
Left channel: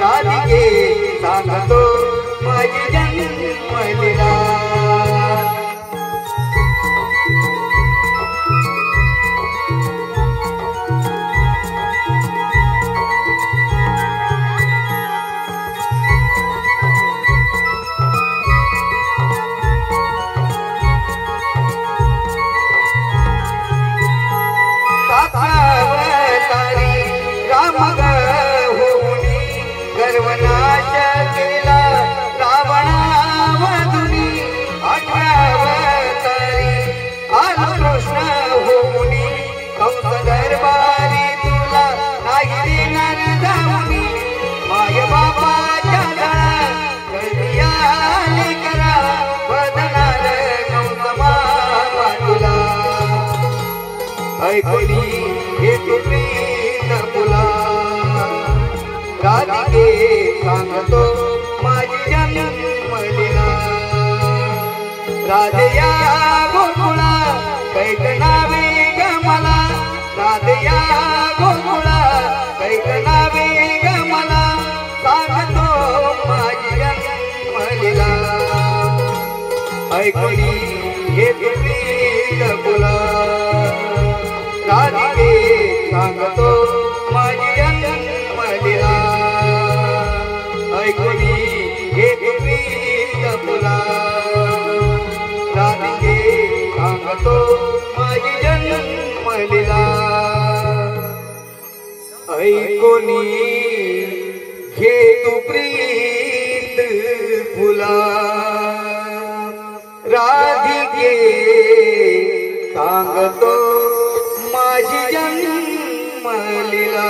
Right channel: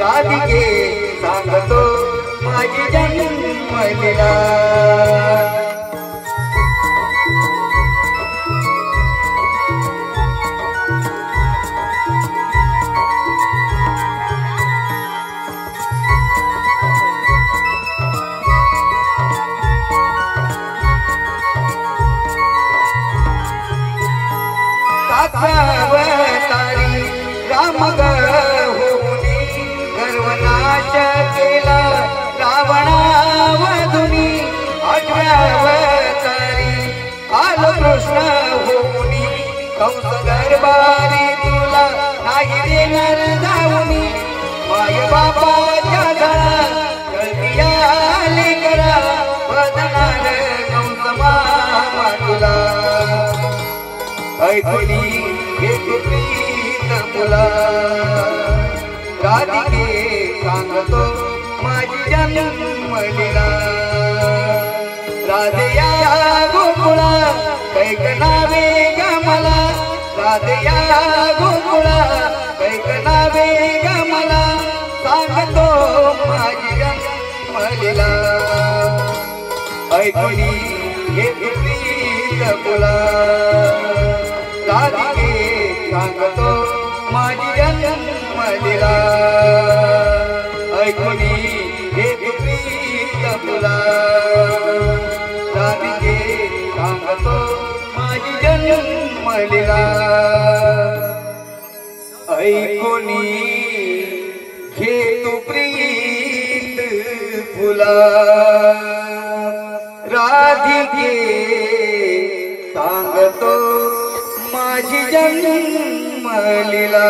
राधिके सांगतो माझी जन्मलीला. गर्वनाश केला रावणावधुनी. 8व्या अवतारी आलो कृष्ण होऊनी. कंस दरबारी तुला नाही देणार जाऊनी. माय बापाच्या घरी आले करा वदनार कंस मामा तुला. ऐकुनी हे प्रीत फुला राधिके सांगतो माझी जन्मलीला. राधया गोकुळा कैकनावे ग मला. राधया गोकुळा कैकनावे ग मला. सांगतो माझी जन्मलीला. ऐकणी हे प्रीत फुला राधिके सांगतो माझी जन्मलीला ऐकणी हे प्रीत फुला राधिके सांगतो माझी जन्मलीला ऐकणी घे तू प्रीत फुला राधिके सांगतो माझी जन्मलीला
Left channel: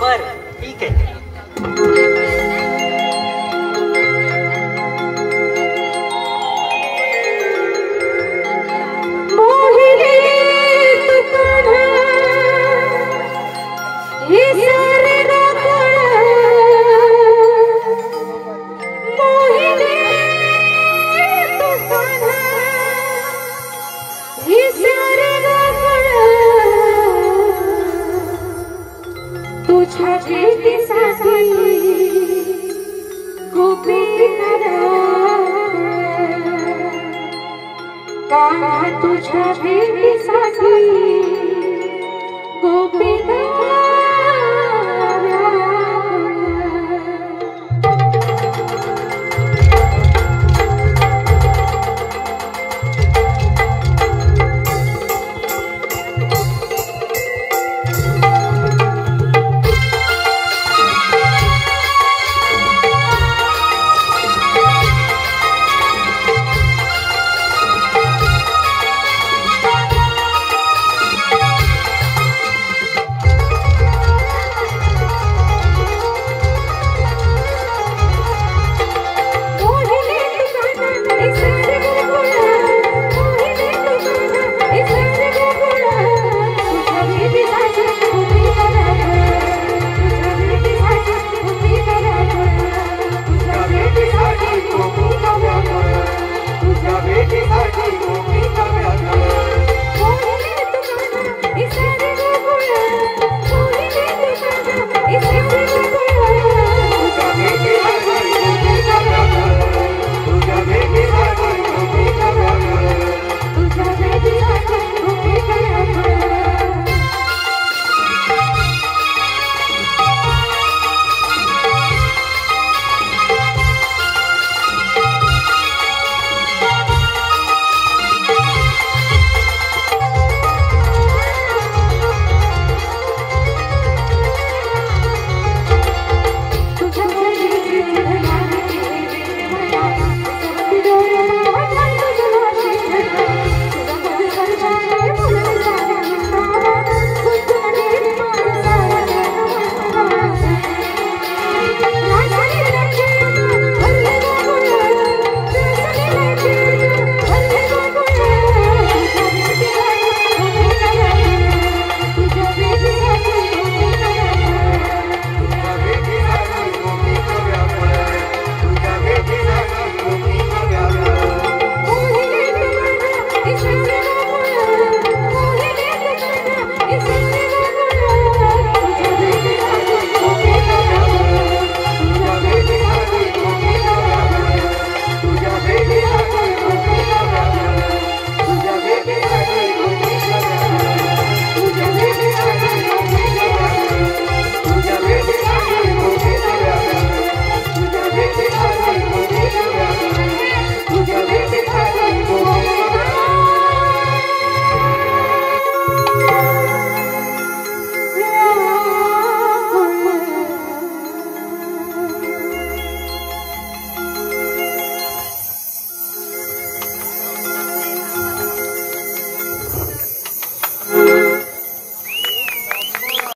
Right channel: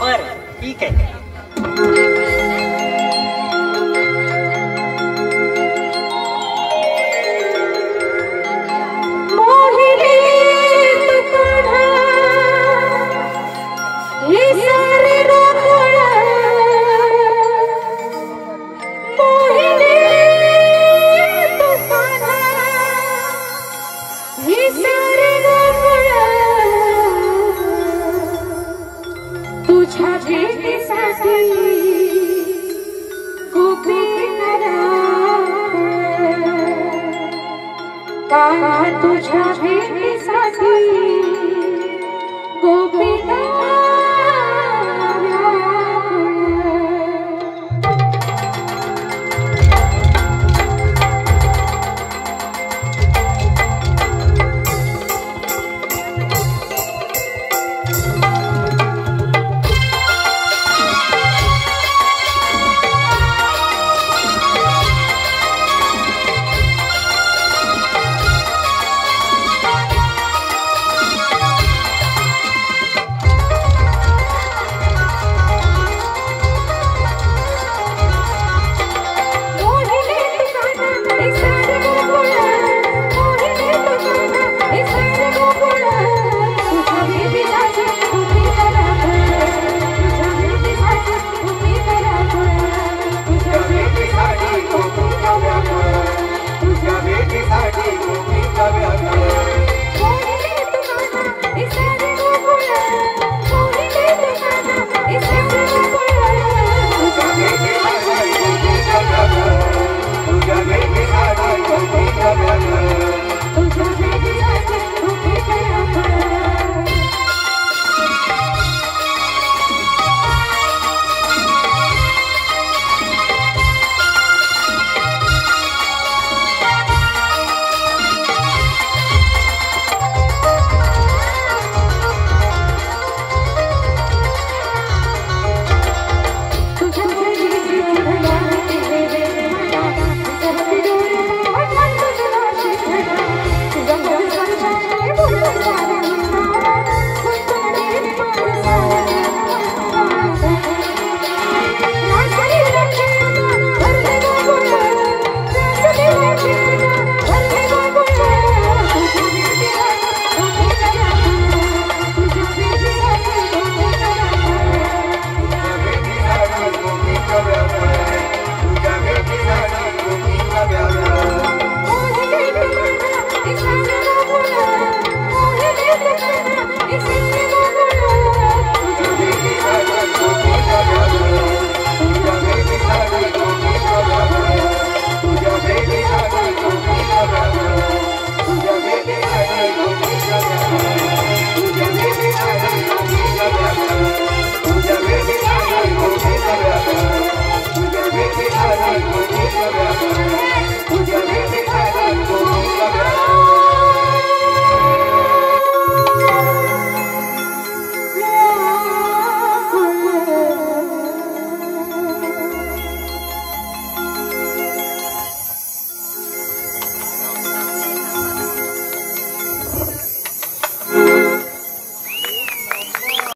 बर ठीक आहे